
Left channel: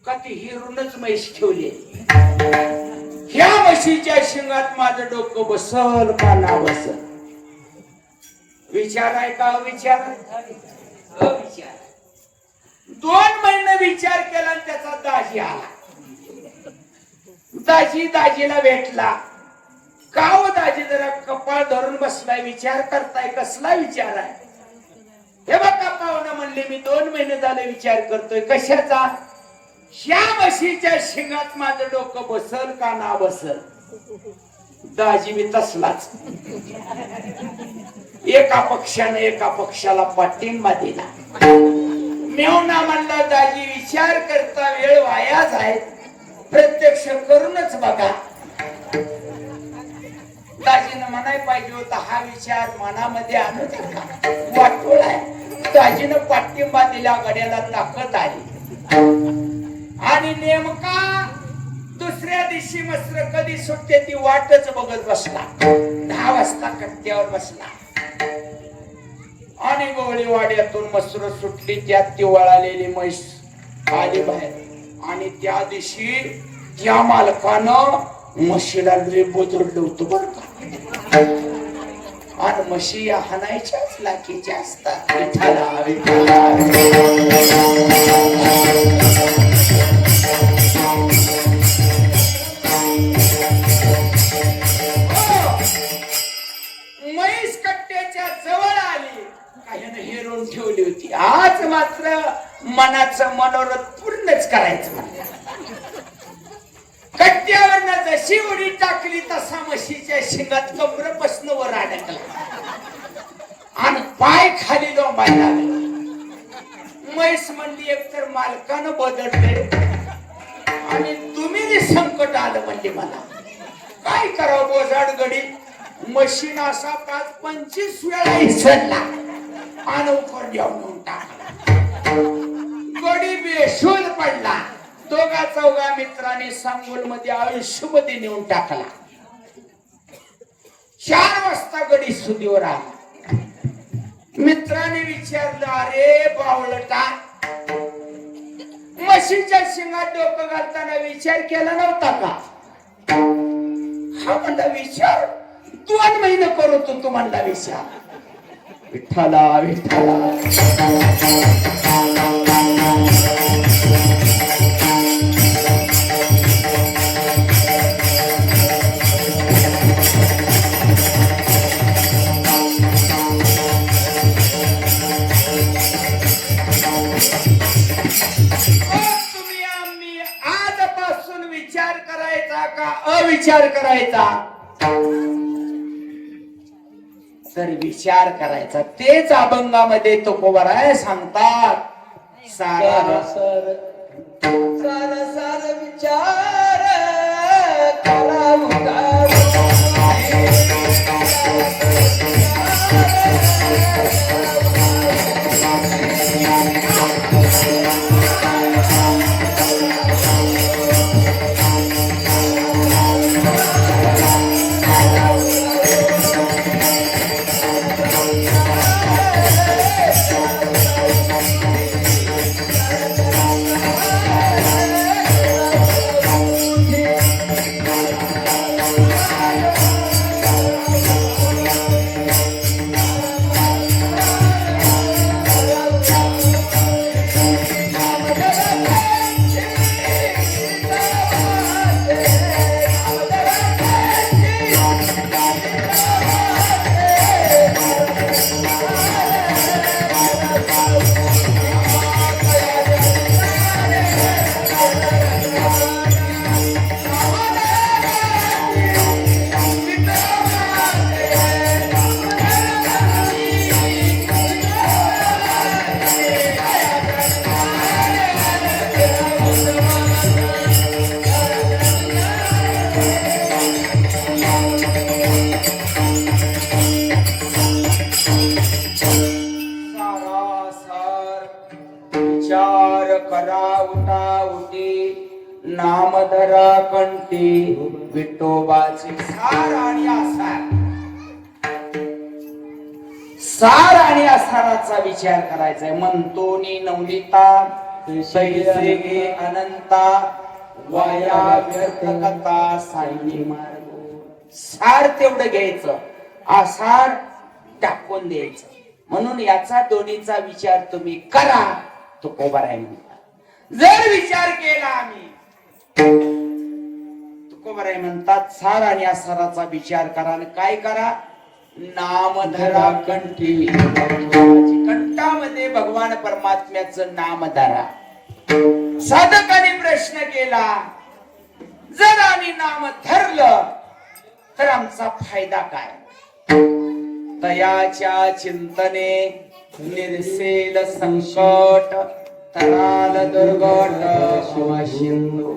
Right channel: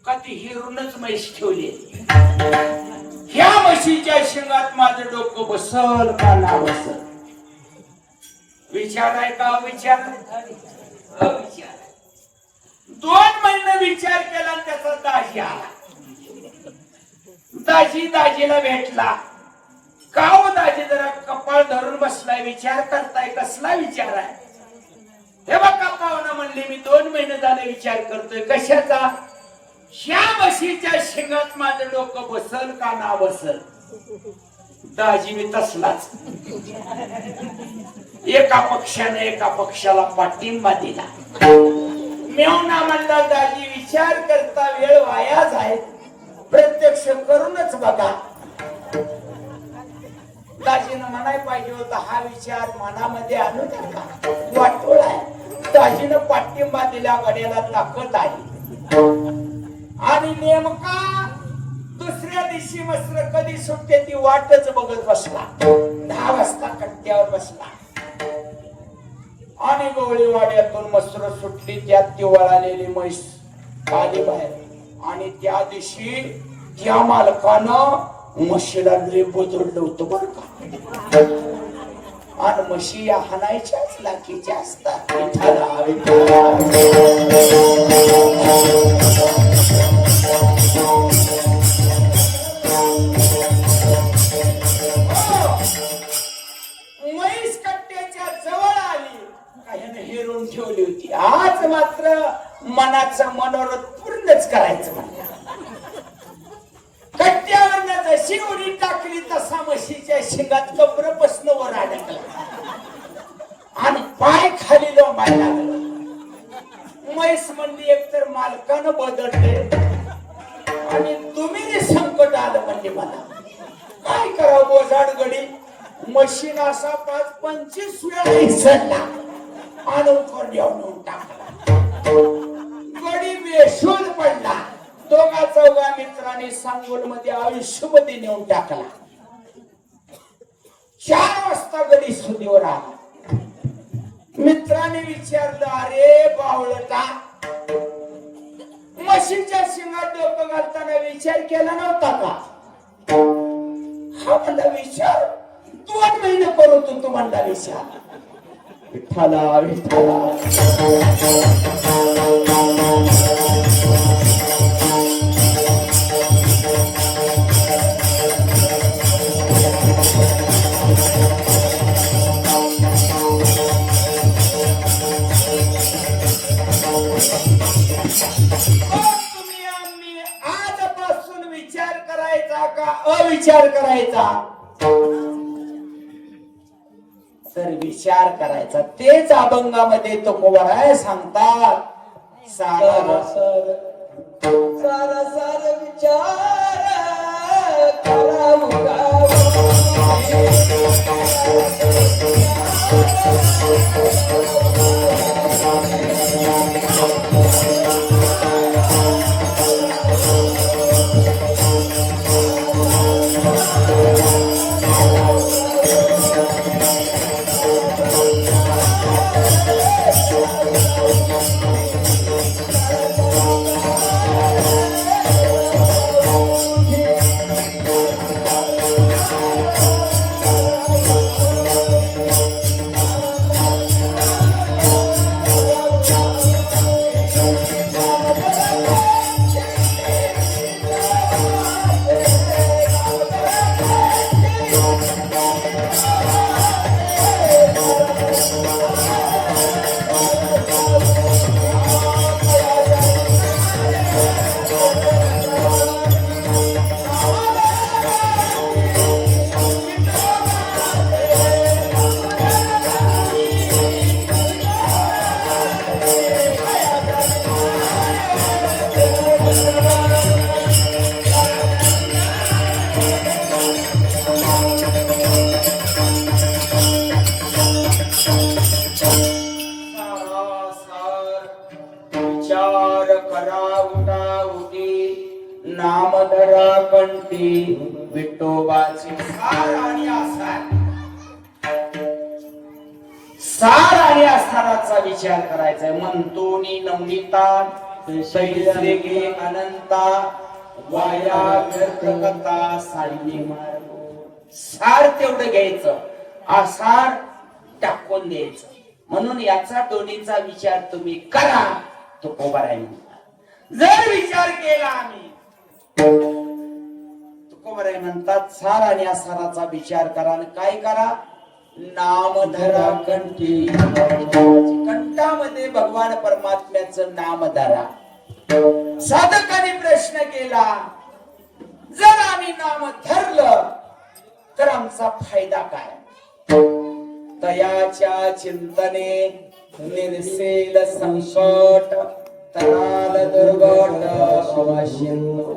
का ती हिरूनच म्हैस ठेवली. ह्या म्हशीच्या शिंगात माझं डोकं बसल का ना बसल? विचार आहे का? विचार. 2 महिने विचार केला, त्याचा दाजी आला. दाजीला भेटला. का हो दाजी जरा कपाळ धरून बसलाय, विचार करताय? कसला विचार आहे? हे बघा पाहुणा म्हणले, मी 2 महिने झाले विचार करतोय. कशाचा? ह्या म्हशीच्या शिंगात माझं डोकं बसल का ना बसल? दाजी मी तसलाच. एका पक्षाला पाठिंबा दिला. मेवना म्हणला, दाजी विचार करता वेळ वायाच आहे, प्रत्यक्ष करूनच बघा. दाजीनं म्हणाय पाहिजे होता, हा विचार मनामध्ये आणू नका, वाटोळ आहे. दाजीनं पाठिंबा दिला, गड्याला ताकद आली. आणि नेमका दुसऱ्या दिवशी मसर कधी सुटते ती वाटच बघत बसला. 10 वाजता कट्ट्यावर बसला आणि गवळी वाड्यातून मसर सुटली. त्यात ती वळालेली म्हैस आली बाहेर. आणि त्या दिवशी त्या मालकानं म्हशीला लय बोदरलं होतं बरं का. आणि म्हशी या हाणायच्याच लाकीच्या असतात. म्हैस कट्ट्याच्या जवळ आली, काहीने हेरून ठेवली होती. आज मात्र मनाचं मनोरथ पूर्णच करायचं. कट्ट्यावर जशी उडी टाकली तसा म्हशीच्या शिंगात कमरेपासून वर अडकला आणि पाय खाली लोंबायला लागला. म्हैस म्हणली, एकतर मालकानं बदलले आणि तुम्ही जे संकट आलं म्हणजे मला काय करावं? बोजाड गडी मशीन असा 5-25 वेळा इसरला आणि उपर घेऊन टाकला. गडी बेशूल पडला. 2-4 मित्रांनी सांगोल मध्ये आयुष्यमध्ये नेऊन टाकला. 4 वाजता गडी सुदीवर आला. मित्राने विचारलं, अरे बावळटा, म्हशीच्या शिंगात डोकं घालताना विचार केला नव्हता का? हा म्हणला, विचार 2 महिने करत होतो म्हणला विचार. विठ्ठला विठ्ठला तुम्ही आम्ही आजपासून विचार करायचा का अविचार करायचा? तर विचार करायचा. तेच अभंगामध्ये तुकोबराय सांगतात, सार सार सार सार विचार करावं नामधरा कंठी विठोबाचे सार आणि आसार. सार आणि आसाराचा विचार करायचा. म्हणतो नी नवनीता शैले गे अनंता वाया व्यर्थकता साई मार्ग. सार तेवढं घ्यायचं, आसार टाकून द्यायचं. म्हणून याचा दोन्हीचा विचार तुम्ही करा. तो कोबाराय म्हणतात. जर विचार केला आम्ही, तुकोबराय म्हणतात सार आणि आसाराचा विचार करा. आणि काय करा? नामधरा कंठी. कंठामध्ये भगवान परमात्म्याचं नाम धरा. साधकाने प्रश्न केला, जर आम्ही नाम धरलं तर आमचा फायदा काय? दयाच्या चिंतने निरसेल संकट तराल दुर्गट शिवशिंदू.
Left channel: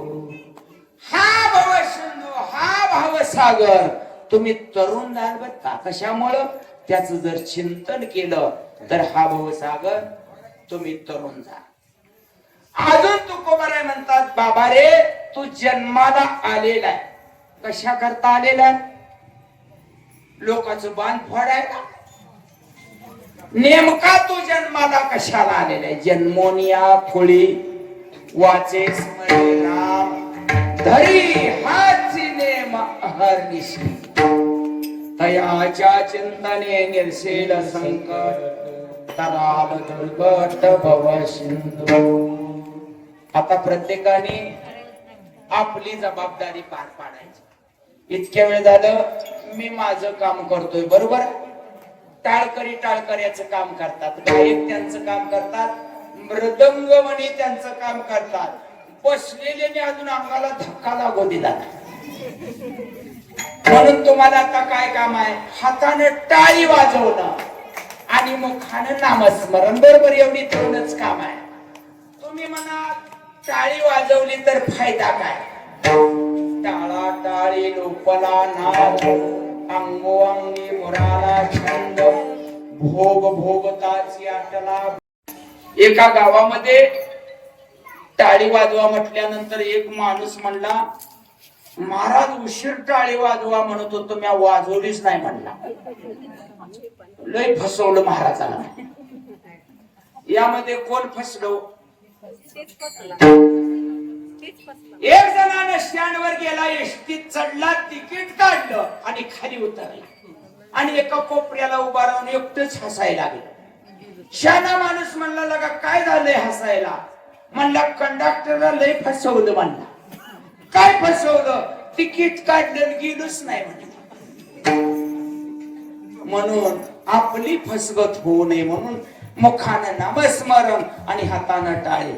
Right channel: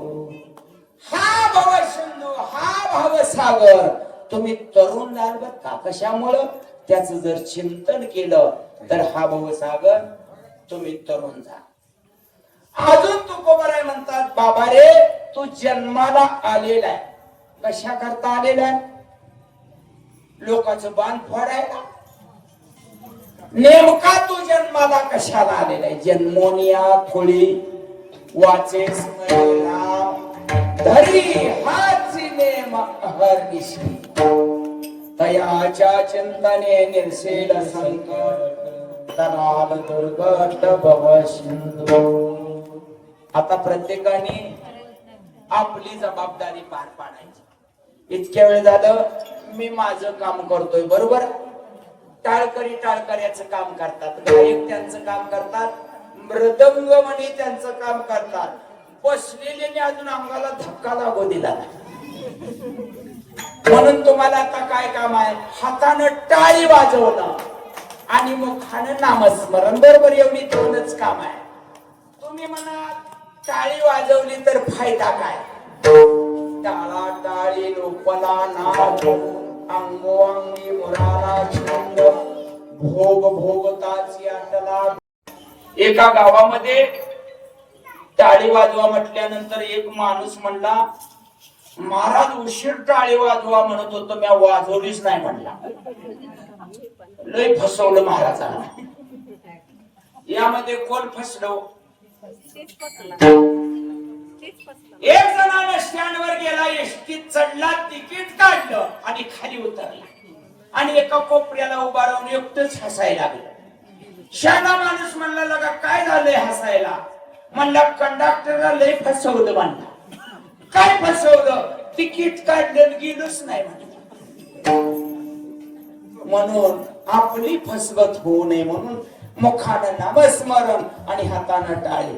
हा भवसिंधू, हा भावसागर. तुम्ही तरुण झाल का? कशामुळं? त्याचं जर चिंतन केलं तर हा भवसागर तुम्ही तरुण जा. अजून तुकोबराय म्हणतात, बाबा रे तू जन्माला आलेला आहे. कशा करता आलेला? लोकांचं बाण फोडायला. नेमका तू जन्माला कशाला आलेला आहे? जन्मोनिया खुळी वाचे स्मरणा धरी हाची नेम अहर्निशी. तयाच्या चिंतने निर्सेल संकट तराल दुर्गट भवसिंधू. आता प्रत्येकाने आपली जबाबदारी पार पाडायची. इतक्या वेळ झालं मी माझं काम करतोय, बरोबर? टाळकरी टाळकऱ्याचं काम करतात, गायक त्यांचं काम करतात, मृदंगमणी त्यांचं काम करतात. बसलेले अजून अंगाला धक्का लागू दिला. म्हणून तुम्हाला आता काय काम आहे? हातानं टाळी वाजवणं आणि मुखानं नामस्मरण. बरोबर? एवढी तेवढंच काम आहे. तुम्ही म्हणा टाळी वाजवली तर फायदा काय? टाळा टाळी लोपला नाद अंगोअंगी मुराला छंद भोग भोगताची आटला. एका गावामध्ये टाळी वाजवा म्हटल्यानंतर एक माणूस म्हणला, महाराज उशीर टाळी वाजवा म्हणत होतो, मी वाजवलीच नाही म्हणला. लय फसवलं महाराजांना. यामध्ये कोण फसलो? एक जणाने स्टँडवर गेला, एसटीत चढला, तिकीट काढलं आणि खाली उतरला आणि एका कोपऱ्याला उभा राहून एकटंच हसायला लागला. शहाणा माणूस म्हणला, लगा काय झालंय हसायला? म्हणला कंडक्टरला लय फसवलं. म्हणला काय फसवलं? तिकीट काढलं गेलोच नाही म्हणून. आपली फसवत होऊ नये म्हणून मुखानं नामस्मरण आणि हातानं टाळे.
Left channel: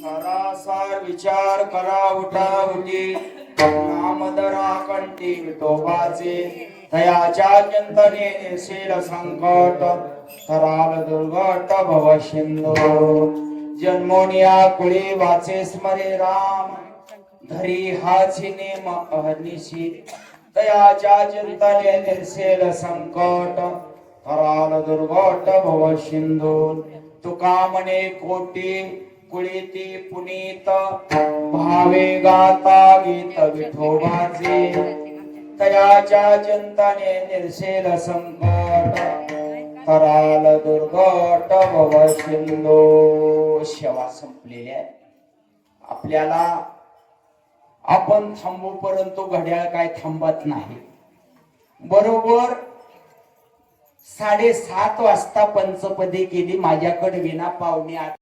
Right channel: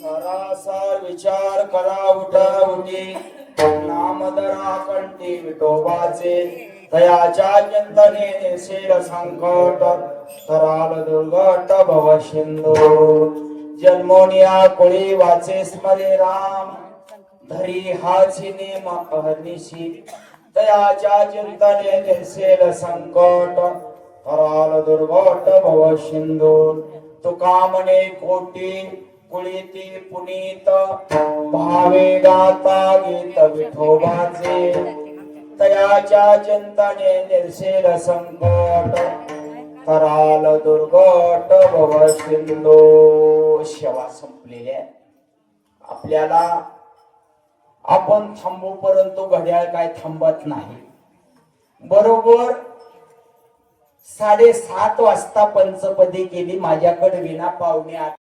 सरासर विचार करा उठा उठी नामधरा कंठी विठोबाचे तयाच्या चिंतने निसेल संकट कराल दुर्गट भव सिंधू जन्मोनिया कुळी वाचे स्मरे राम धरी हाची नेम अहर्निशी तयाच्या चिंतने निसेल संकट कराल दुर्गट भव सिंधू तुका म्हणे कोटी कुळीती पुनीत भावे गाता गीत विठोबाचे तयाच्या चिंतने निर्सेल संकट कराल दुर्गट भव सिंधू. सेवा संपलेल्या आपल्याला आपण थांबू परंतु घड्याळ काय थांबत नाही. बरोबर 7:30 वाजता पंचपदी केली माझ्याकडे विना पावणे